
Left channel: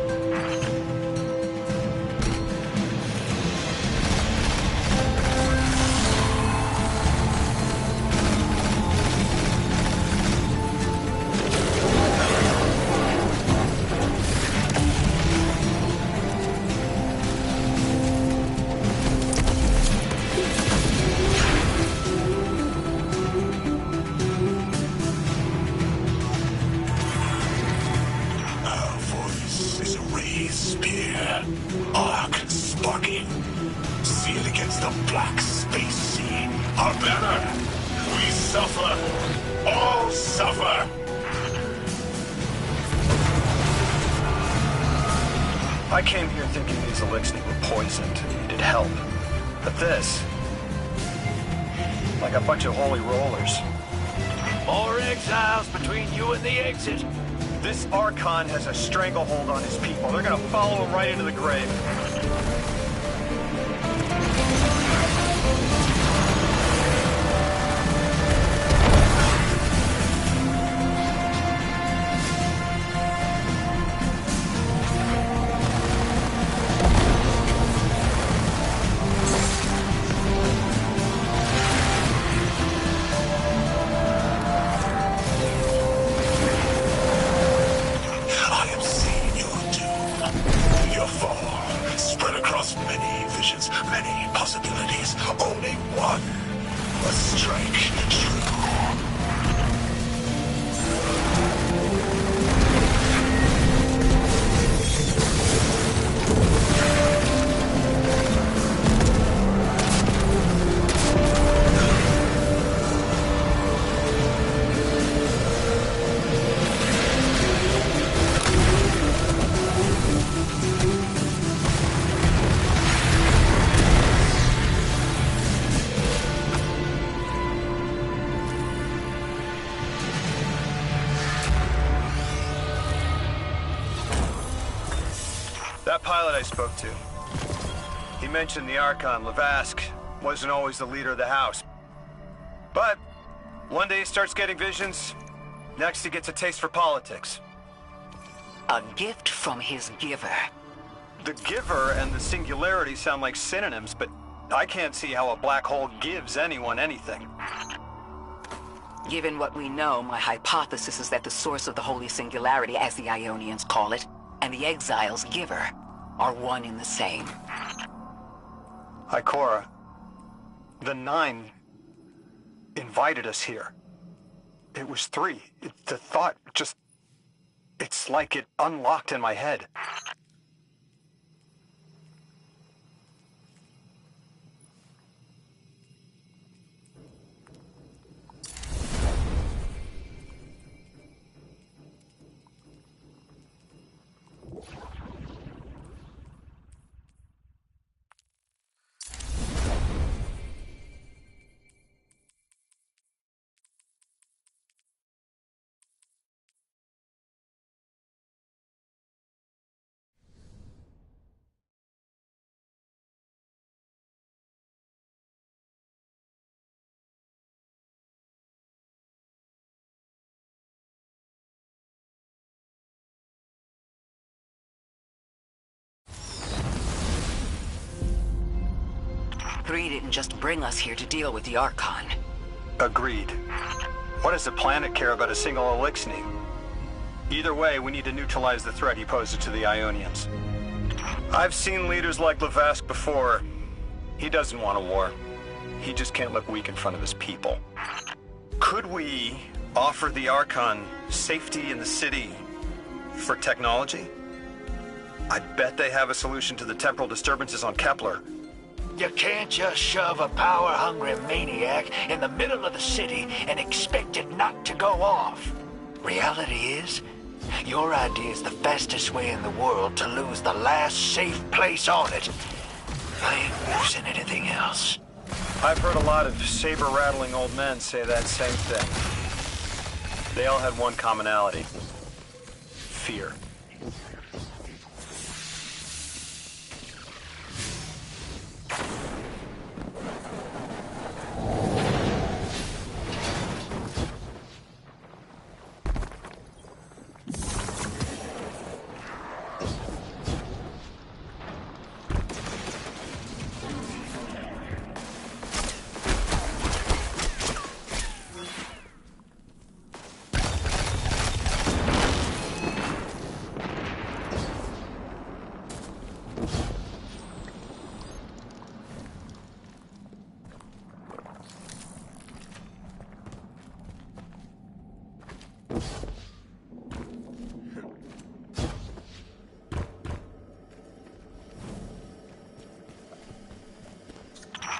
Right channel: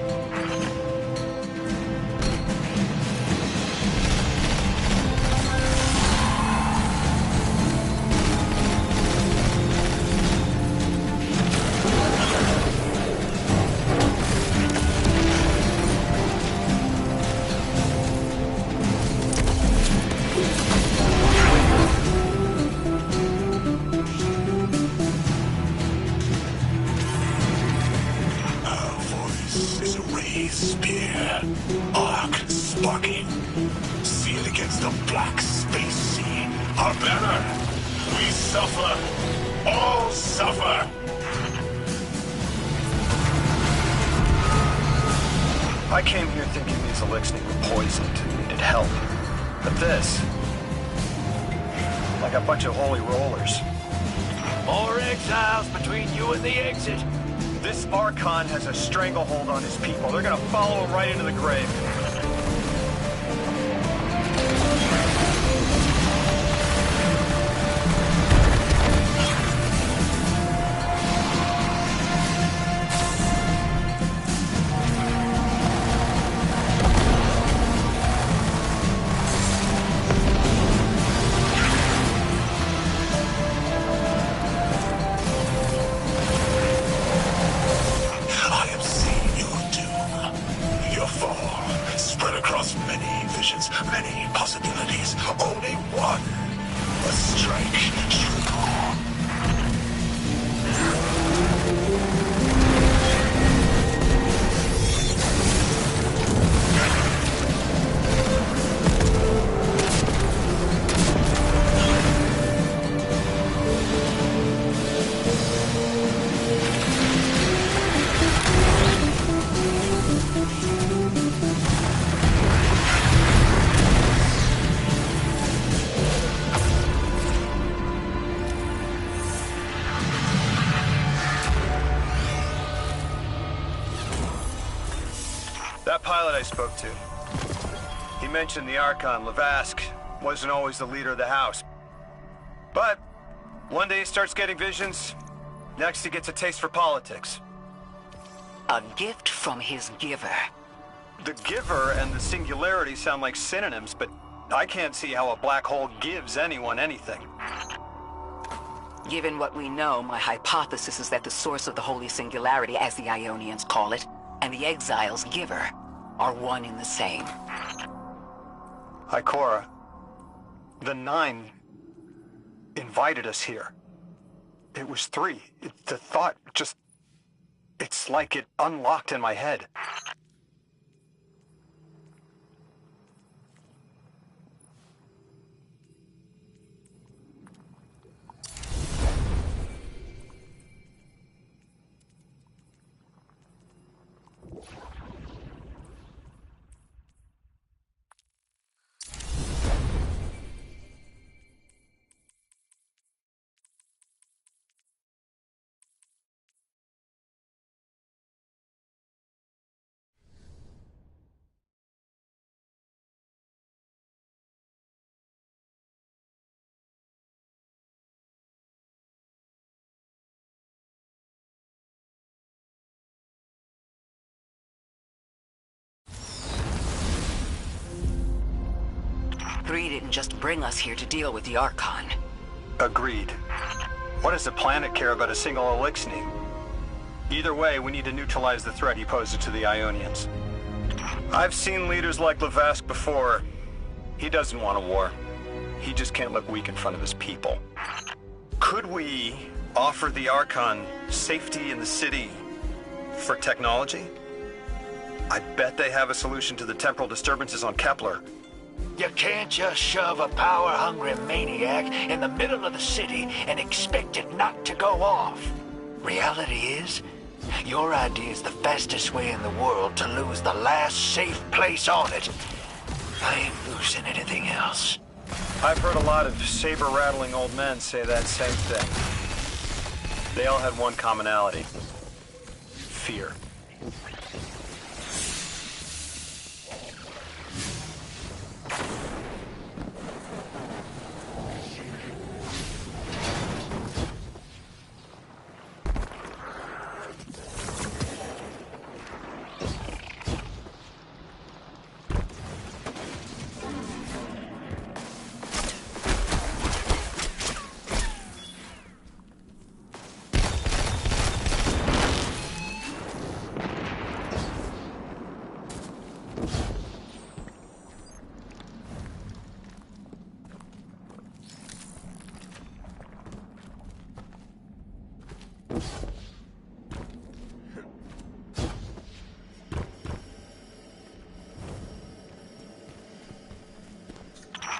I came here thinking these Elixni were poisoned and needed help. But this... like a bunch of holy rollers. More exiles between you and the exit. This Archon has a stranglehold on his people. They're gonna follow him right into the grave. Many possibilities, only one must strike true. That pilot I spoke to, he mentioned the Archon, Lavask, wasn't always the leader of the house. But one day he starts getting visions, next he gets a taste for politics. A gift from his giver. The giver and the singularity sound like synonyms, but I can't see how a black hole gives anyone anything. Given what we know, my hypothesis is that the source of the Holy Singularity, as the Ionians call it, and the Exile's giver are one and the same. Ikora, the Nine invited us here. It was 3. The thought just... it's like it unlocked in my head. 3 didn't just bring us here to deal with the Archon. Agreed. What does the planet care about a single Eliksni? Either way, we need to neutralize the threat he poses to the Ionians. I've seen leaders like Lavask before. He doesn't want a war. He just can't look weak in front of his people. Could we offer the Archon safety in the city for technology? I bet they have a solution to the temporal disturbances on Kepler. You can't just shove a power-hungry maniac in the middle of the city and expect it not to go off. Reality is, your idea is the fastest way in the world to lose the last safe place on it. I ain't losing anything else. I've heard a lot of saber-rattling old men say that same thing. They all had one commonality. Fear.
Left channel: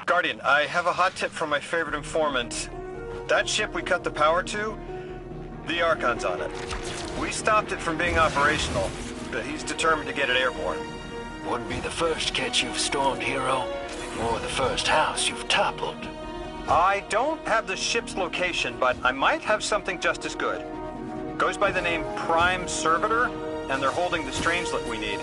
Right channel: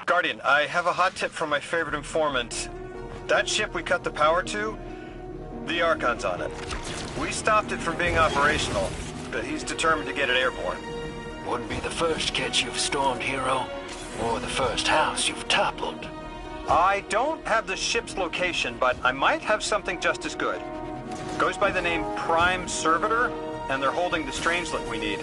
Guardian, I have a hot tip from my favorite informant. That ship we cut the power to, the Archon's on it. We stopped it from being operational, but he's determined to get it airborne. Wouldn't be the first catch you've stormed, Hero, or the first house you've toppled. I don't have the ship's location, but I might have something just as good. Goes by the name Prime Servitor, and they're holding the Strangelet we need.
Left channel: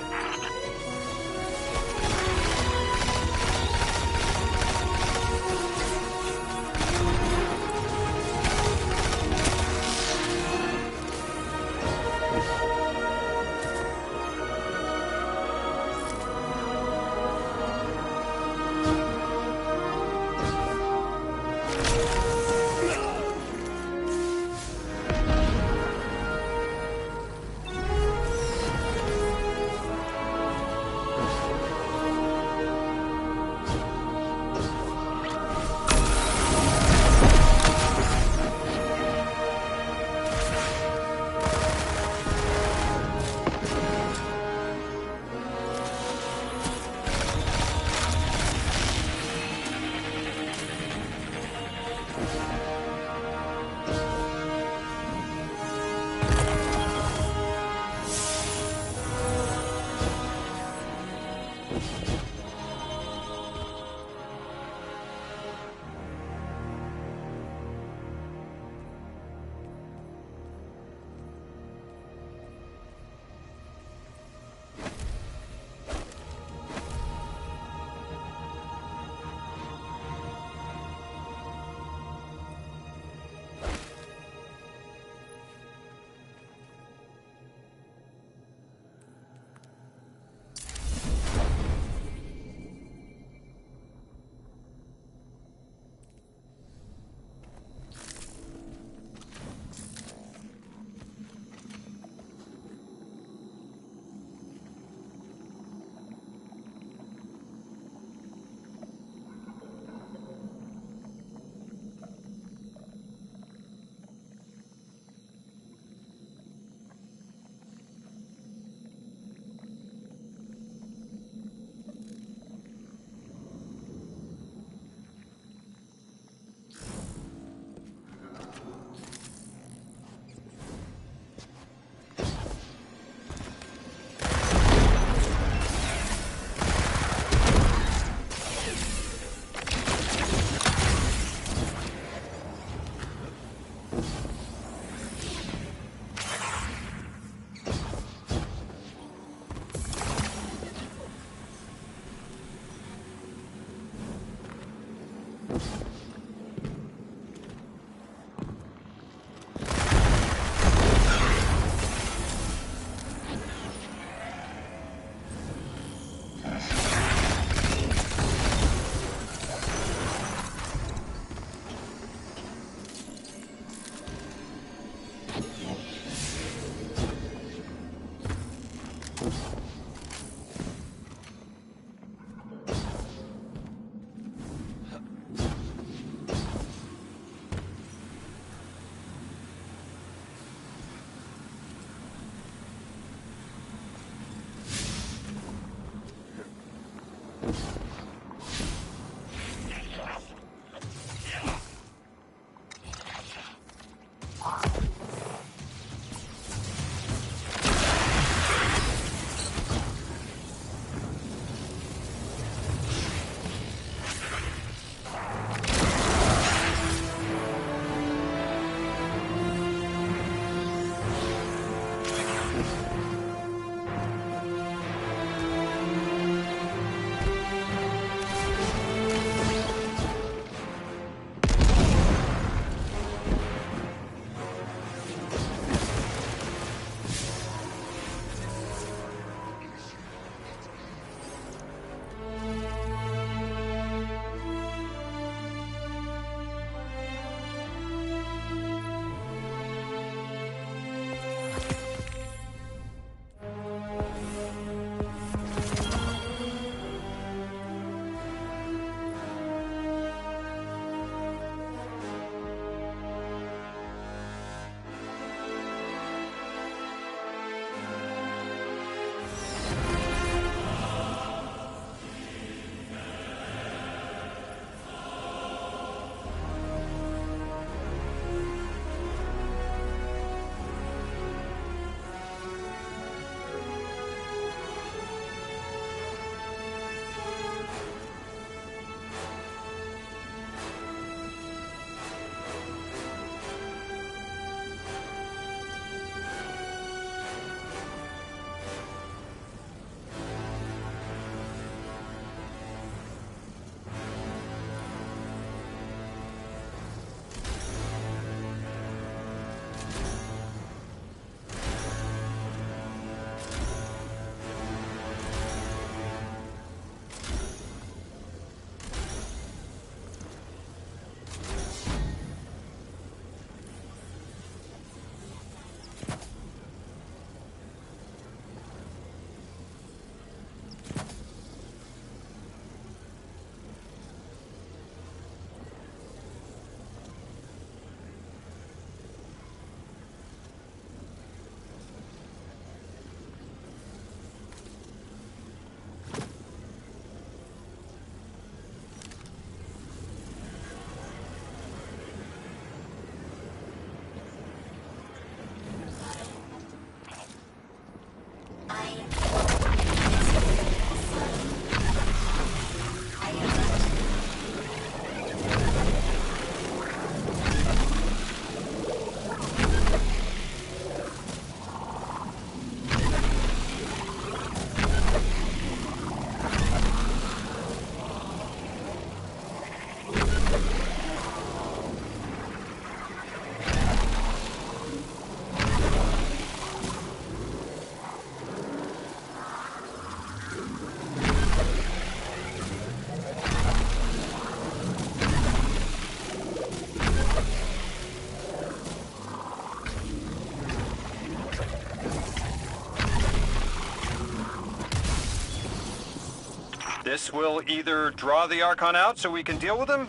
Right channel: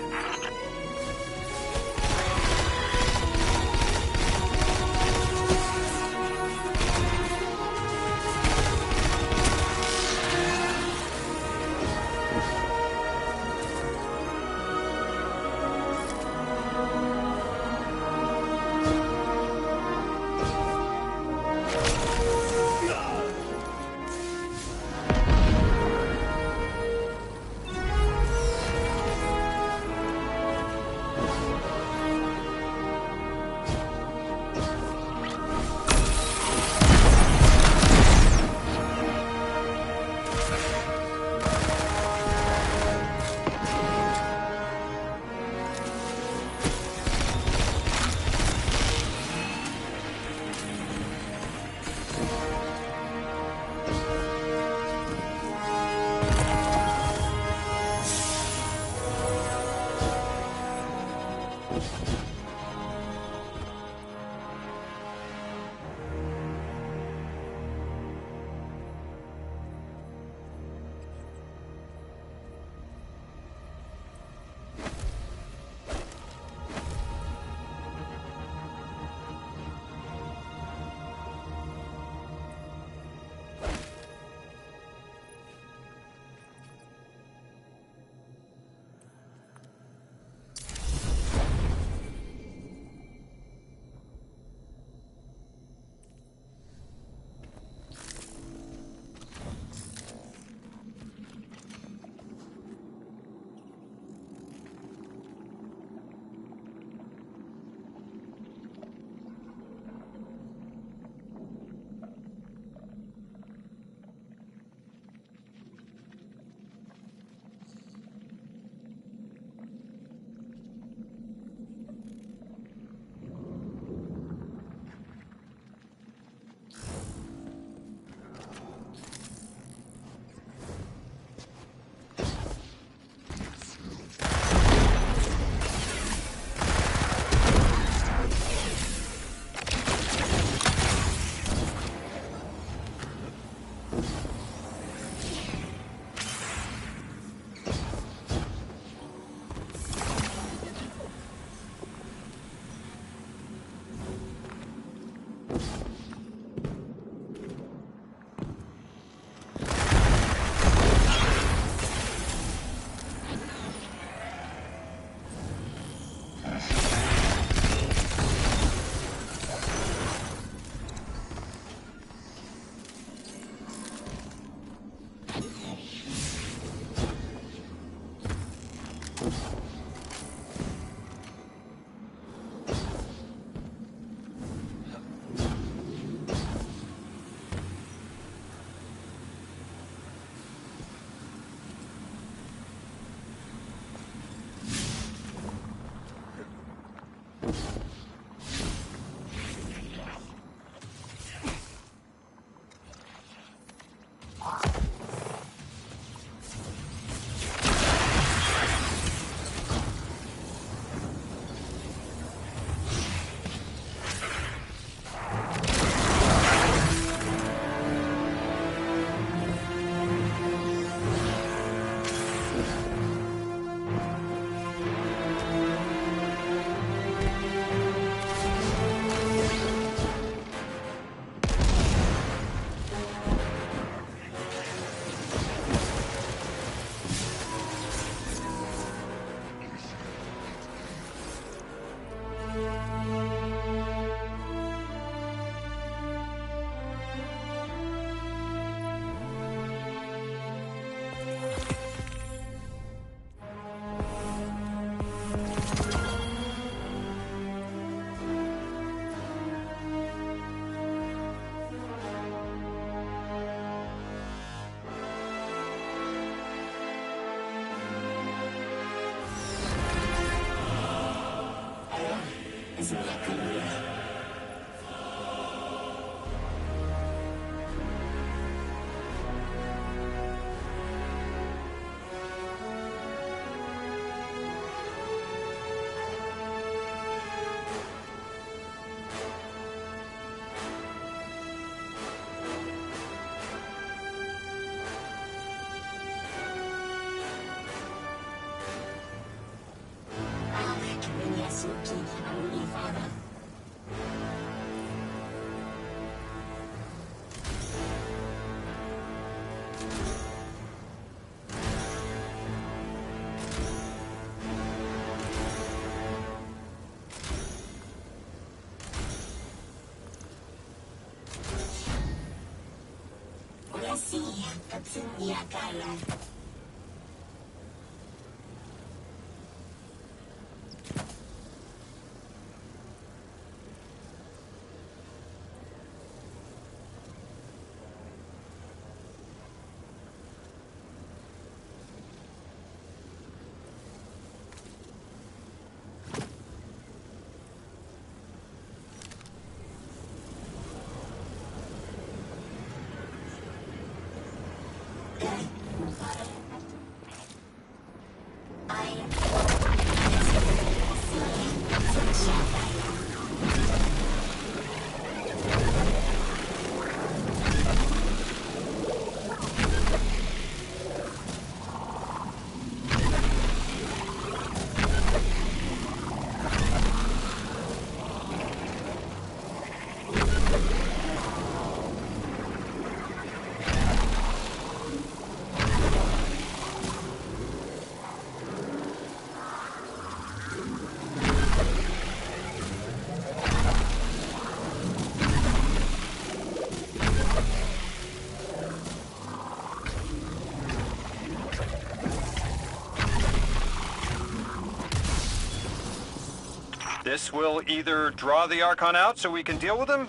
This will either draw the Archon out so we can deal with him,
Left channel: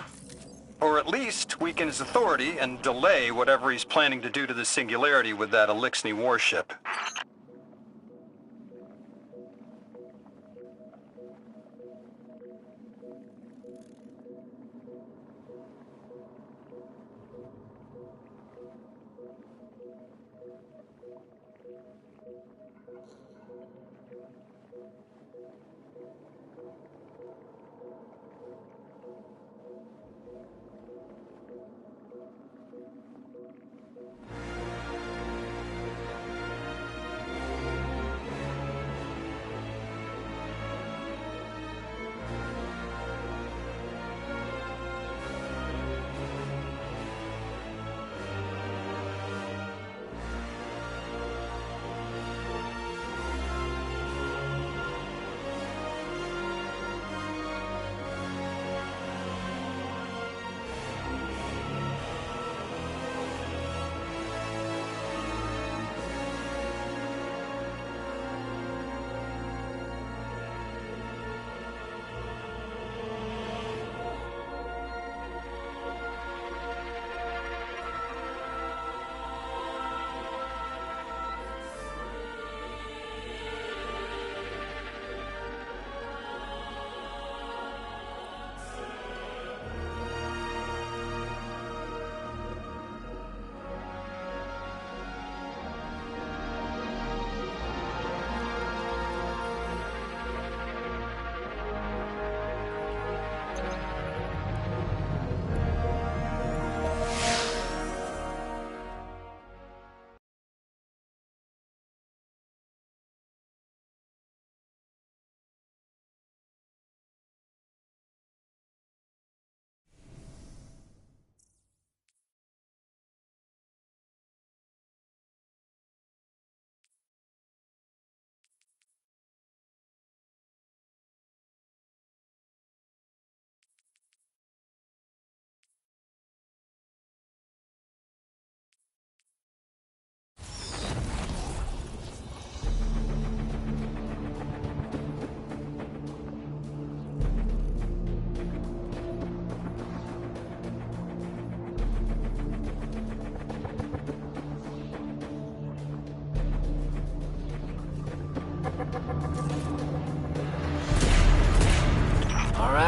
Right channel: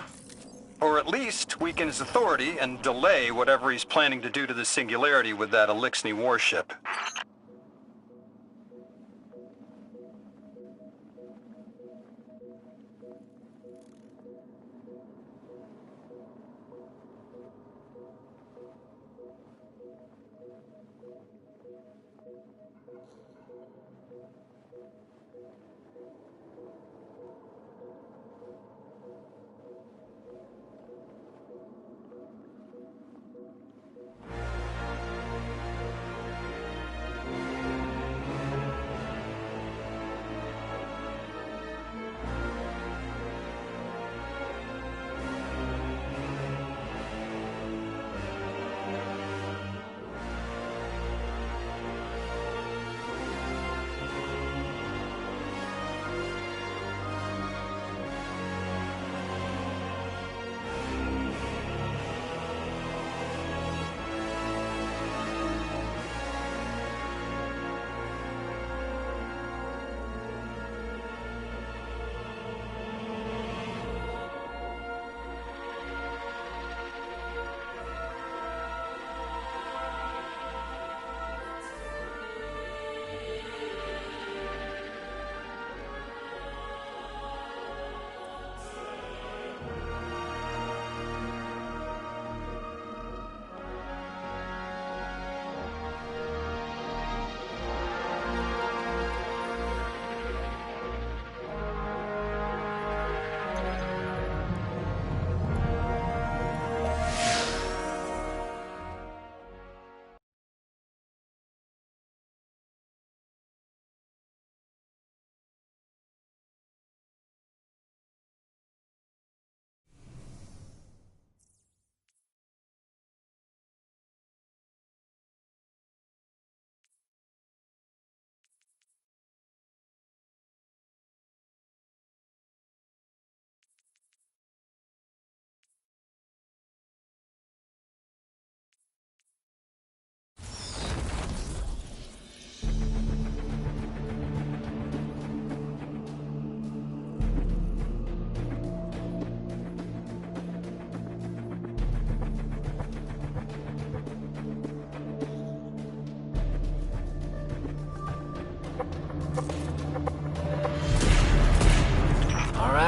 or at least weaken his authority and delay whatever he's planning to do to the Singularity with that Eliksni warship.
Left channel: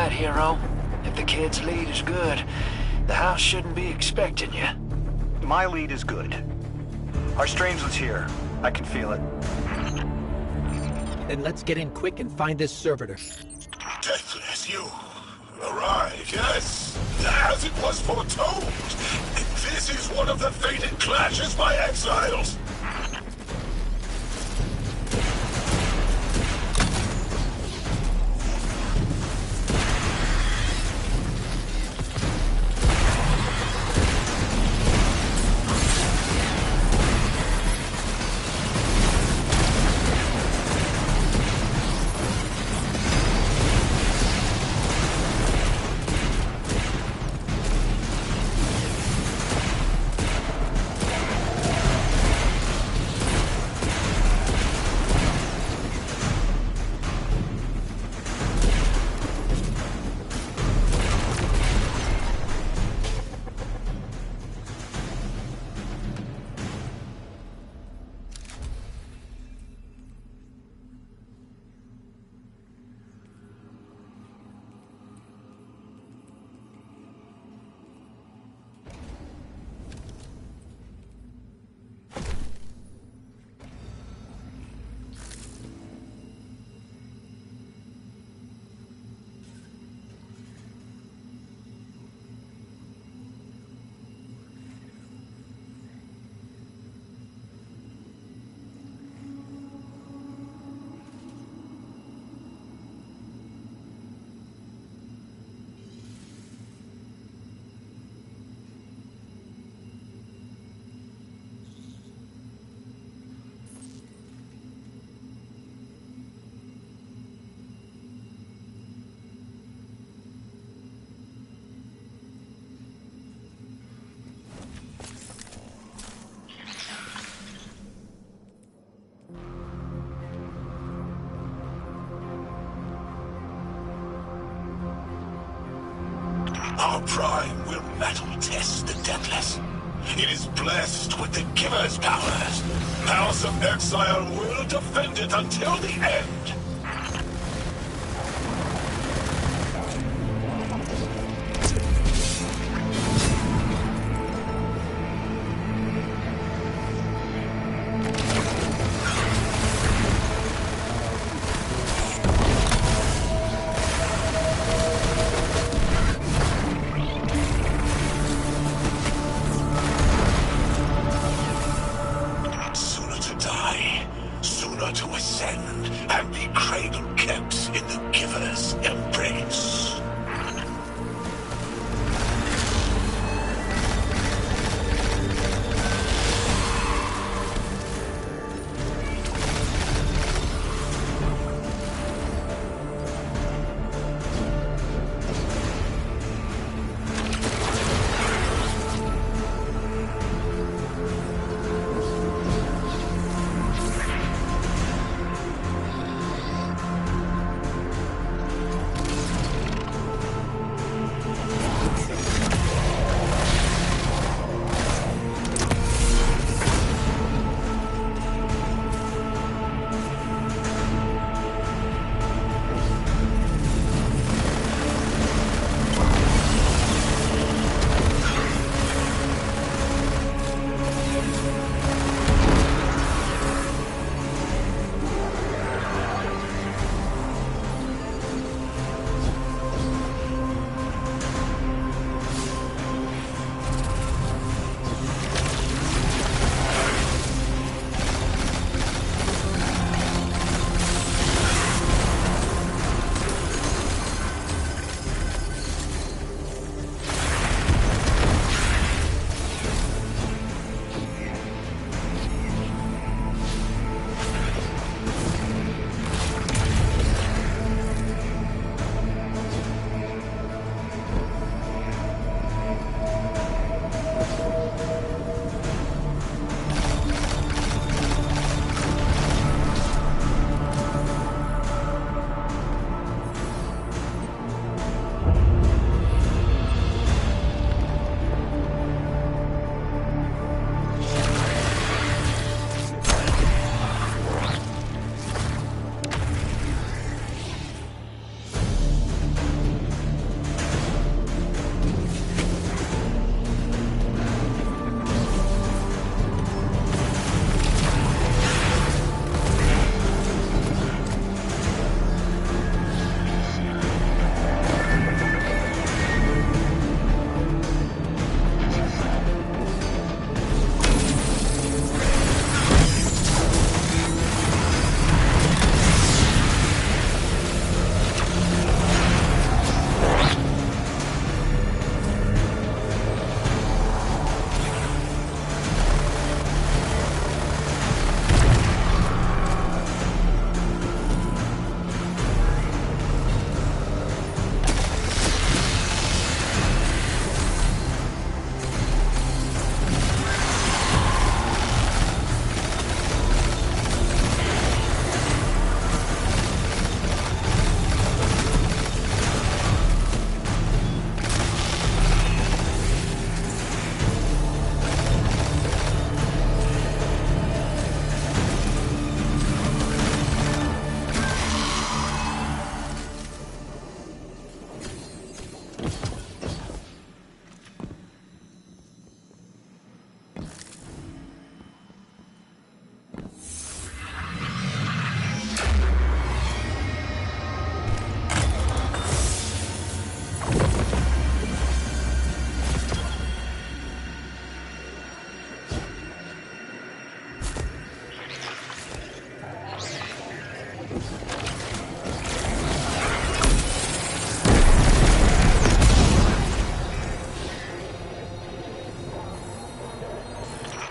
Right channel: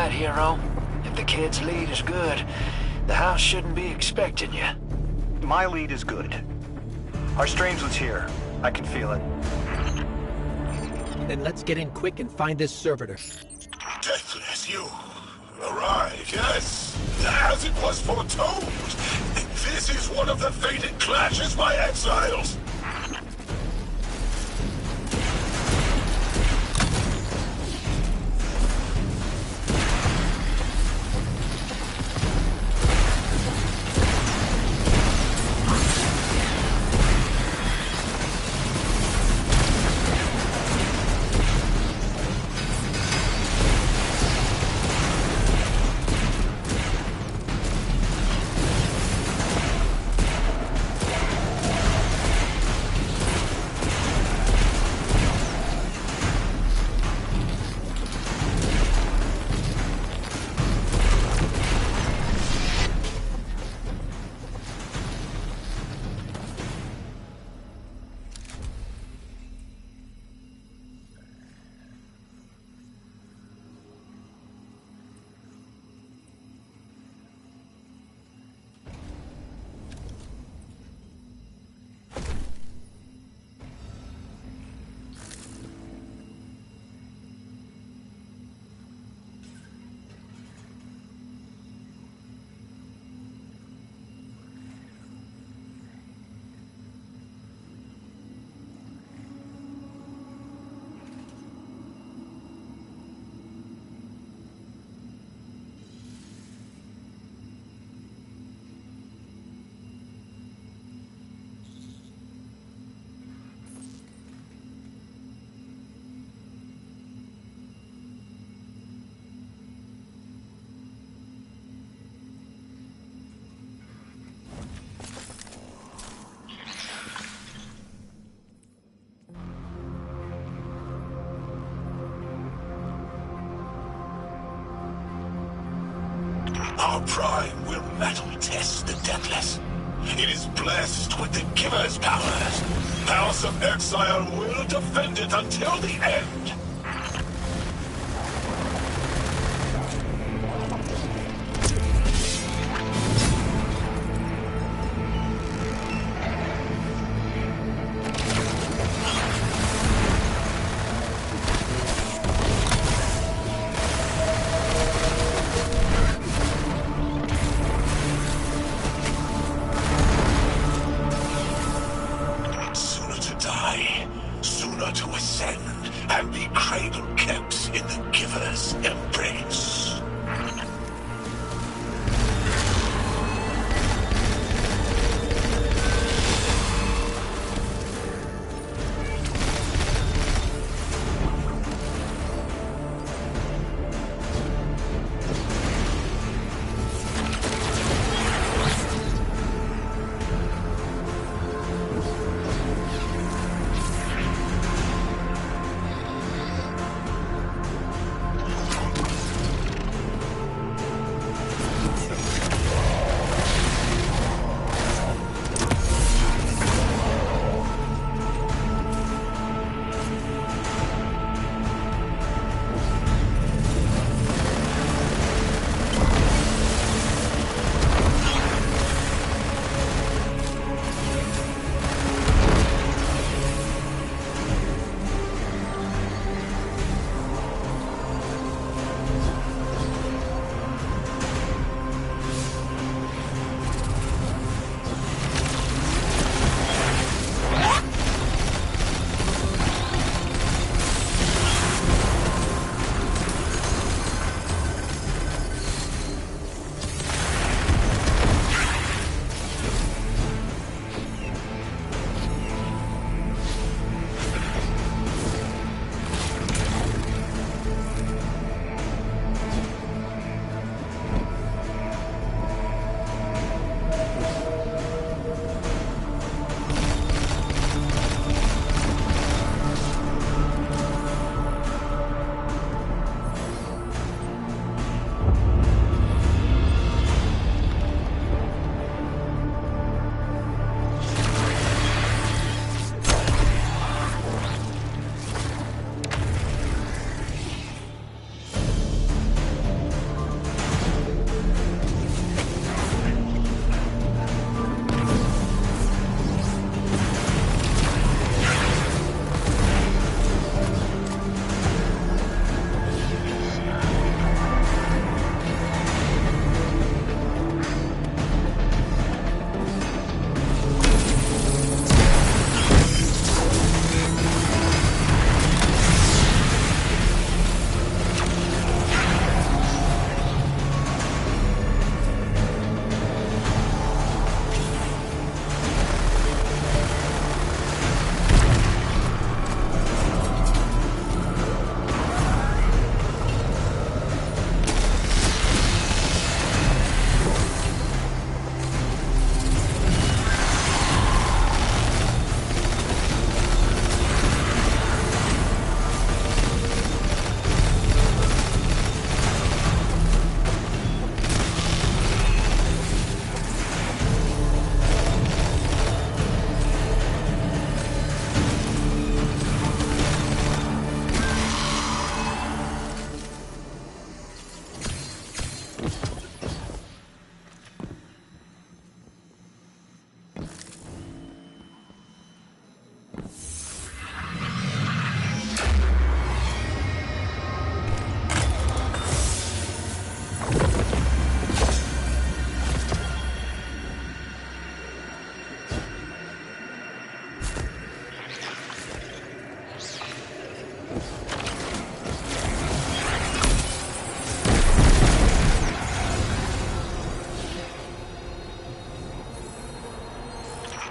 right, Hero. If the kid's lead is good, the house shouldn't be expecting you. My lead is good. Our Strangeland's here. I can feel it. Then let's get in quick and find this servitor. Deathless, you arrived, yes, as it was foretold. This is one of the fated clashes by exiles. Our prime will metal test the Deathless. It is blessed with the Giver's powers. House of Exile will defend it until the end. To ascend and be cradle kept in the Giver's embrace.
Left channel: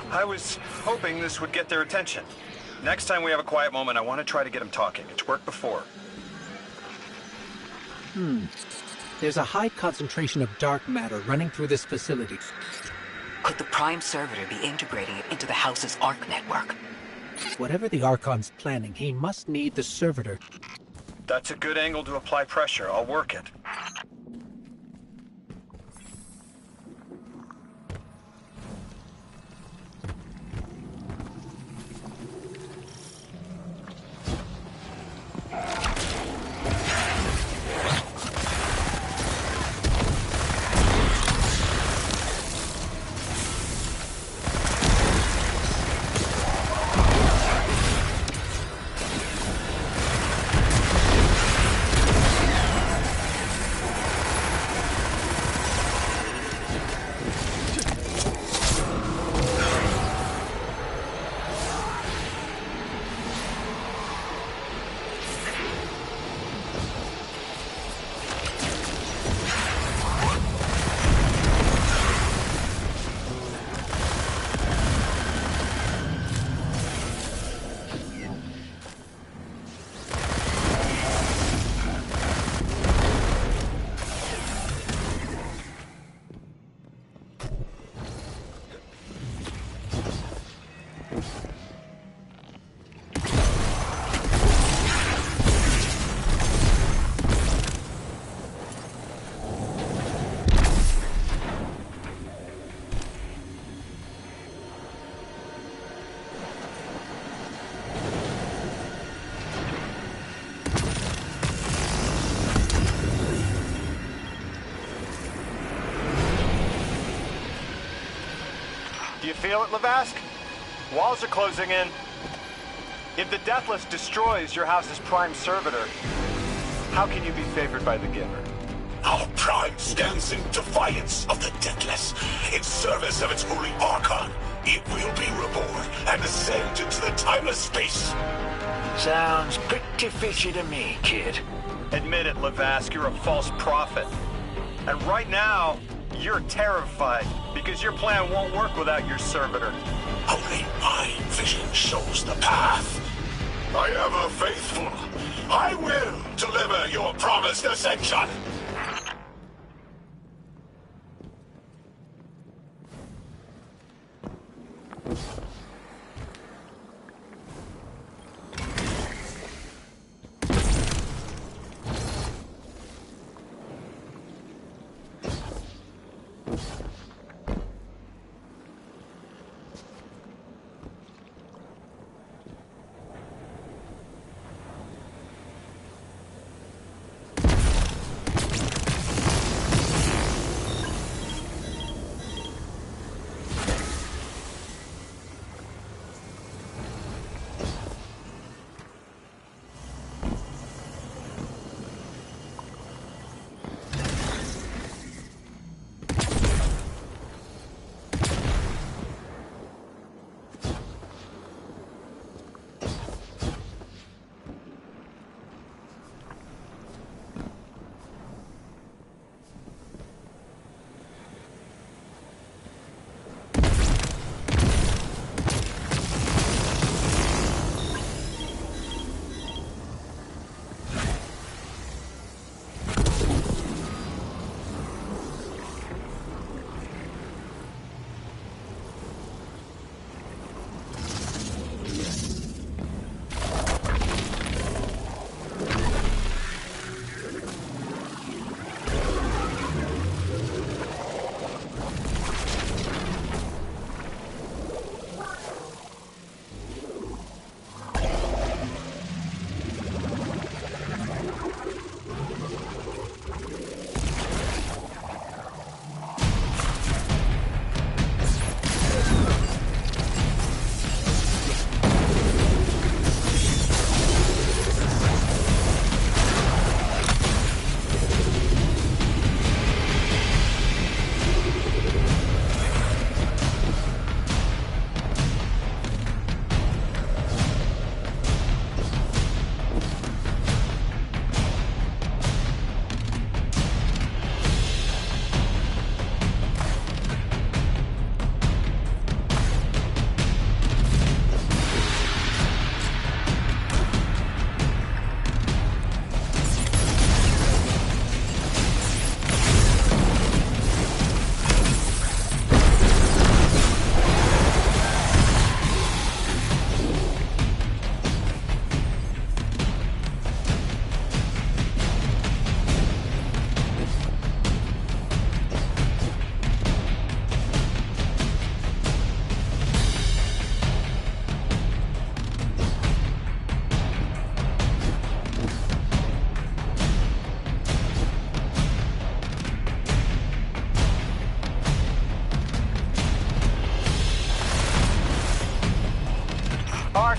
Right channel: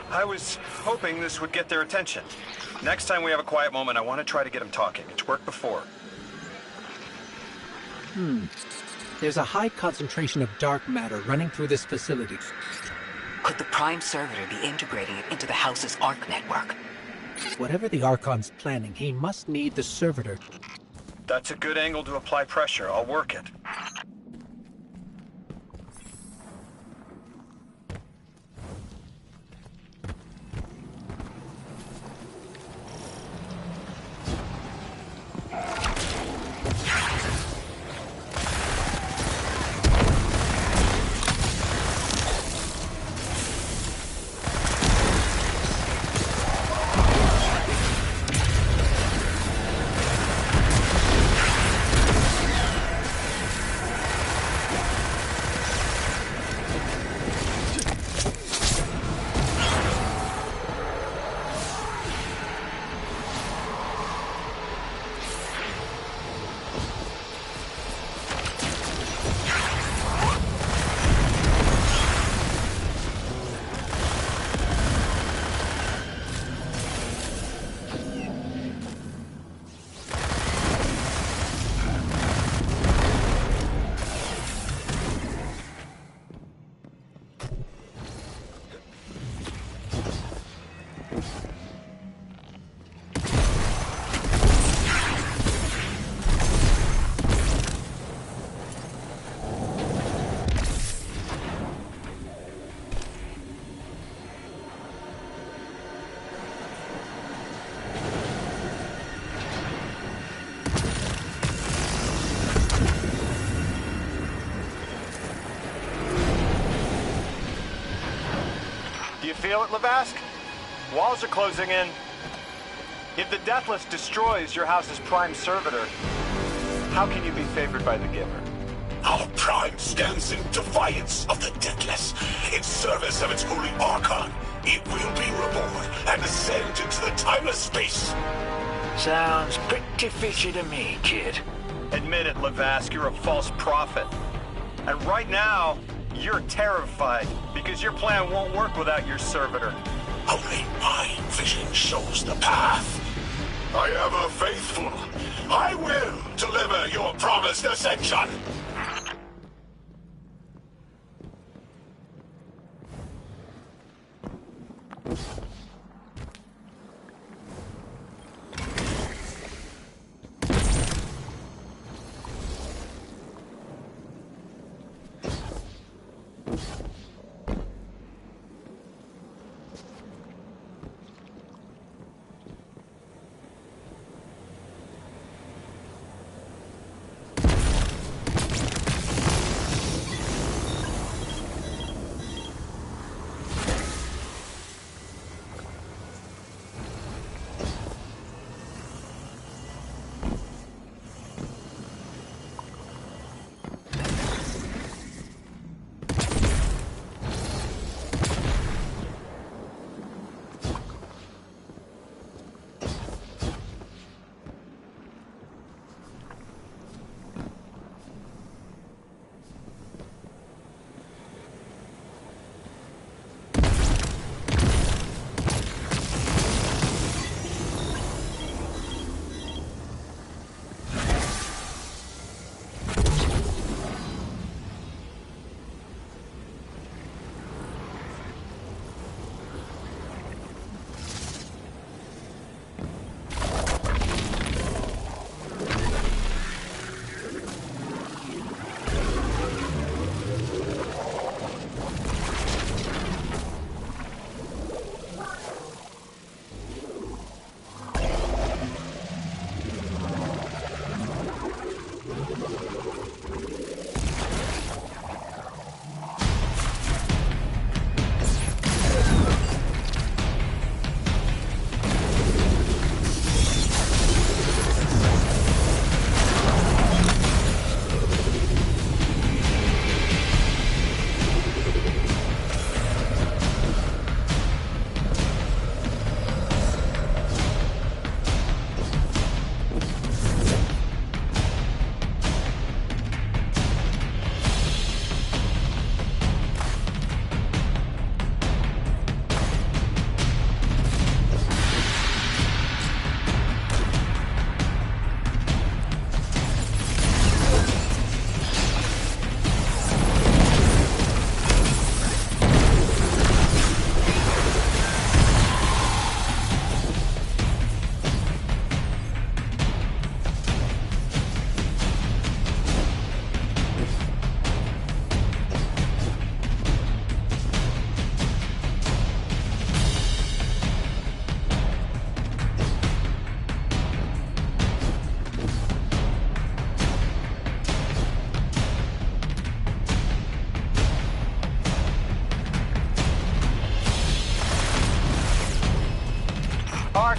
I was hoping this would get their attention. Next time we have a quiet moment, I want to try to get them talking. It's worked before. There's a high concentration of dark matter running through this facility. Could the Prime Servitor be integrating it into the House's Arc network? Whatever the Archon's planning, he must need the Servitor. That's a good angle to apply pressure. I'll work it. Do you feel it, Lavask? Walls are closing in. If the Deathless destroys your house's Prime Servitor, how can you be favored by the Giver? Our Prime stands in defiance of the Deathless, in service of its holy Archon. It will be reborn and ascend into the timeless space. Sounds pretty fishy to me, kid. Admit it, Lavask, you're a false prophet. And right now, you're terrified because your plan won't work without your servitor. Only my vision shows the path. I am a faithful. I will deliver your promised ascension.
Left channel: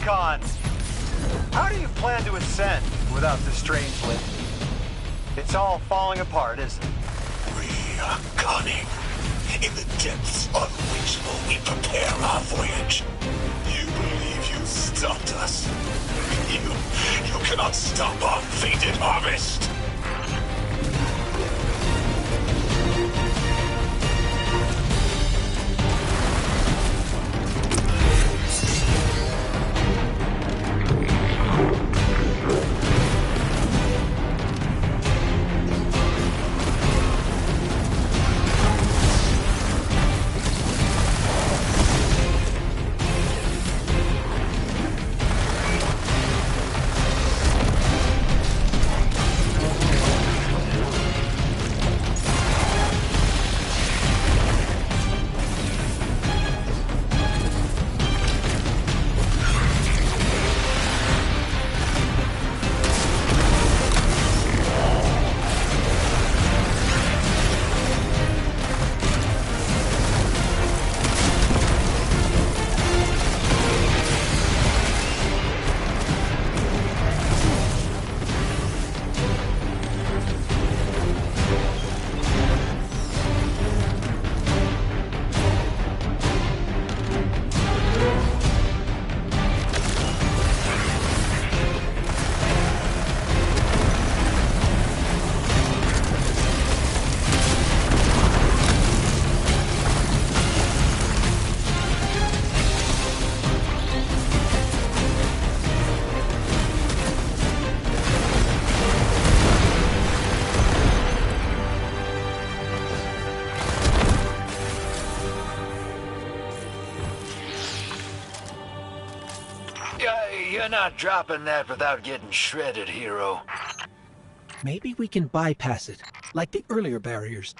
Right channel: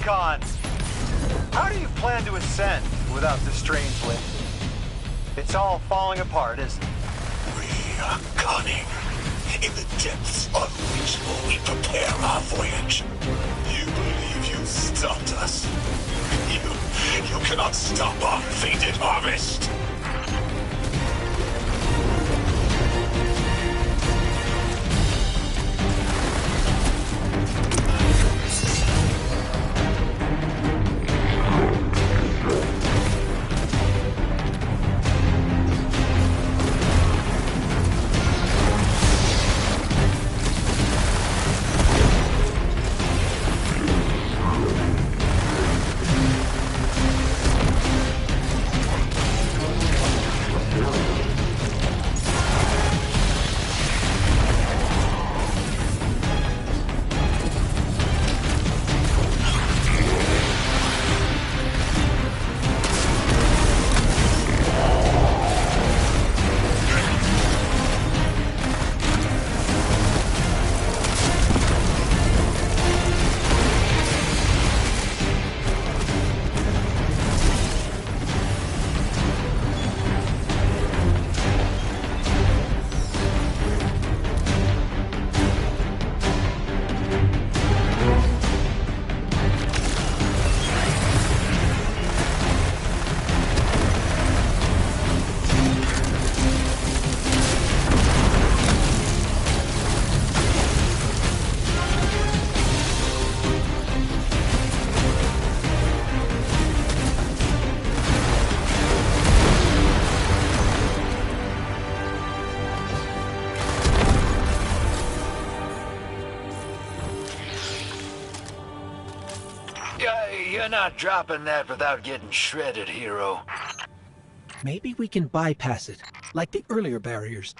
recon! How do you plan to ascend without the strange lift? It's all falling apart, isn't it? We are cunning. In the depths unreachable, we prepare our voyage. You believe you stopped us? You cannot stop our fated harvest! You're not dropping that without getting shredded, hero. Maybe we can bypass it, like the earlier barriers.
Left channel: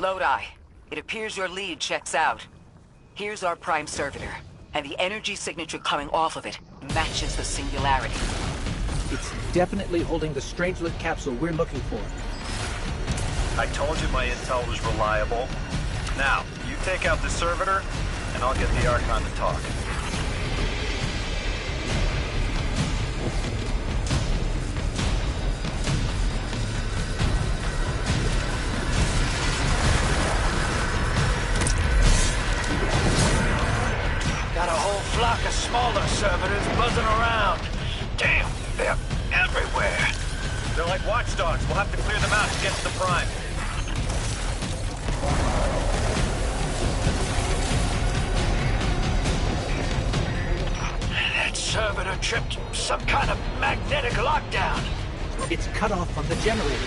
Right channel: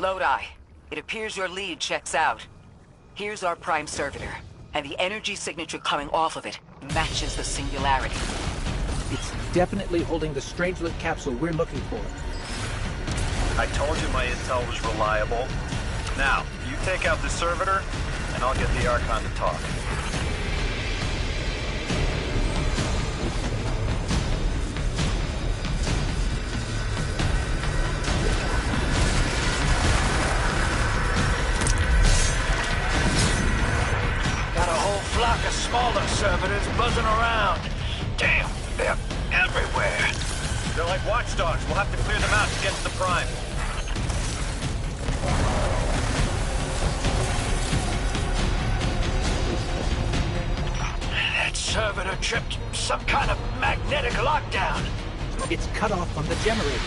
Lodi, it appears your lead checks out. Here's our prime servitor, and the energy signature coming off of it matches the singularity. It's definitely holding the Strangelet capsule we're looking for. I told you my intel was reliable. Now, you take out the servitor, and I'll get the Archon to talk. Got a whole flock of smaller servitors buzzing around. Damn, they're everywhere. They're like watchdogs. We'll have to clear them out to get to the Prime. That servitor tripped some kind of magnetic lockdown. It's cut off from the generator.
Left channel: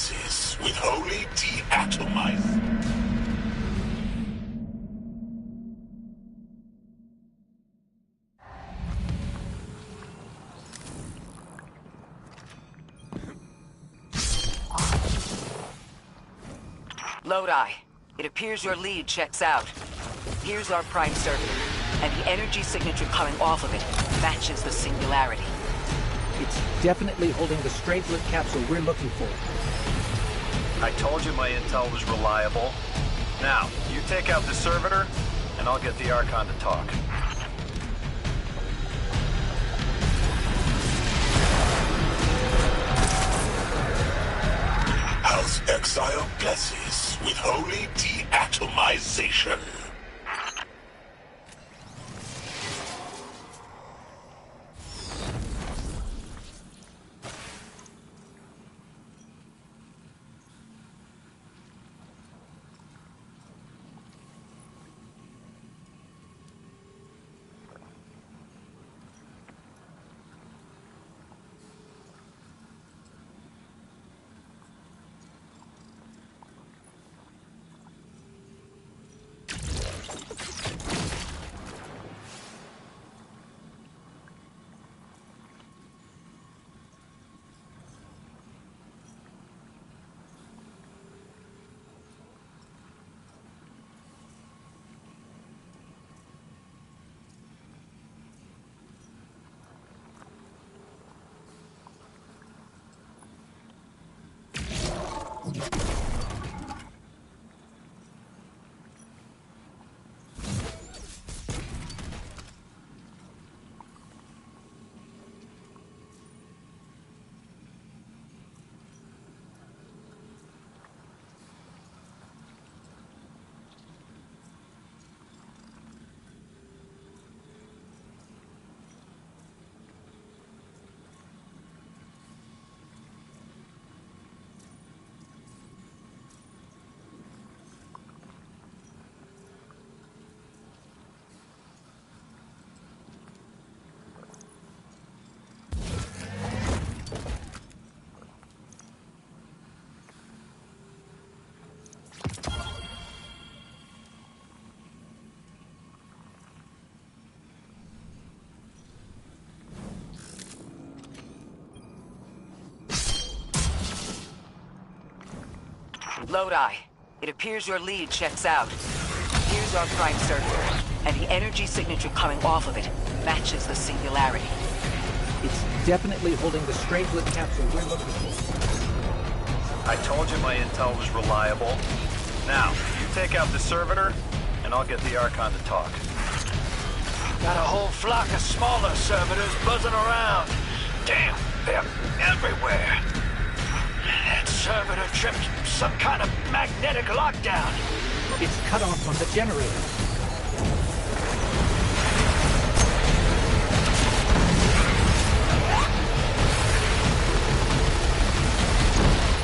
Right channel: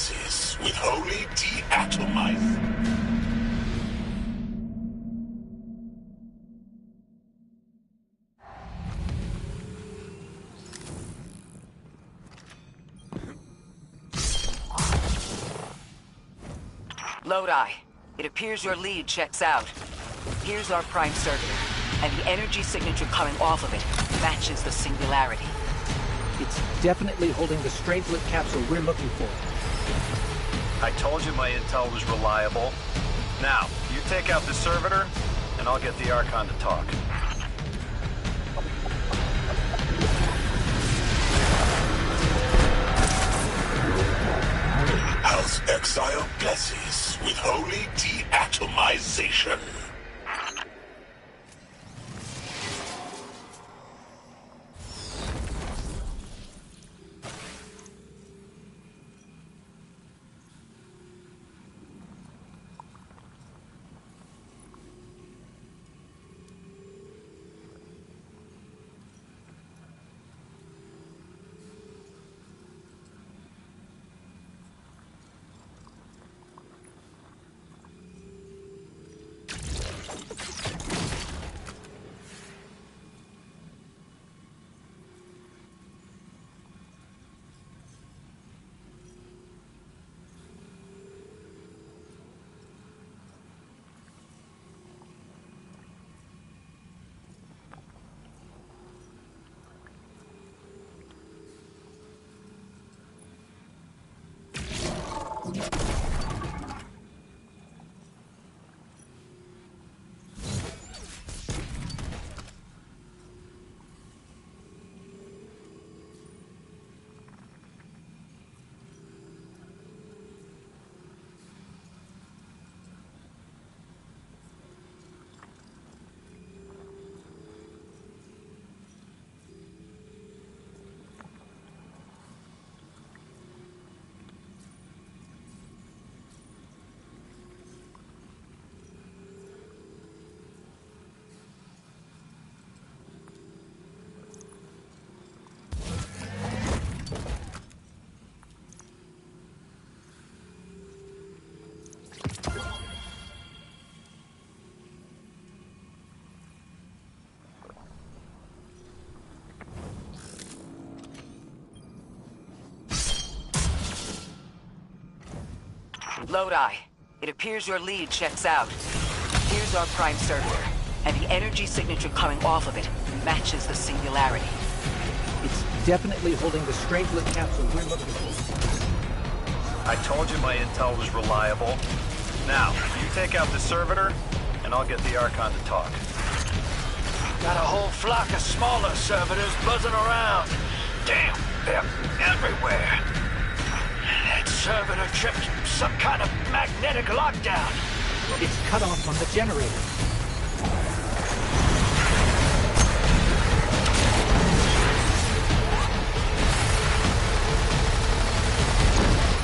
blesses with holy deatomize. Lodi, it appears your lead checks out. Here's our prime servitor, and the energy signature coming off of it matches the singularity. It's definitely holding the Strangelet capsule we're looking for. I told you my intel was reliable. Now, you take out the servitor, and I'll get the Archon to talk. House Exile blesses with holy deatomization. Lodi, it appears your lead checks out. Here's our prime servitor, and the energy signature coming off of it matches the singularity. It's definitely holding the Strangelet capsule we're looking for. I told you my intel was reliable. Now, you take out the servitor, and I'll get the Archon to talk. Got a whole flock of smaller servitors buzzing around. Damn, they're everywhere. That servitor tripped some kind of magnetic lockdown. It's cut off from the generator.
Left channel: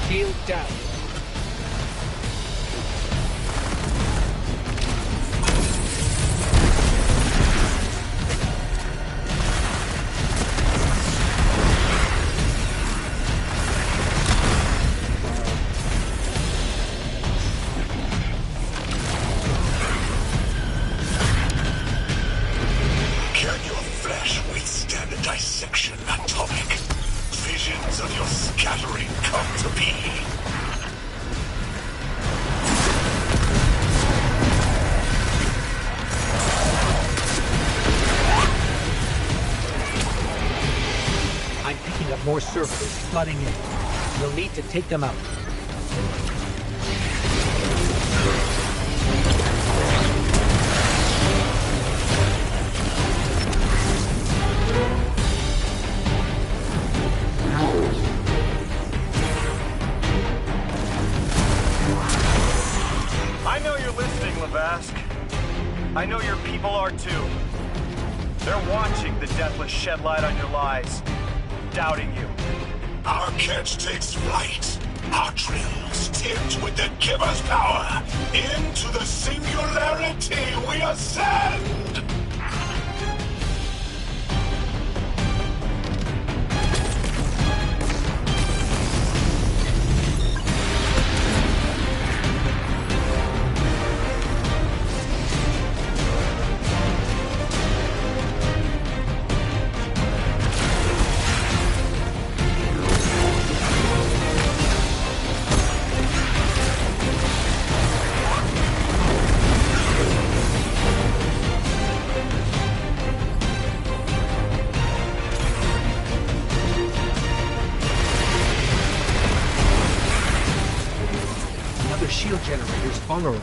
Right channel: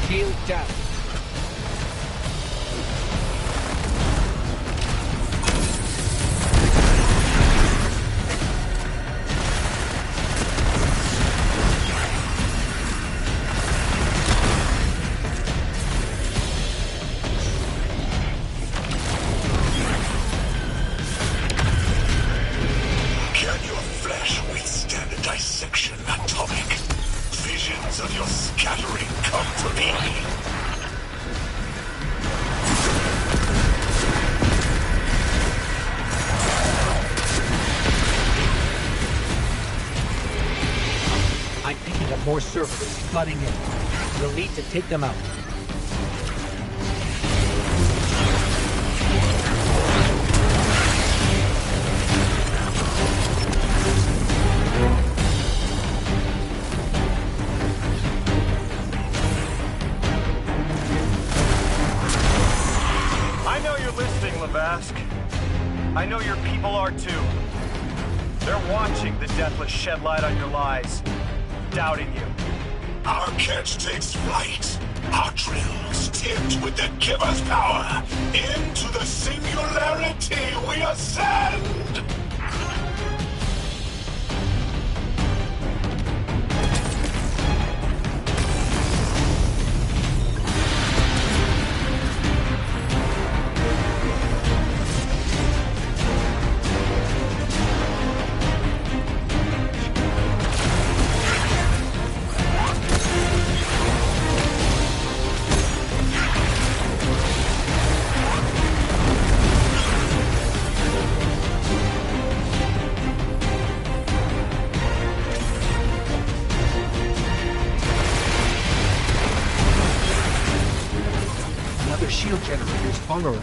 Shield down. Can your flesh withstand a dissection atomic? Visions of your scattering come to be. I'm picking up more servitors flooding in. We'll need to take them out. I know you're listening, Lavask. I know your people are too. They're watching the Deathless shed light on your lies, doubting you. Our catch takes flight. Our drills tipped with the giver's power. Into the singularity we ascend! shield generators vulnerable.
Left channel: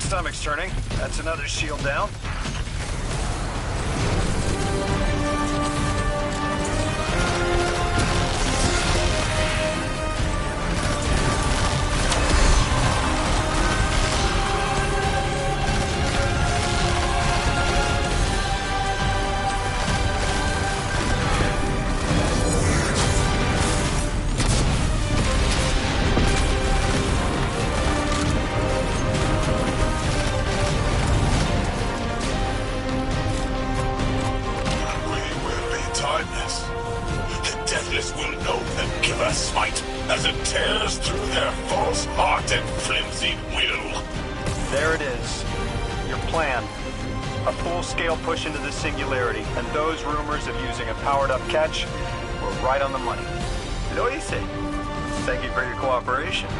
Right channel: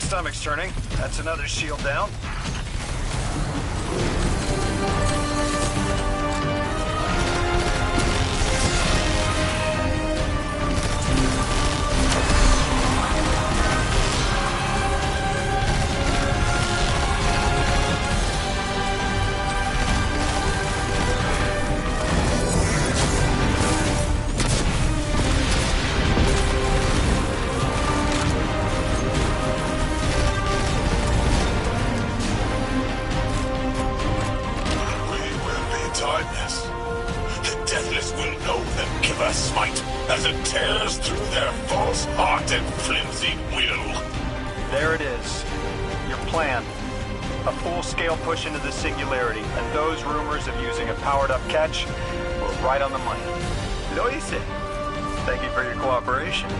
Stomach's turning. That's another shield down. Push into the singularity, and those rumors of using a powered-up catch were right on the money. Lo hice. Thank you for your cooperation.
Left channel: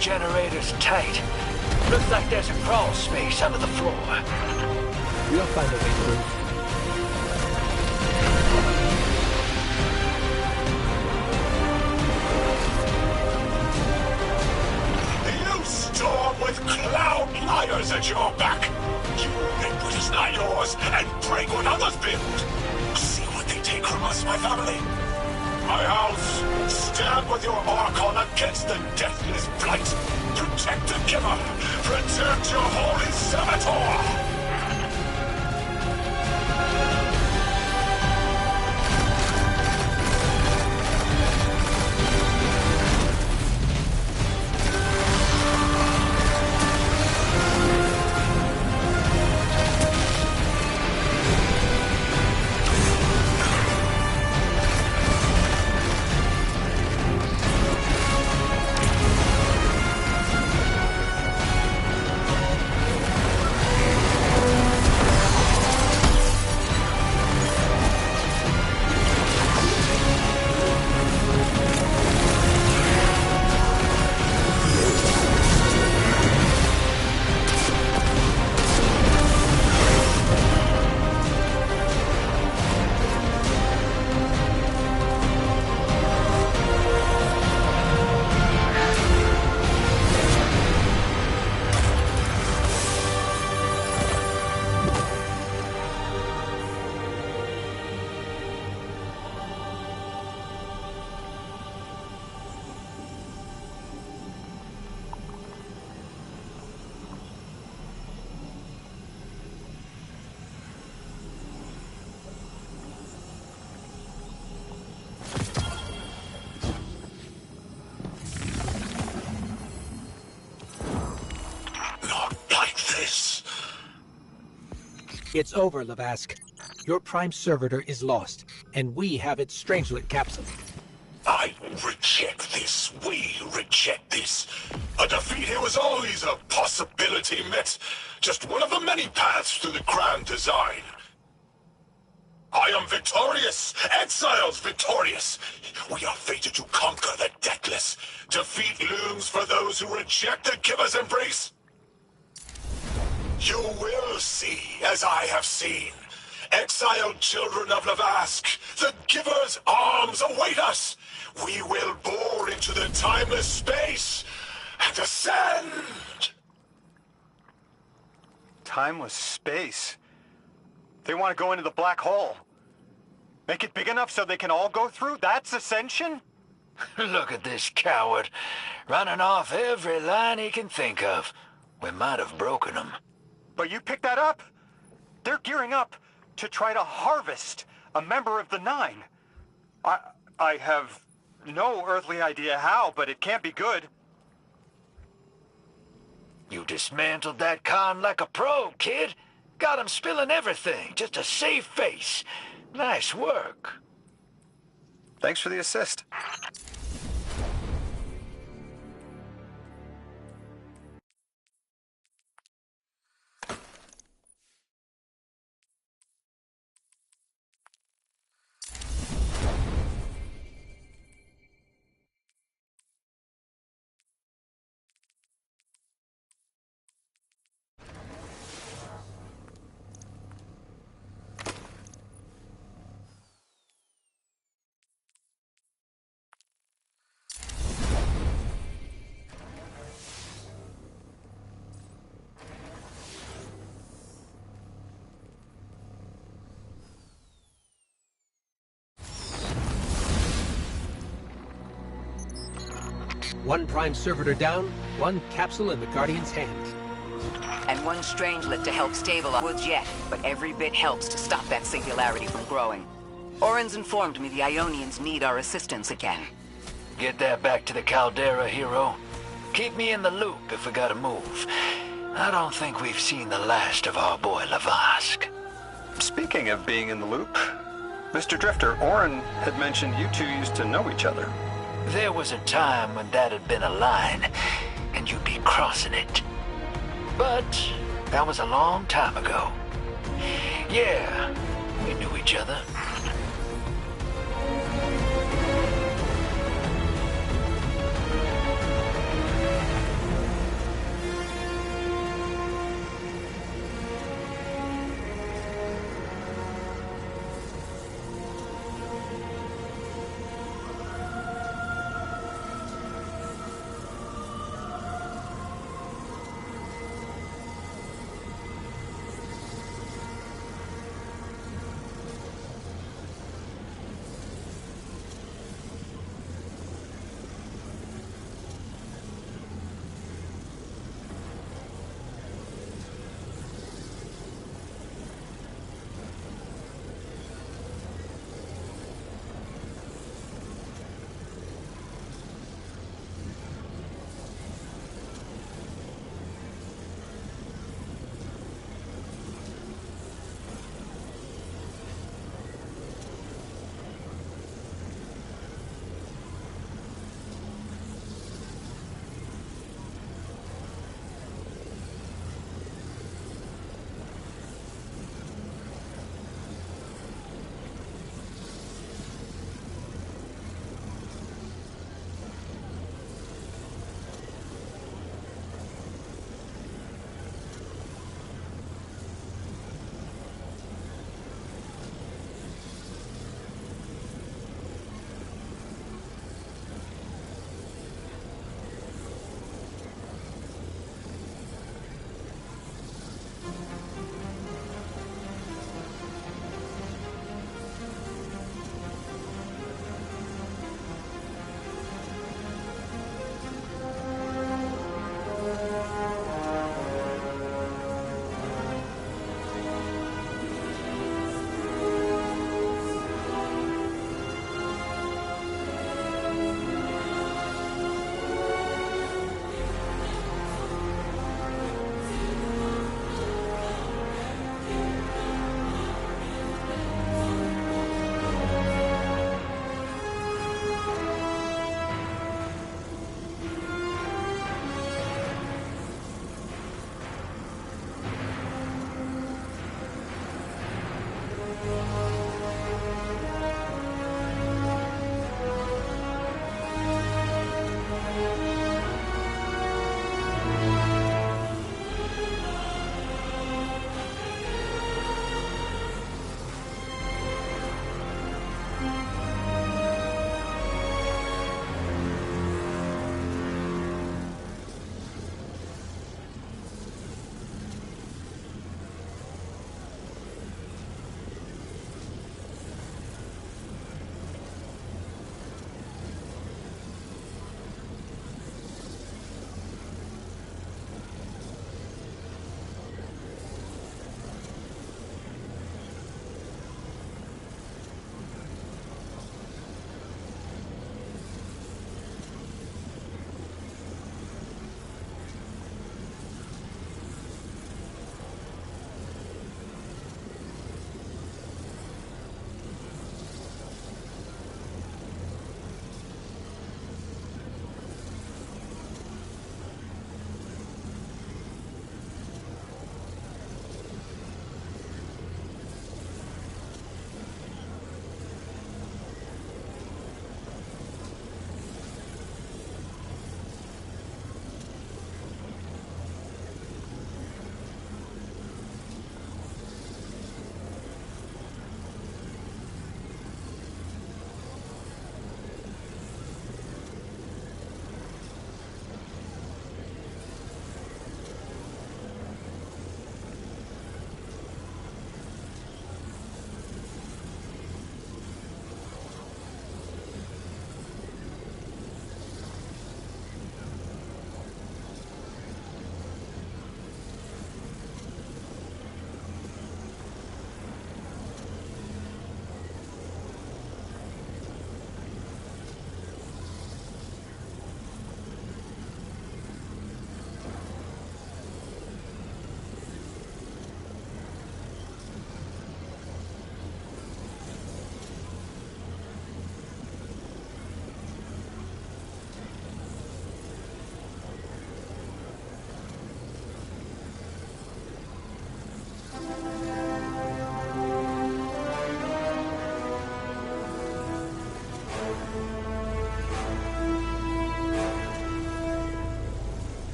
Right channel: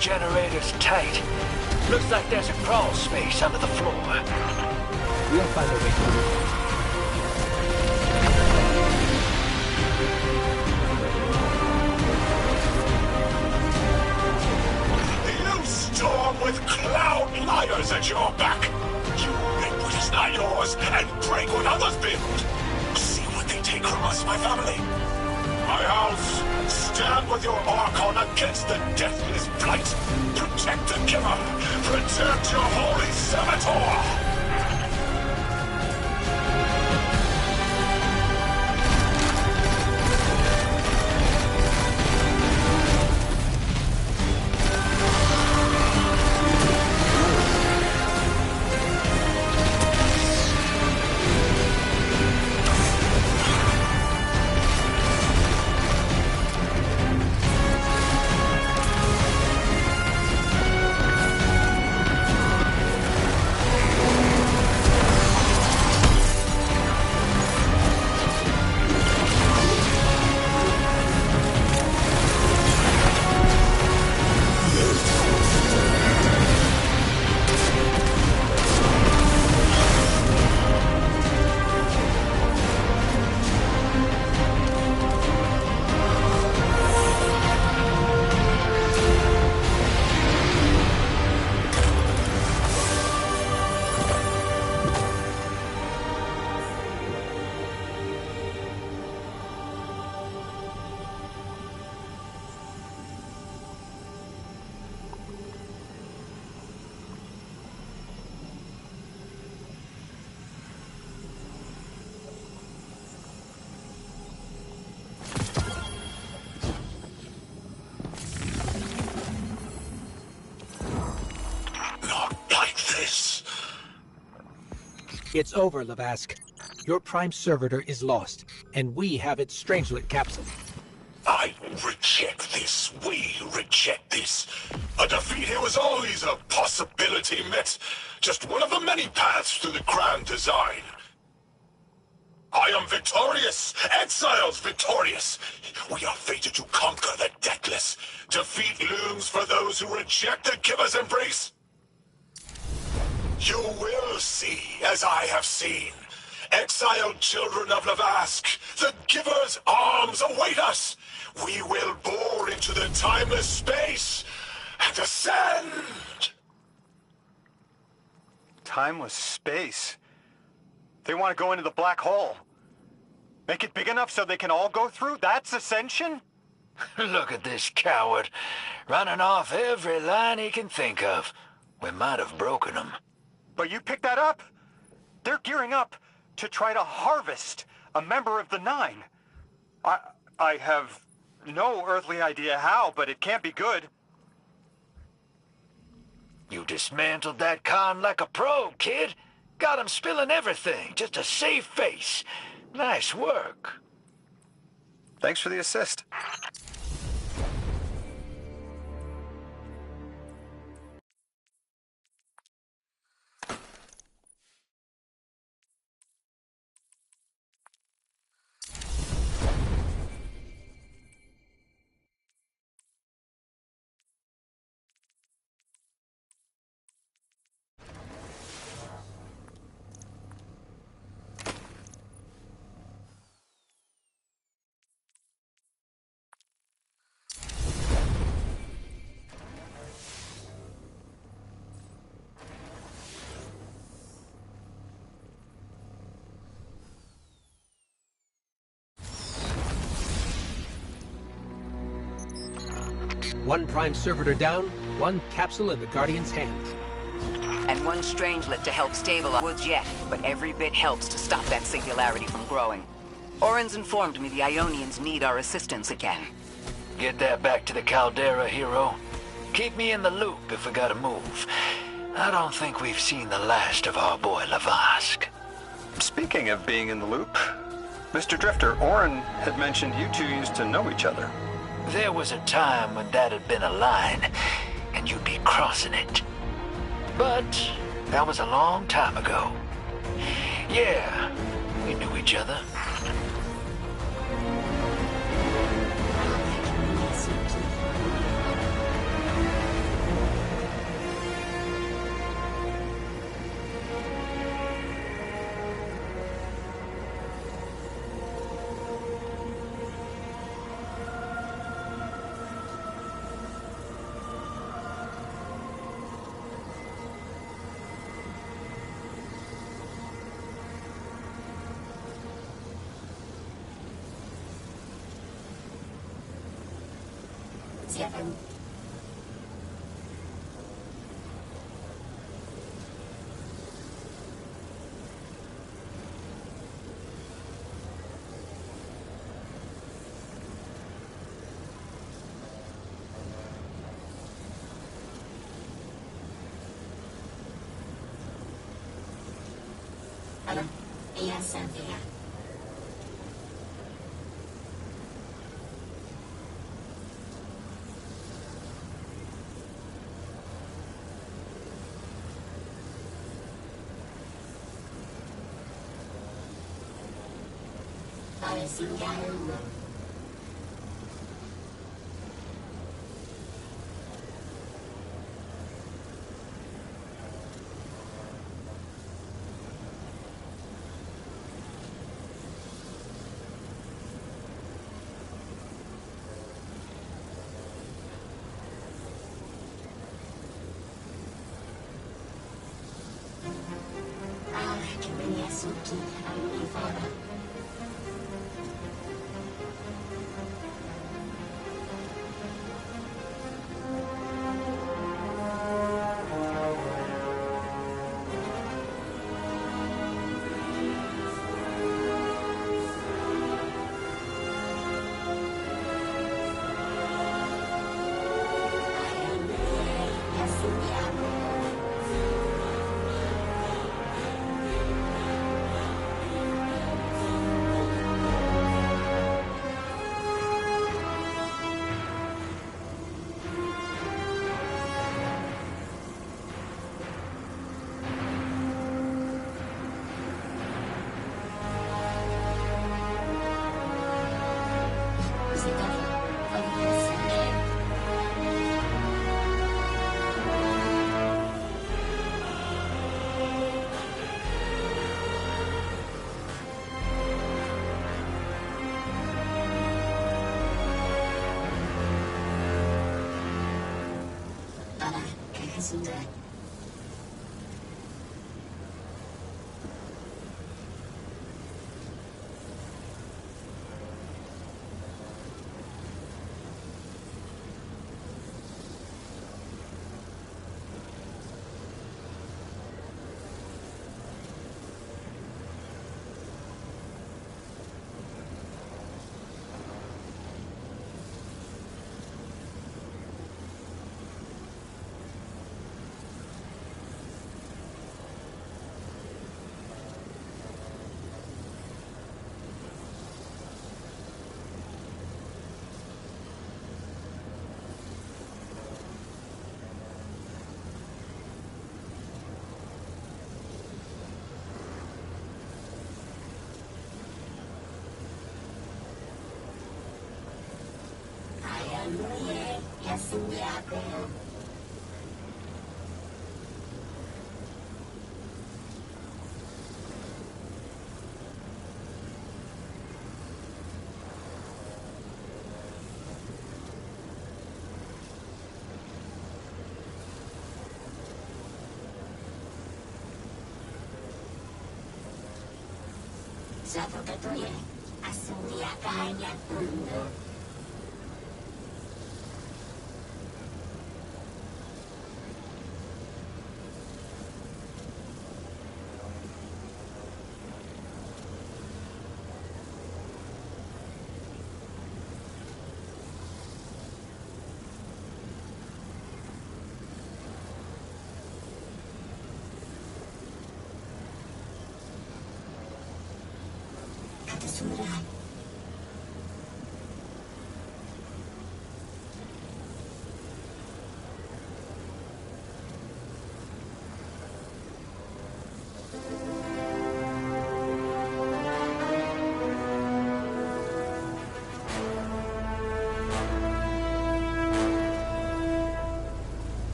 Generator's tight. Looks like there's a crawl space under the floor. We'll find a way through. You storm with cloud liars at your back. You make what is not yours and break what others build. See what they take from us, my family. My house. Stand with your Archon against the deathless blight. Protect the giver. Protect your holy servitor. It's over, Lavask. Your Prime Servitor is lost, and we have its Strangelet capsule. I reject this. We reject this. A defeat here was always a possibility, Met. Just one of the many paths to the grand design. I am victorious. Exiles victorious. We are fated to conquer the deathless. Defeat looms for those who reject the giver's embrace. You will see, as I have seen. Exiled children of Lavask, the giver's arms await us. We will bore into the timeless space and ascend. Timeless space? They want to go into the black hole. Make it big enough so they can all go through? That's ascension? Look at this coward, running off every line he can think of. We might have broken him. But you picked that up? They're gearing up to try to harvest a member of the Nine. I have no earthly idea how, but it can't be good. You dismantled that con like a pro, kid. Got him spilling everything, just to save face. Nice work. Thanks for the assist. One Prime Servitor down, one capsule in the Guardian's hand. And one Strangelet to help stabilize Woods yet, but every bit helps to stop that singularity from growing. Orin's informed me the Ionians need our assistance again. Get that back to the Caldera, hero. Keep me in the loop if we gotta move. I don't think we've seen the last of our boy Lavask. Speaking of being in the loop, Mr. Drifter, Orin had mentioned you two used to know each other. There was a time when that had been a line, and you'd be crossing it. But that was a long time ago. Yeah, we knew each other.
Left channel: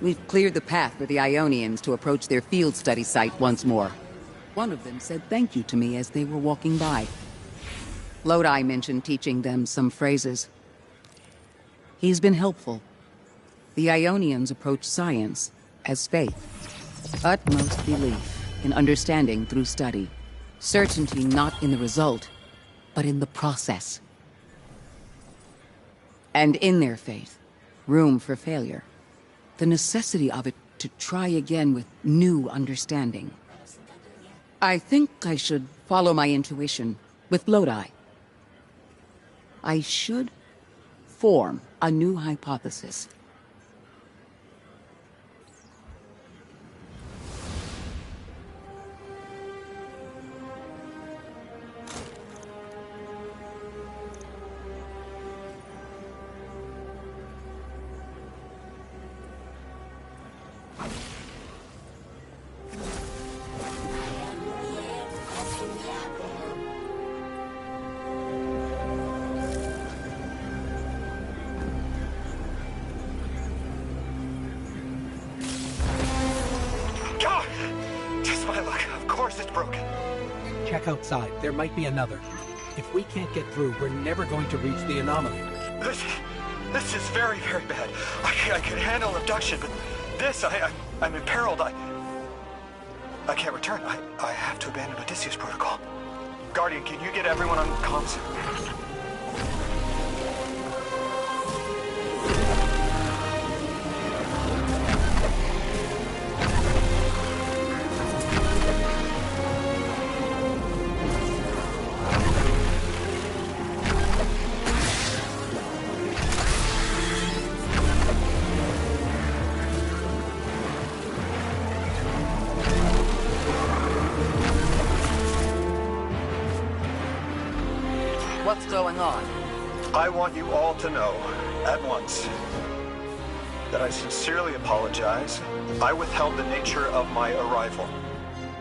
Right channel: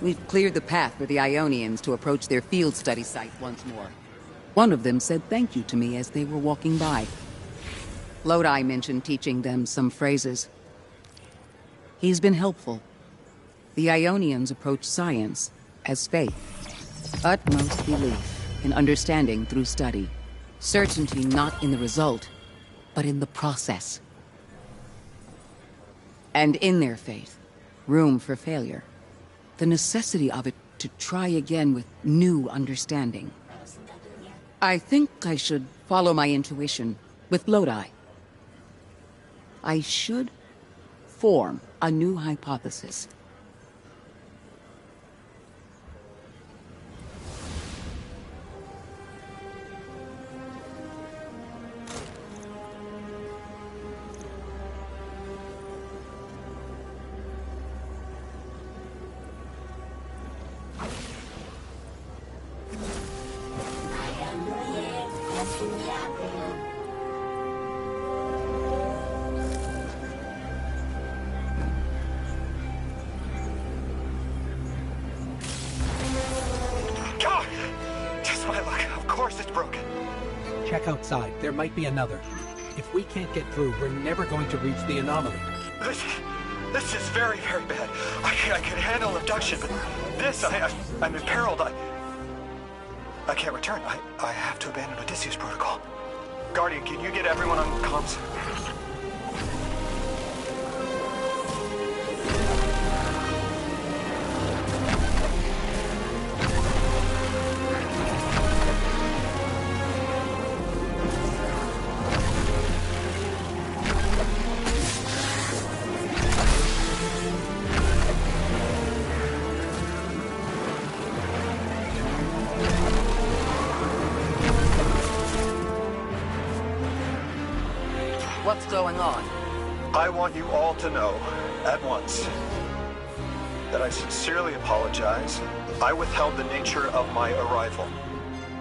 We've cleared the path for the Ionians to approach their field study site once more. One of them said thank you to me as they were walking by. Lodi mentioned teaching them some phrases. He's been helpful. The Ionians approach science as faith, utmost belief. in understanding through study. Certainty not in the result, but in the process. And in their faith, room for failure. The necessity of it to try again with new understanding. I think I should follow my intuition with Lodi. I should form a new hypothesis. God! Just my luck. Of course it's broken. Check outside. There might be another. If we can't get through, we're never going to reach the anomaly. This is very, very bad. I could handle abduction, but this, I'm imperiled. I can't return. I have to abandon Odysseus protocol. Guardian, can you get everyone on comms? What's going on? I want you all to know, at once, that I sincerely apologize. I withheld the nature of my arrival.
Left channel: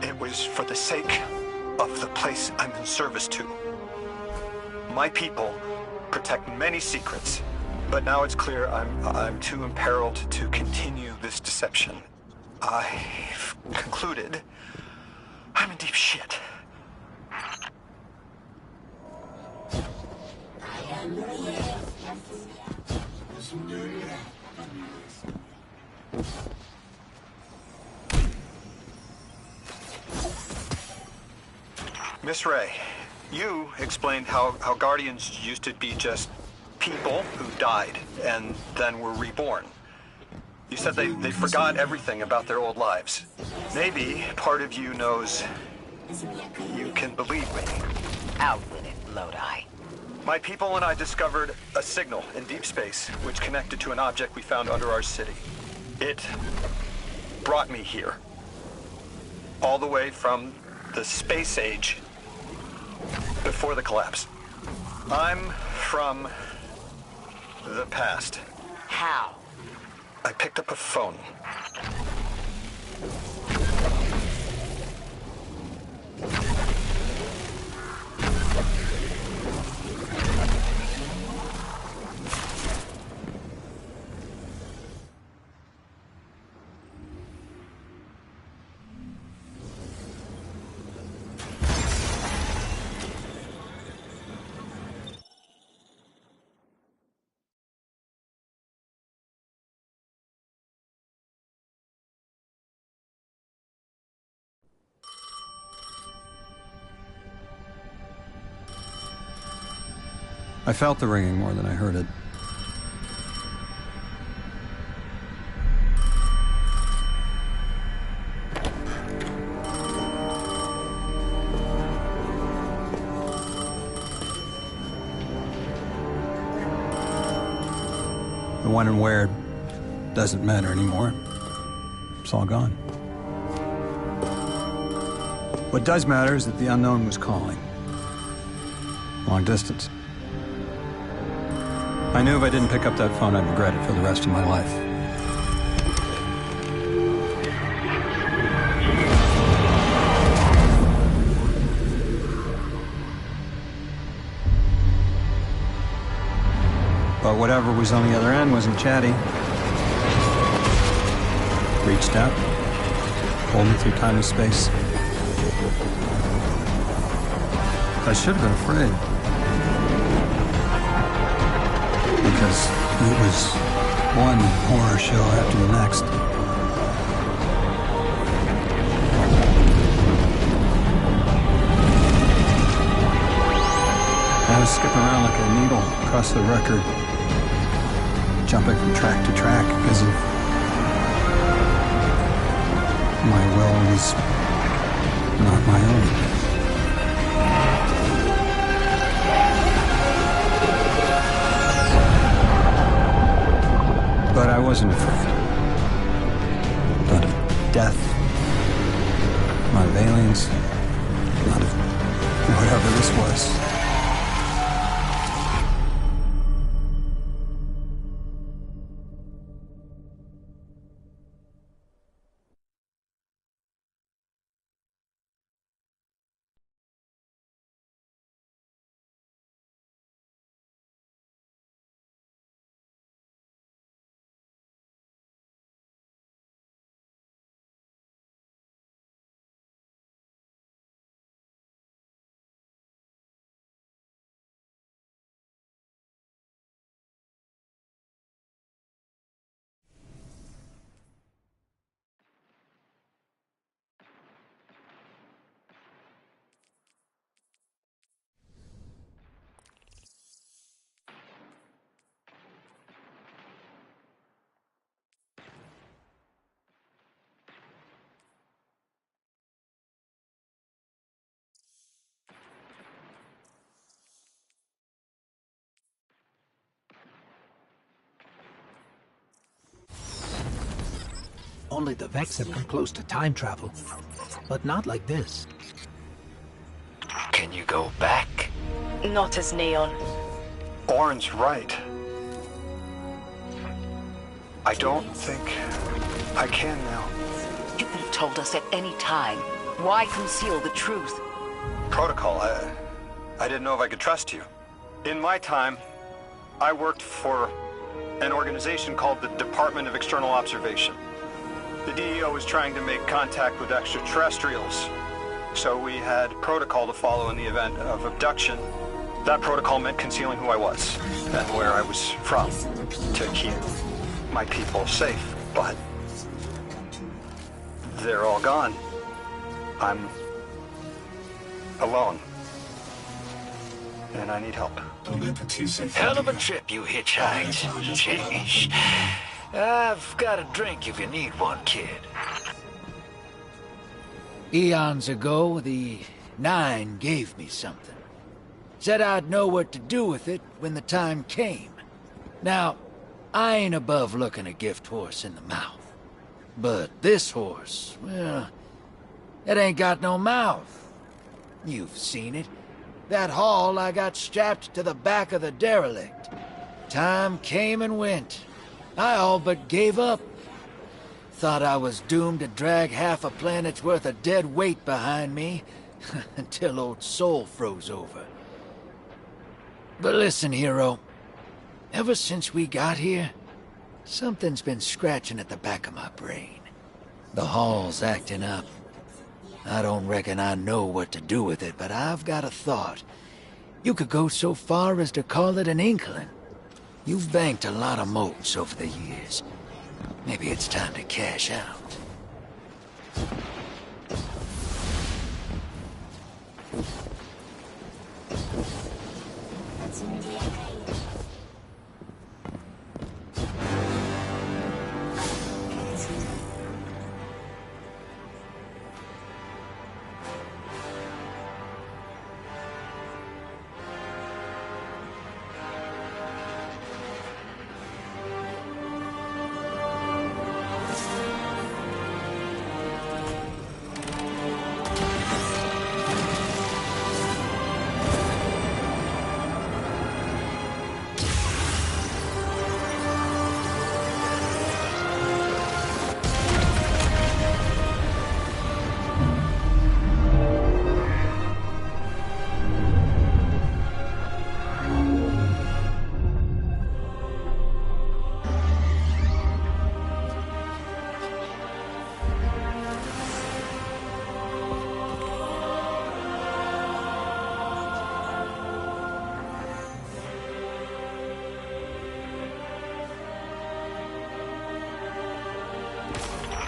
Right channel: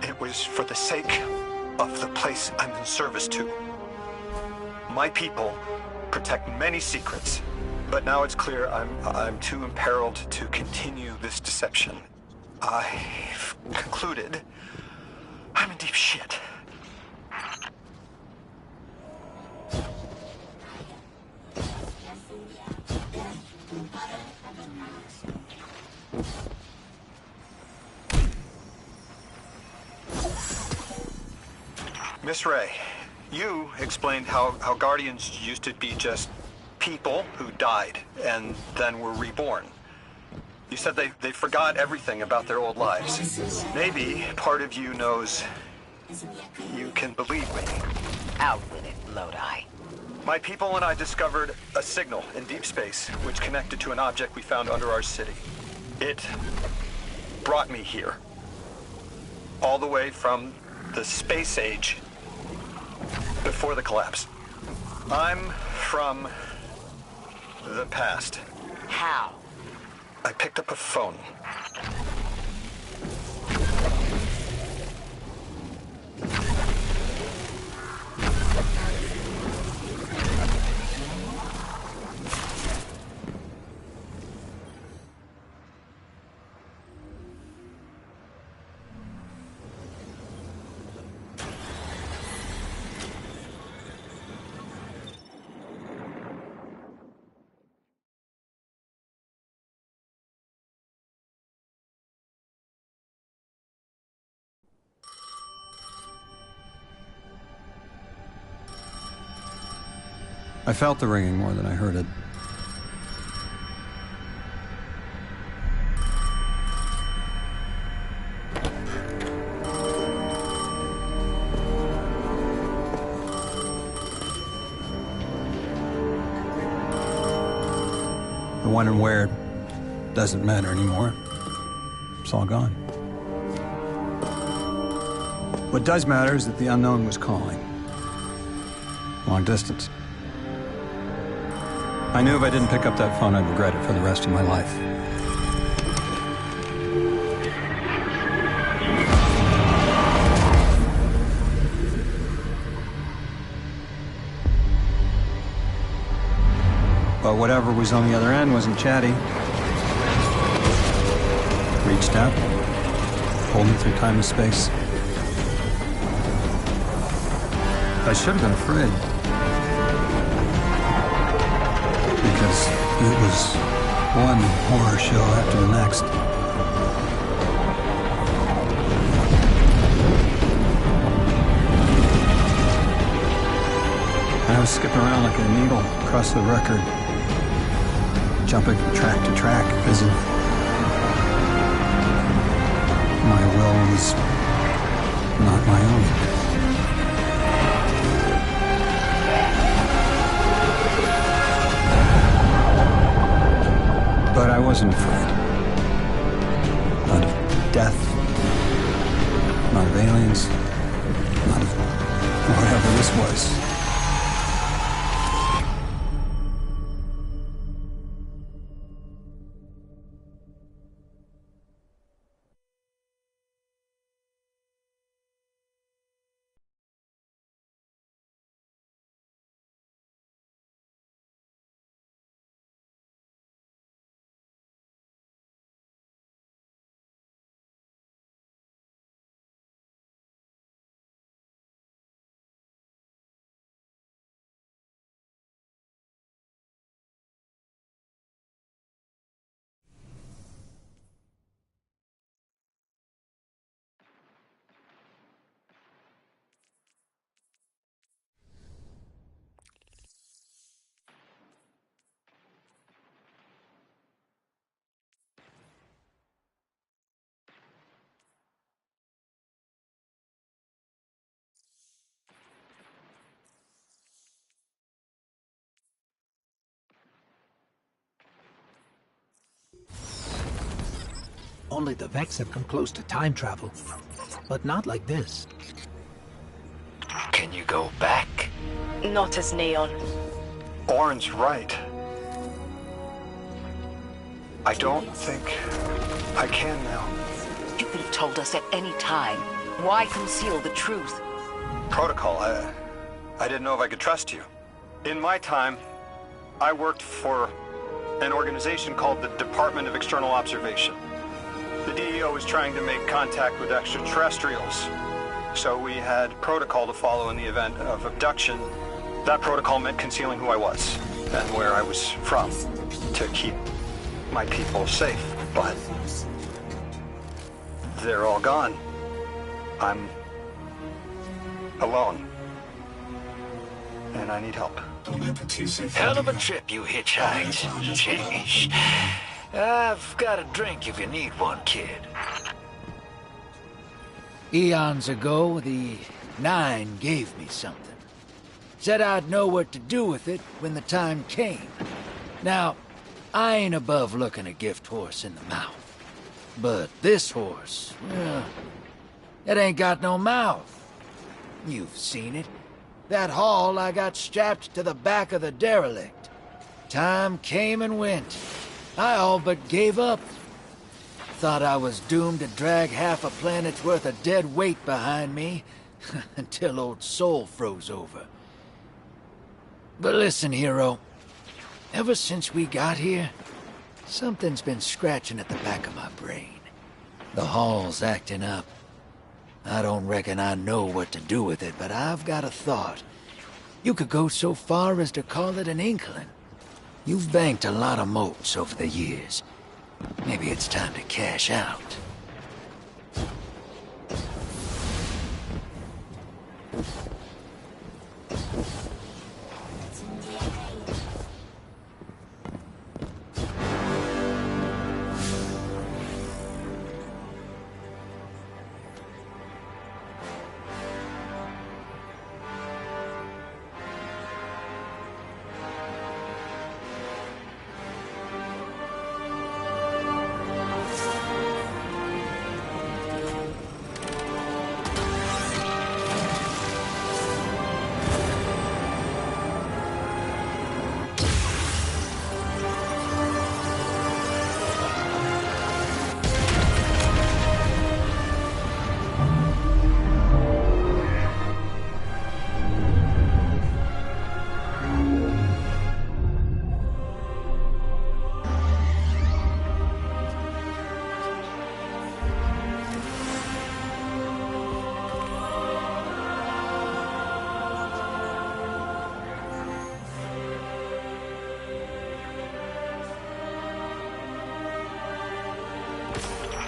It was for the sake of the place I'm in service to. My people protect many secrets, but now it's clear I'm too imperiled to continue this deception. I've concluded I'm in deep shit. Miss Ray, you explained how Guardians used to be just people who died and then were reborn. You said they forgot everything about their old lives. Maybe part of you knows you can believe me. Out with it, Lodi. My people and I discovered a signal in deep space which connected to an object we found under our city. It brought me here. All the way from the space age before the collapse. I'm from the past. How? I picked up a phone. I felt the ringing more than I heard it. The when and where doesn't matter anymore. It's all gone. What does matter is that the unknown was calling. Long distance. I knew if I didn't pick up that phone, I'd regret it for the rest of my life. But whatever was on the other end wasn't chatty. Reached out, pulled me through time and space. I should have been afraid. Because it was one horror show after the next. I was skipping around like a needle across the record, jumping from track to track because of my will was not my own. But I wasn't afraid. Not of death, not of aliens, not of whatever this was. Only the Vex have come close to time travel, but not like this. Can you go back? Not as Neon. Orin's right. I don't think I can now. You could have told us at any time. Why conceal the truth? Protocol, I didn't know if I could trust you. In my time, I worked for an organization called the Department of External Observation. The DEO was trying to make contact with extraterrestrials, so we had protocol to follow in the event of abduction. That protocol meant concealing who I was and where I was from to keep my people safe, but they're all gone. I'm alone, and I need help. Hell of a trip you hitchhiked. Jeez. I've got a drink if you need one, kid. Eons ago, the Nine gave me something. Said I'd know what to do with it when the time came. Now, I ain't above looking a gift horse in the mouth. But this horse, well, it ain't got no mouth. You've seen it. That haul I got strapped to the back of the derelict. Time came and went. I all but gave up. Thought I was doomed to drag half a planet's worth of dead weight behind me, until old Soul froze over. But listen, hero. Ever since we got here, something's been scratching at the back of my brain. The hall's acting up. I don't reckon I know what to do with it, but I've got a thought. You could go so far as to call it an inkling. You've banked a lot of motes over the years. Maybe it's time to cash out.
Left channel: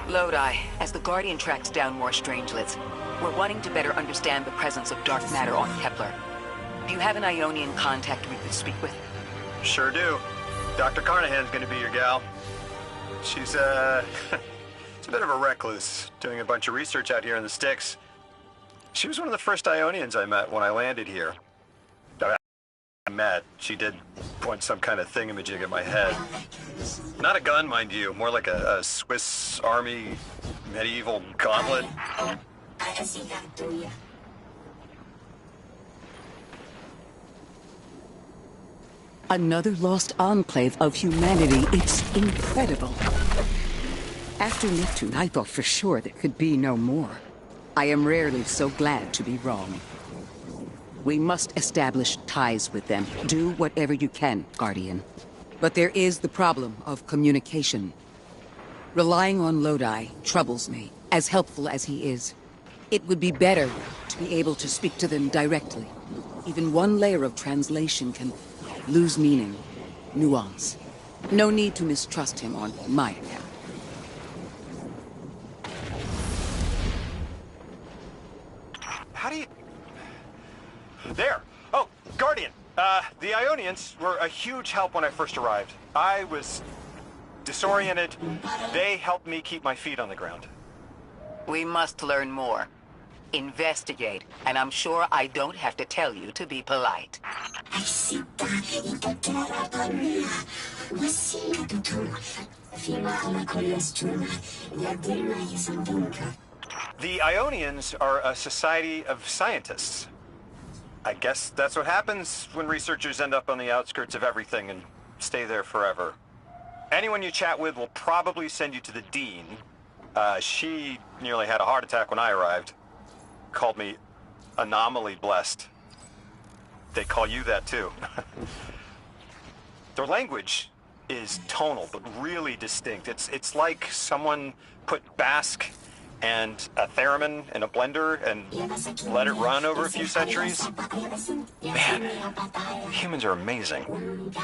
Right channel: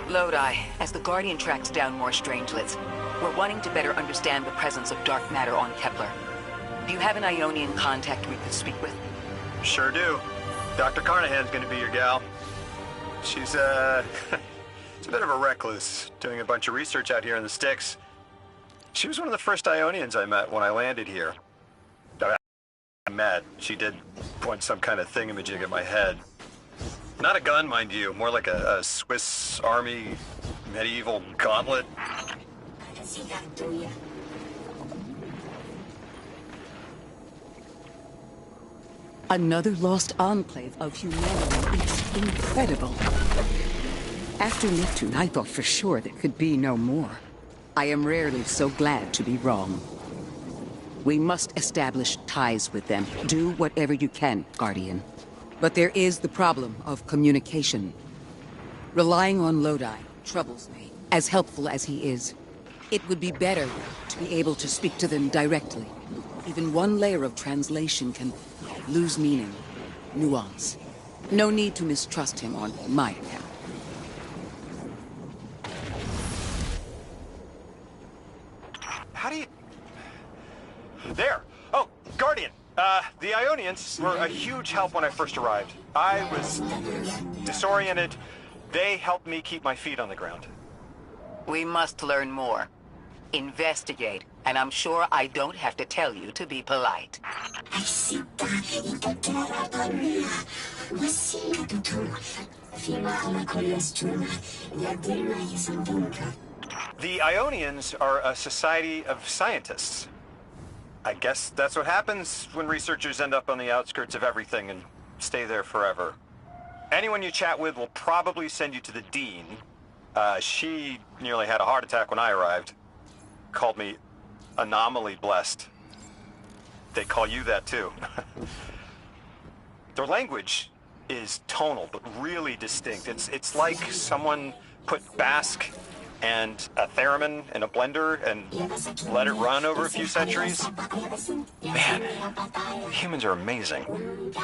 Lodi, as the Guardian tracks down more strangelets, we're wanting to better understand the presence of dark matter on Kepler. Do you have an Ionian contact we could speak with? Sure do. Dr. Carnahan's gonna be your gal. She's, she's a bit of a recluse, doing a bunch of research out here in the sticks. She was one of the first Ionians I met when I landed here. She did point some kind of thingamajig at my head. Not a gun, mind you, more like a Swiss Army medieval gauntlet. Another lost enclave of humanity. It's incredible. After Neptune, I thought for sure there could be no more. I am rarely so glad to be wrong. We must establish ties with them. Do whatever you can, Guardian. But there is the problem of communication. Relying on Lodi troubles me, as helpful as he is. It would be better to be able to speak to them directly. Even one layer of translation can lose meaning, nuance. No need to mistrust him on my account. How do you... There! Oh, Guardian! The Ionians were a huge help when I first arrived. I was disoriented. They helped me keep my feet on the ground. We must learn more. Investigate, and I'm sure I don't have to tell you to be polite. The Ionians are a society of scientists. I guess that's what happens when researchers end up on the outskirts of everything and stay there forever. Anyone you chat with will probably send you to the Dean. She nearly had a heart attack when I arrived. Called me anomaly blessed. They call you that too. Their language is tonal, but really distinct. It's like someone put Basque and a theremin in a blender and let it run over a few centuries. Man, humans are amazing.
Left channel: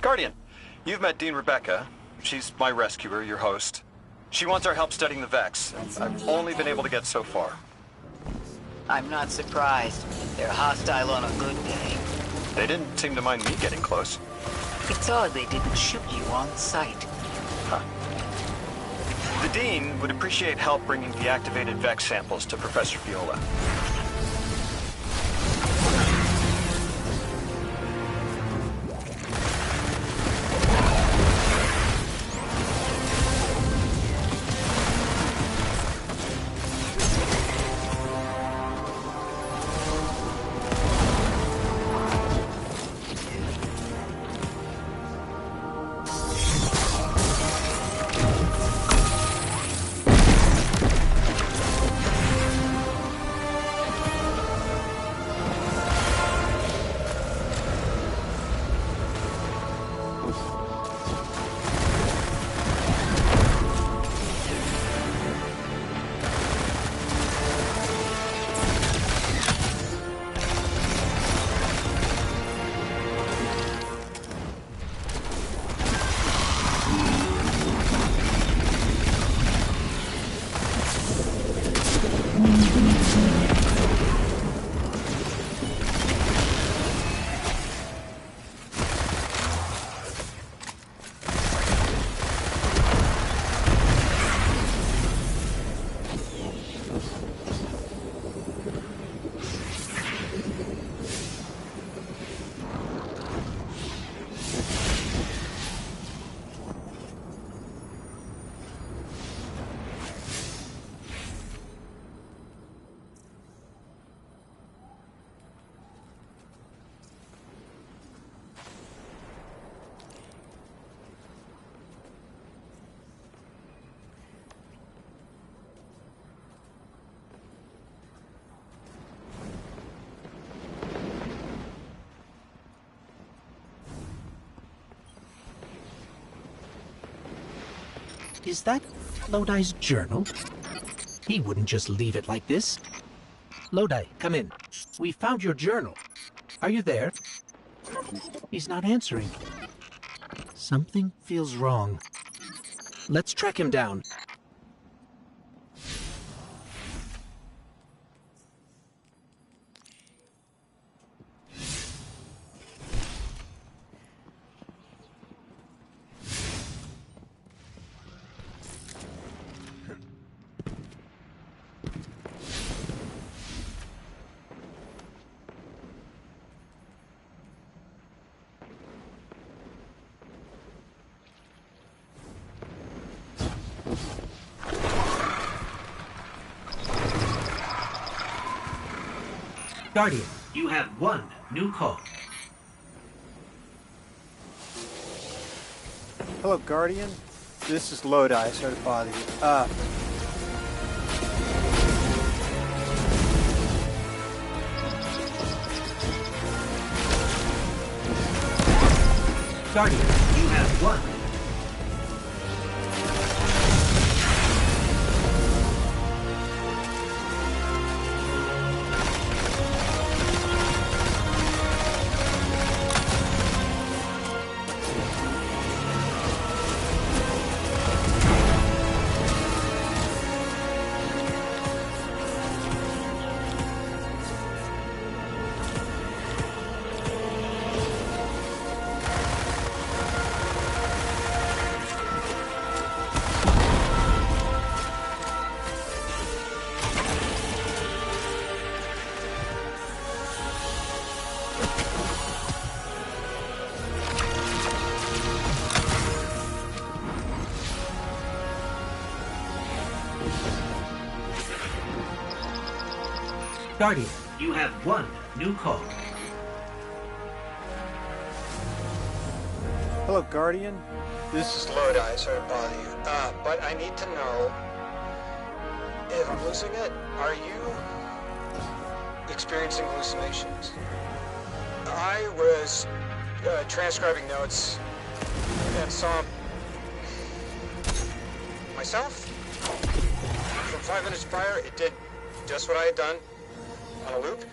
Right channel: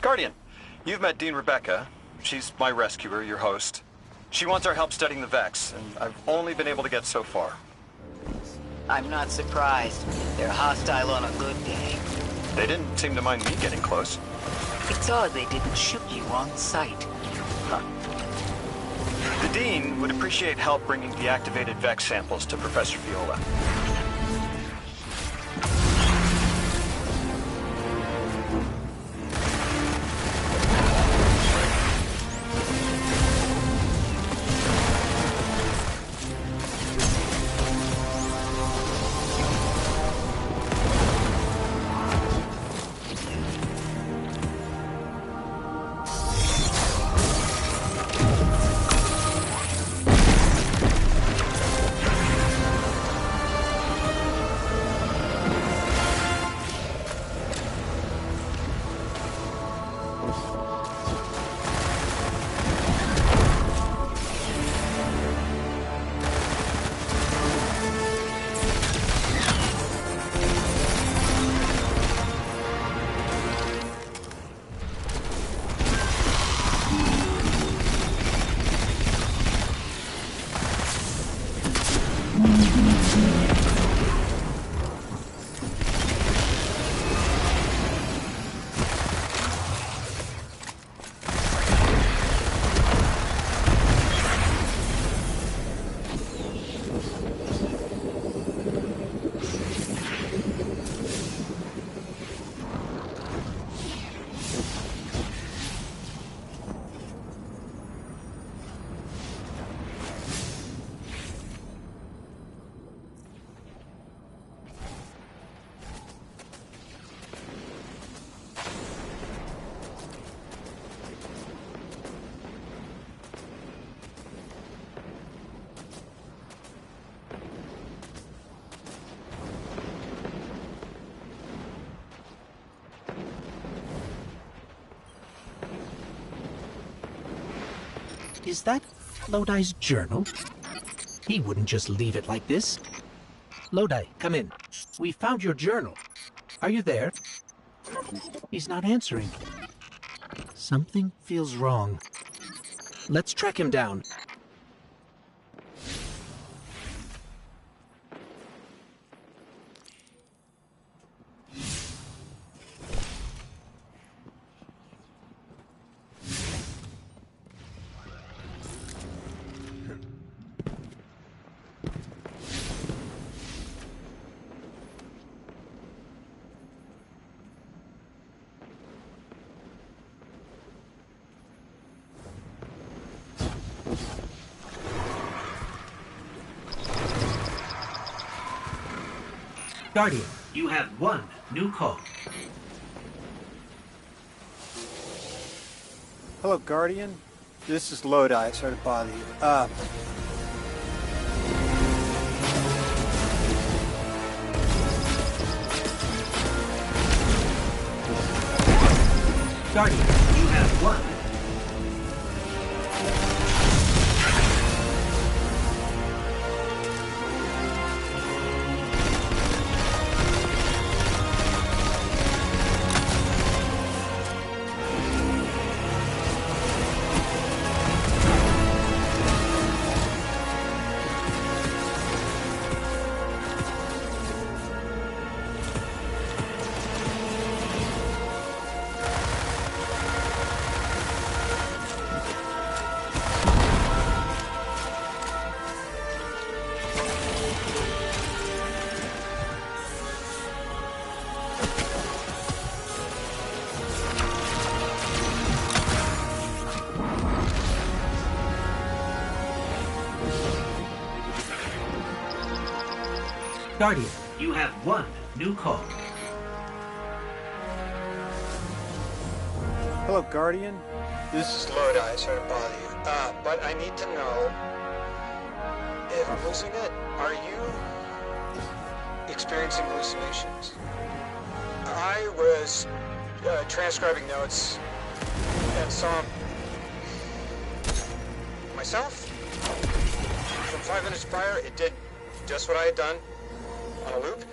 Guardian, you've met Dean Rebecca. She's my rescuer, your host. She wants our help studying the Vex, and I've only been able to get so far. I'm not surprised. They're hostile on a good day. They didn't seem to mind me getting close. It's odd they didn't shoot you on sight. Huh. The Dean would appreciate help bringing deactivated Vex samples to Professor Viola. Is that Lodi's journal? He wouldn't just leave it like this. Lodi, come in. We found your journal. Are you there? He's not answering. Something feels wrong. Let's track him down. Guardian, you have one new call. Hello, Guardian. This is Lodi. Sorry to bother you. Guardian, you have one. Guardian, you have one new call. Hello, Guardian. This is Lodi. Sorry to bother you. But I need to know if I'm losing it. Are you experiencing hallucinations? I was transcribing notes and saw myself. From 5 minutes prior, it did just what I had done on a loop,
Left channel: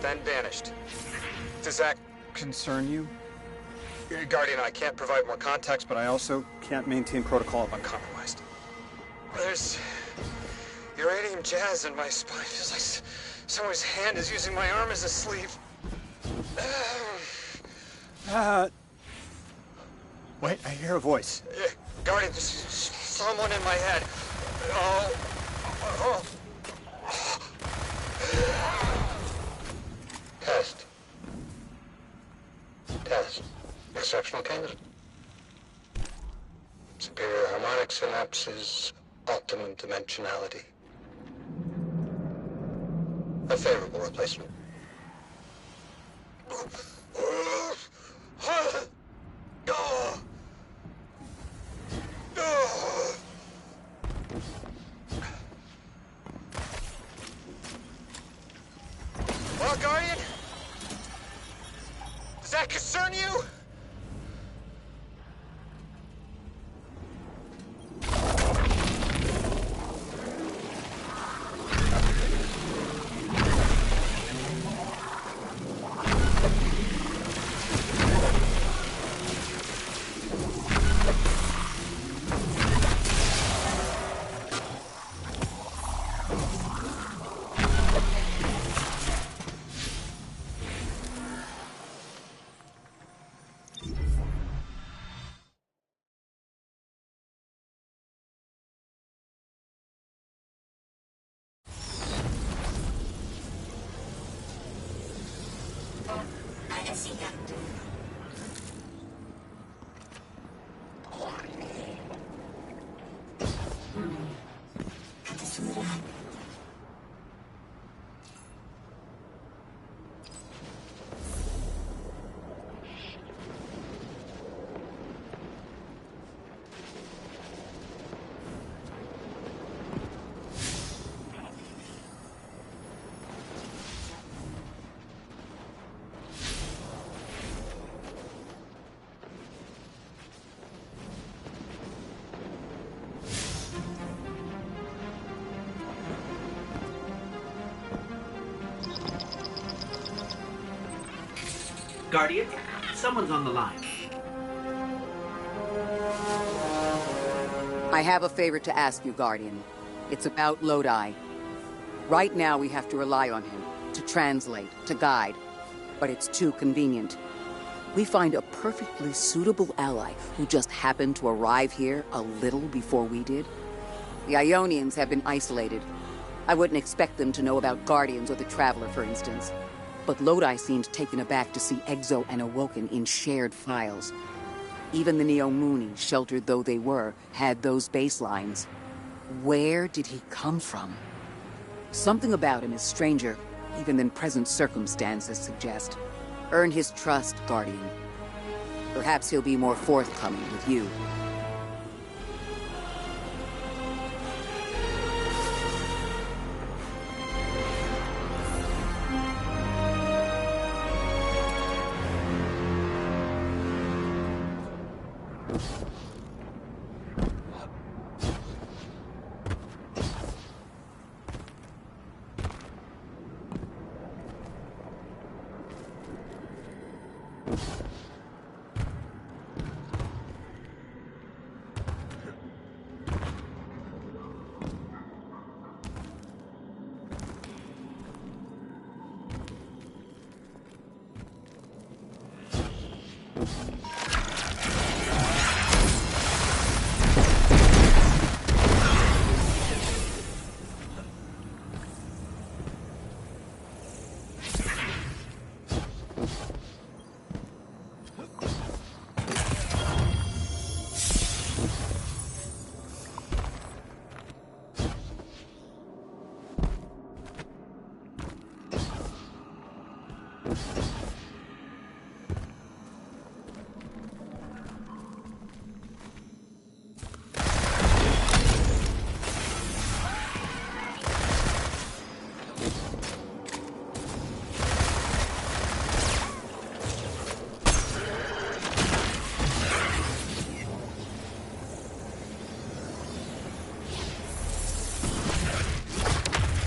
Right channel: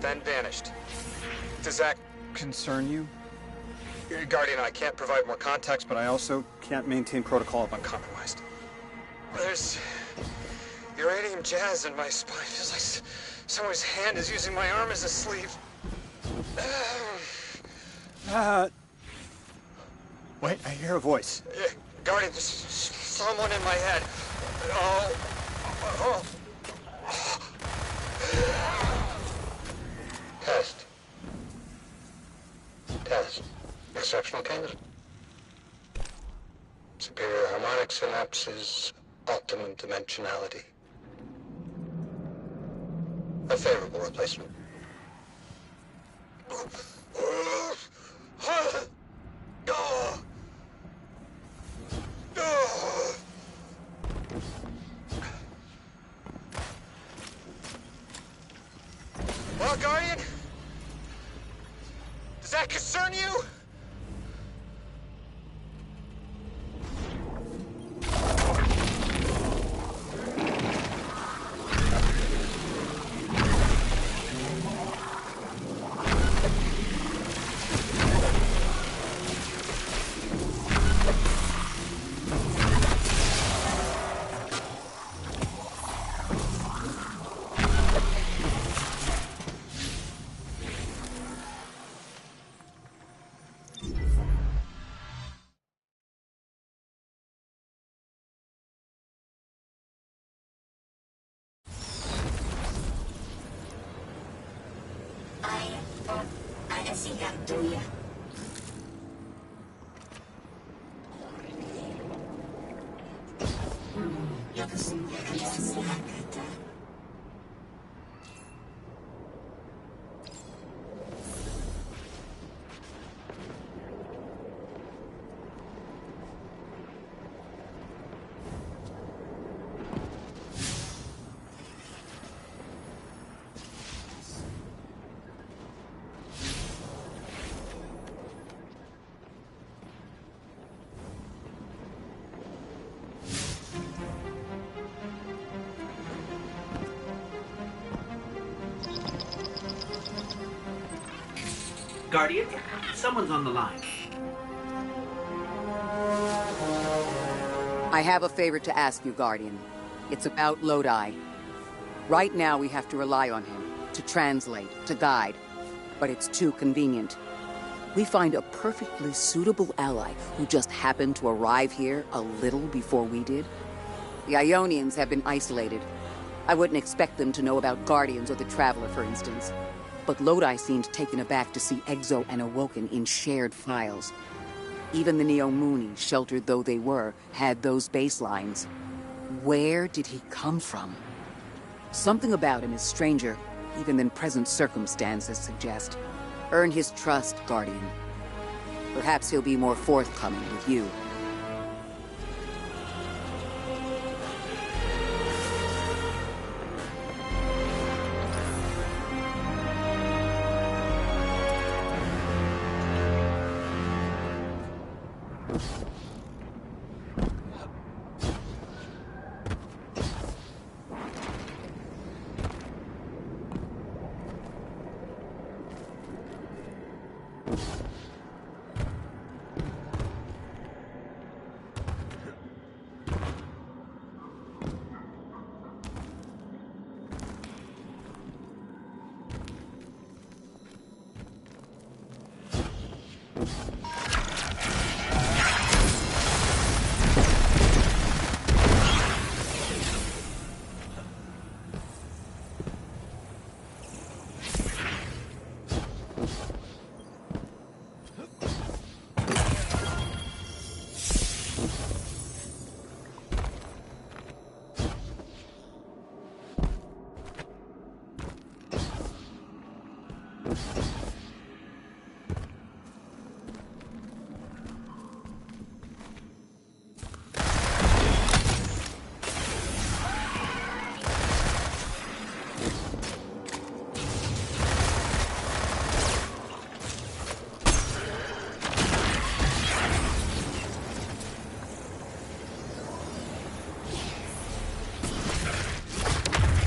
then vanished. Does that concern you? Guardian, I can't provide more context, but I also can't maintain protocol if I'm compromised. There's uranium jazz in my spine. It feels like someone's hand is using my arm as a sleeve. Wait, I hear a voice. Guardian, there's someone in my head. Test. Test. Exceptional candidate. Superior harmonic synapses, optimum dimensionality. A favorable replacement. Well, Guardian? Does that concern you? Guardian, someone's on the line. I have a favor to ask you, Guardian. It's about Lodi. Right now we have to rely on him, to translate, to guide. But it's too convenient. We find a perfectly suitable ally who just happened to arrive here a little before we did. The Ionians have been isolated. I wouldn't expect them to know about Guardians or the Traveler, for instance. But Lodi seemed taken aback to see Exo and Awoken in shared files. Even the Neomuni, sheltered though they were, had those baselines. Where did he come from? Something about him is stranger, even than present circumstances suggest. Earn his trust, Guardian. Perhaps he'll be more forthcoming with you.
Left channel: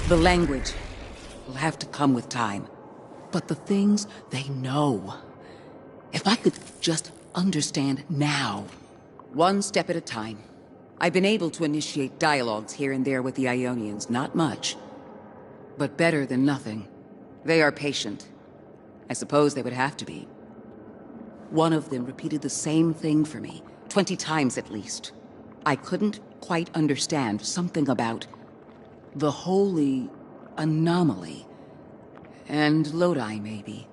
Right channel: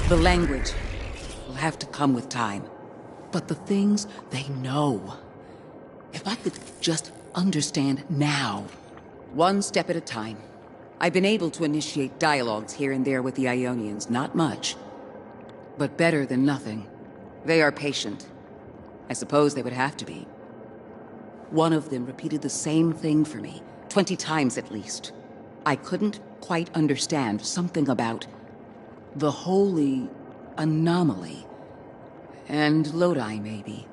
The language will have to come with time. But the things they know. If I could just understand now. One step at a time. I've been able to initiate dialogues here and there with the Ionians. Not much. But better than nothing. They are patient. I suppose they would have to be. One of them repeated the same thing for me. 20 times at least. I couldn't quite understand something about the holy anomaly. And Lodi, maybe.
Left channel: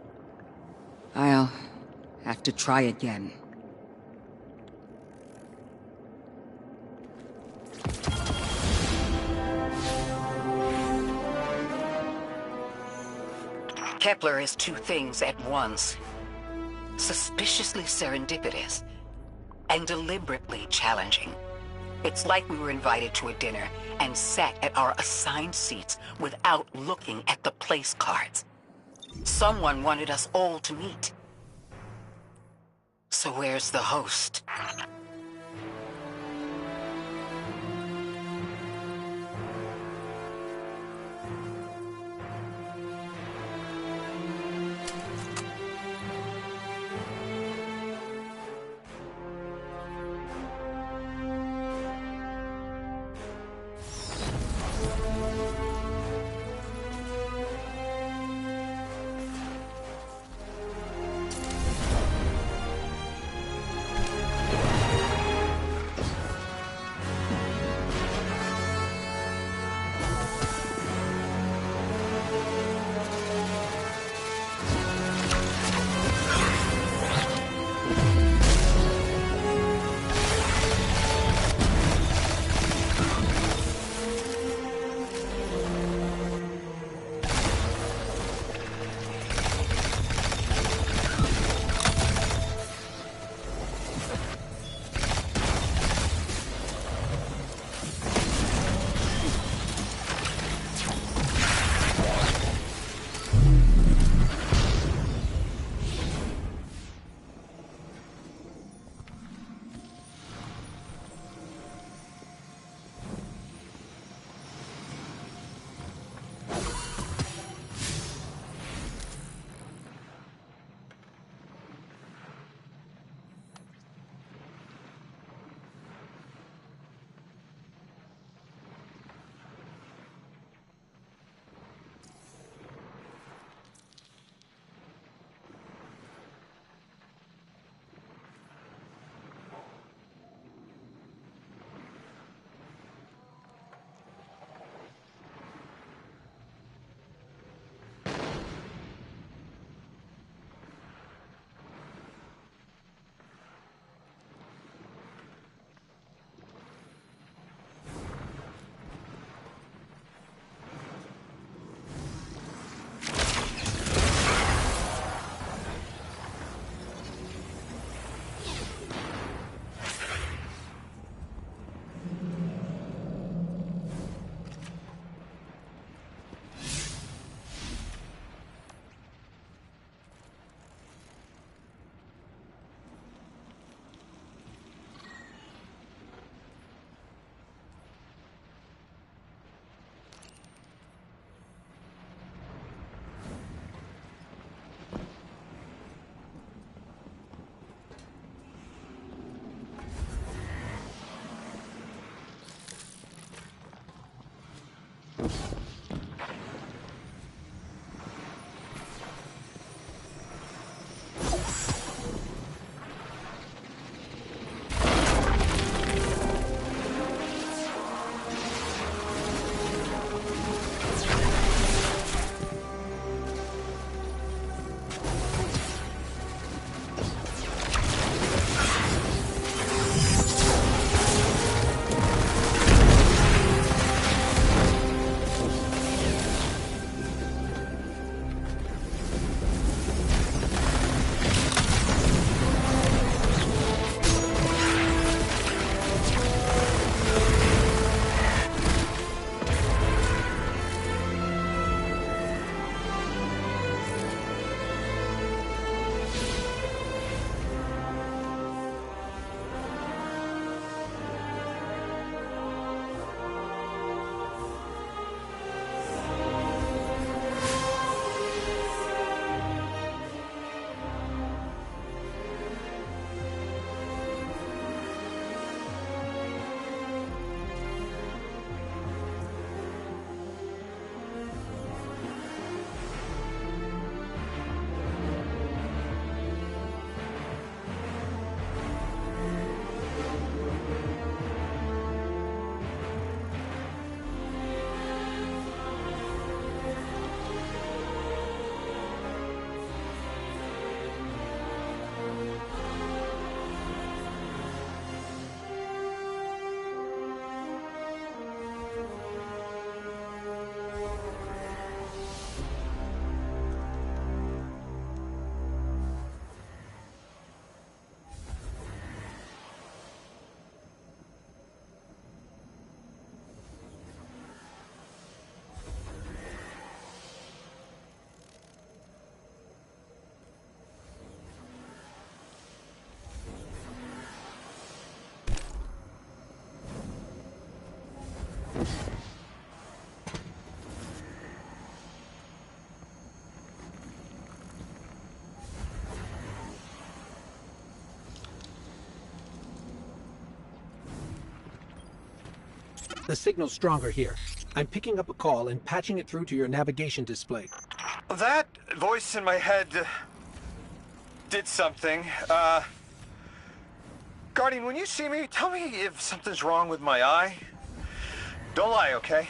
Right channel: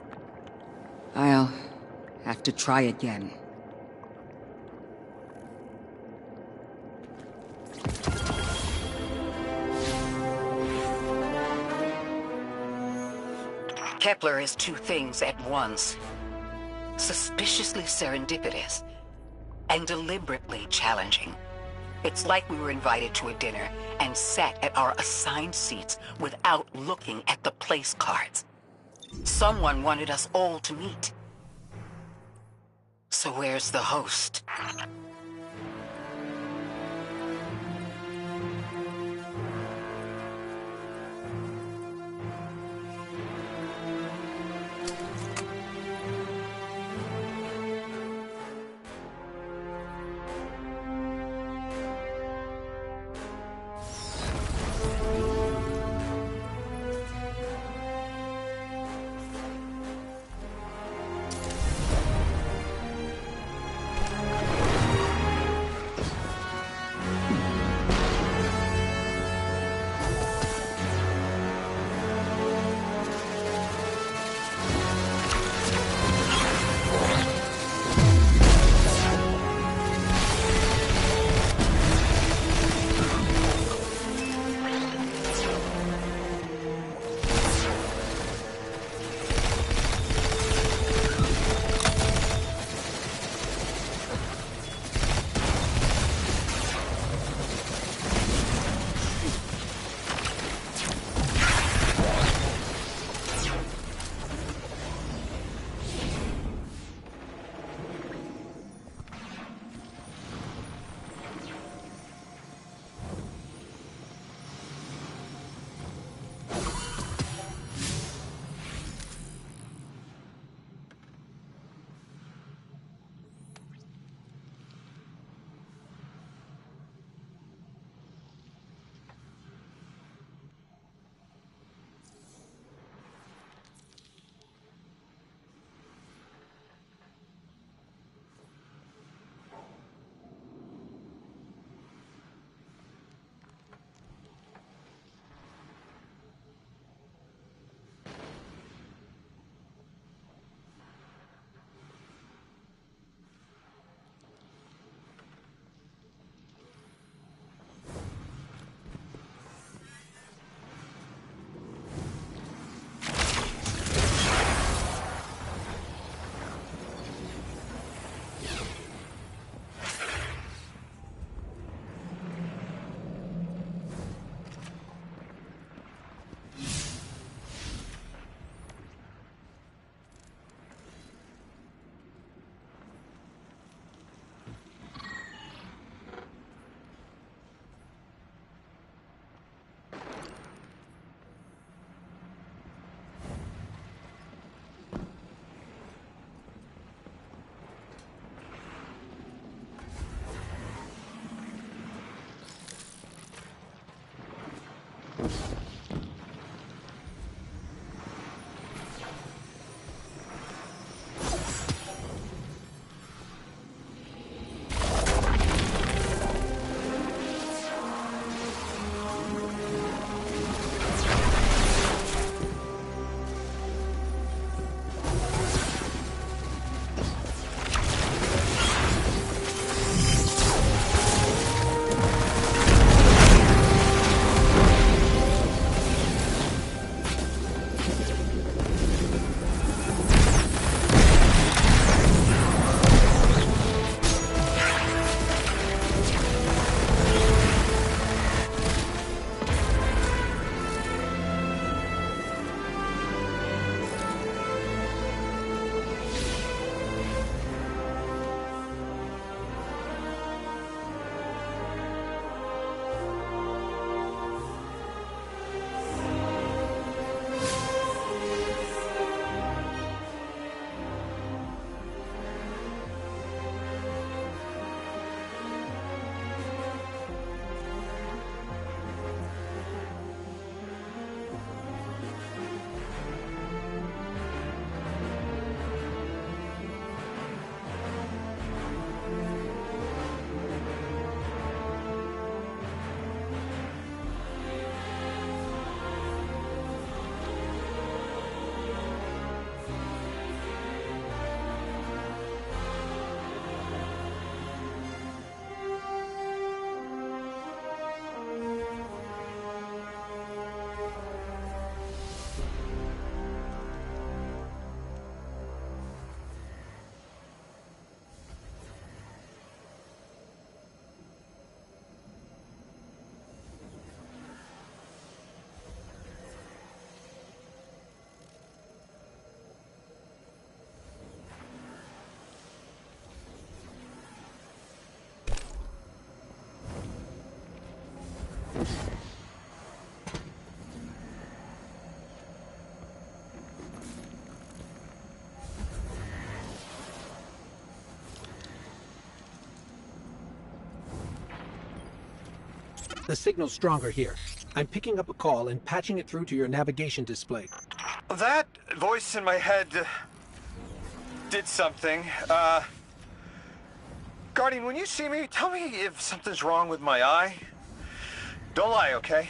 I'll have to try again. Kepler is two things at once. Suspiciously serendipitous and deliberately challenging. It's like we were invited to a dinner and sat at our assigned seats without looking at the place cards. Someone wanted us all to meet. So where's the host? The signal's stronger here. I'm picking up a call and patching it through to your navigation display. That voice in my head did something. Guardian, when you see me, tell me if something's wrong with my eye. Don't lie, okay?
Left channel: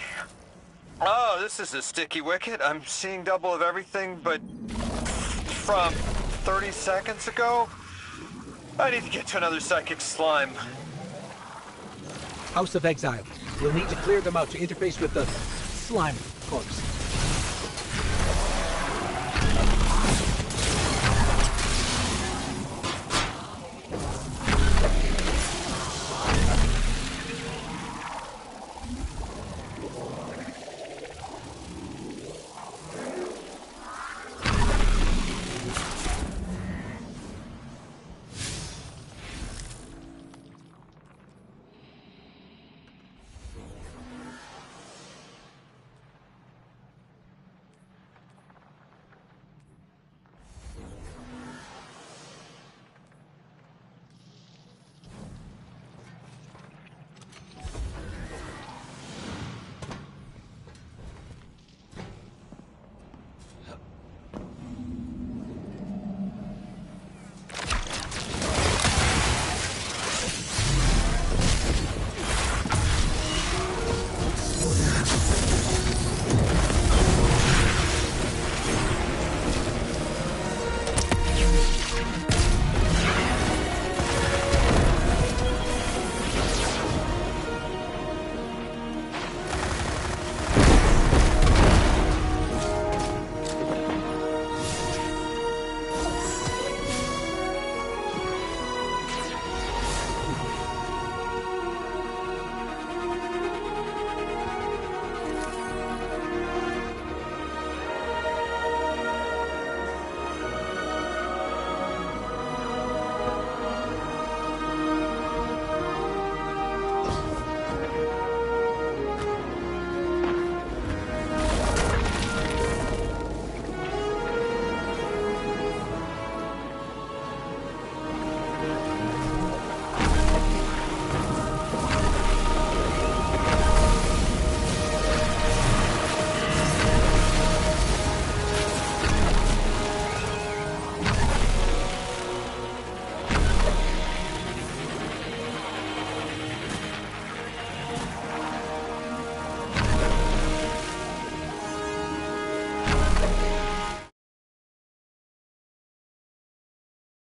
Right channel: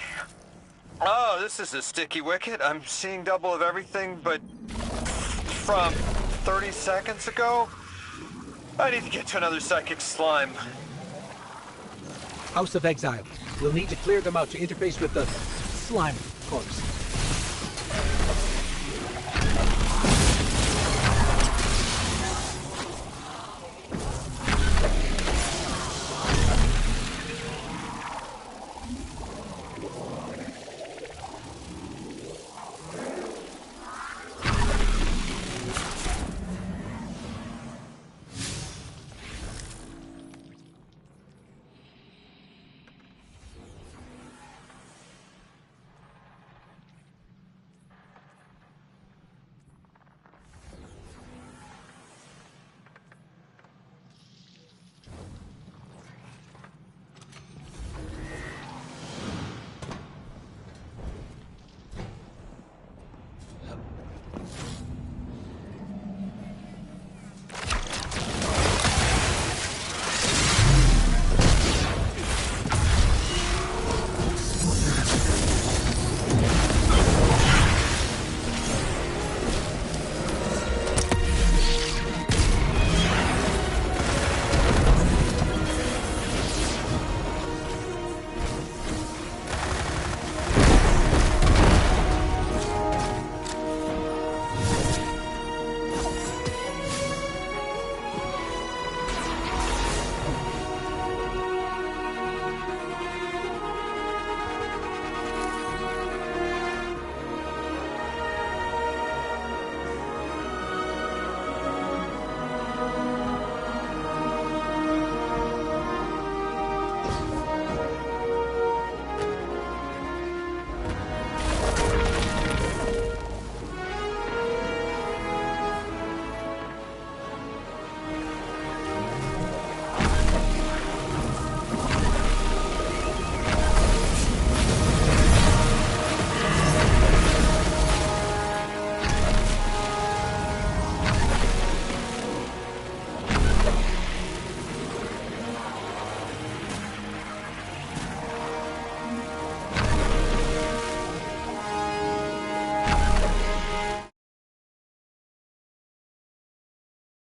Oh, this is a sticky wicket. I'm seeing double of everything, but from 30 seconds ago, I need to get to another psychic slime. House of Exile. We'll need to clear them out to interface with the slime corpse.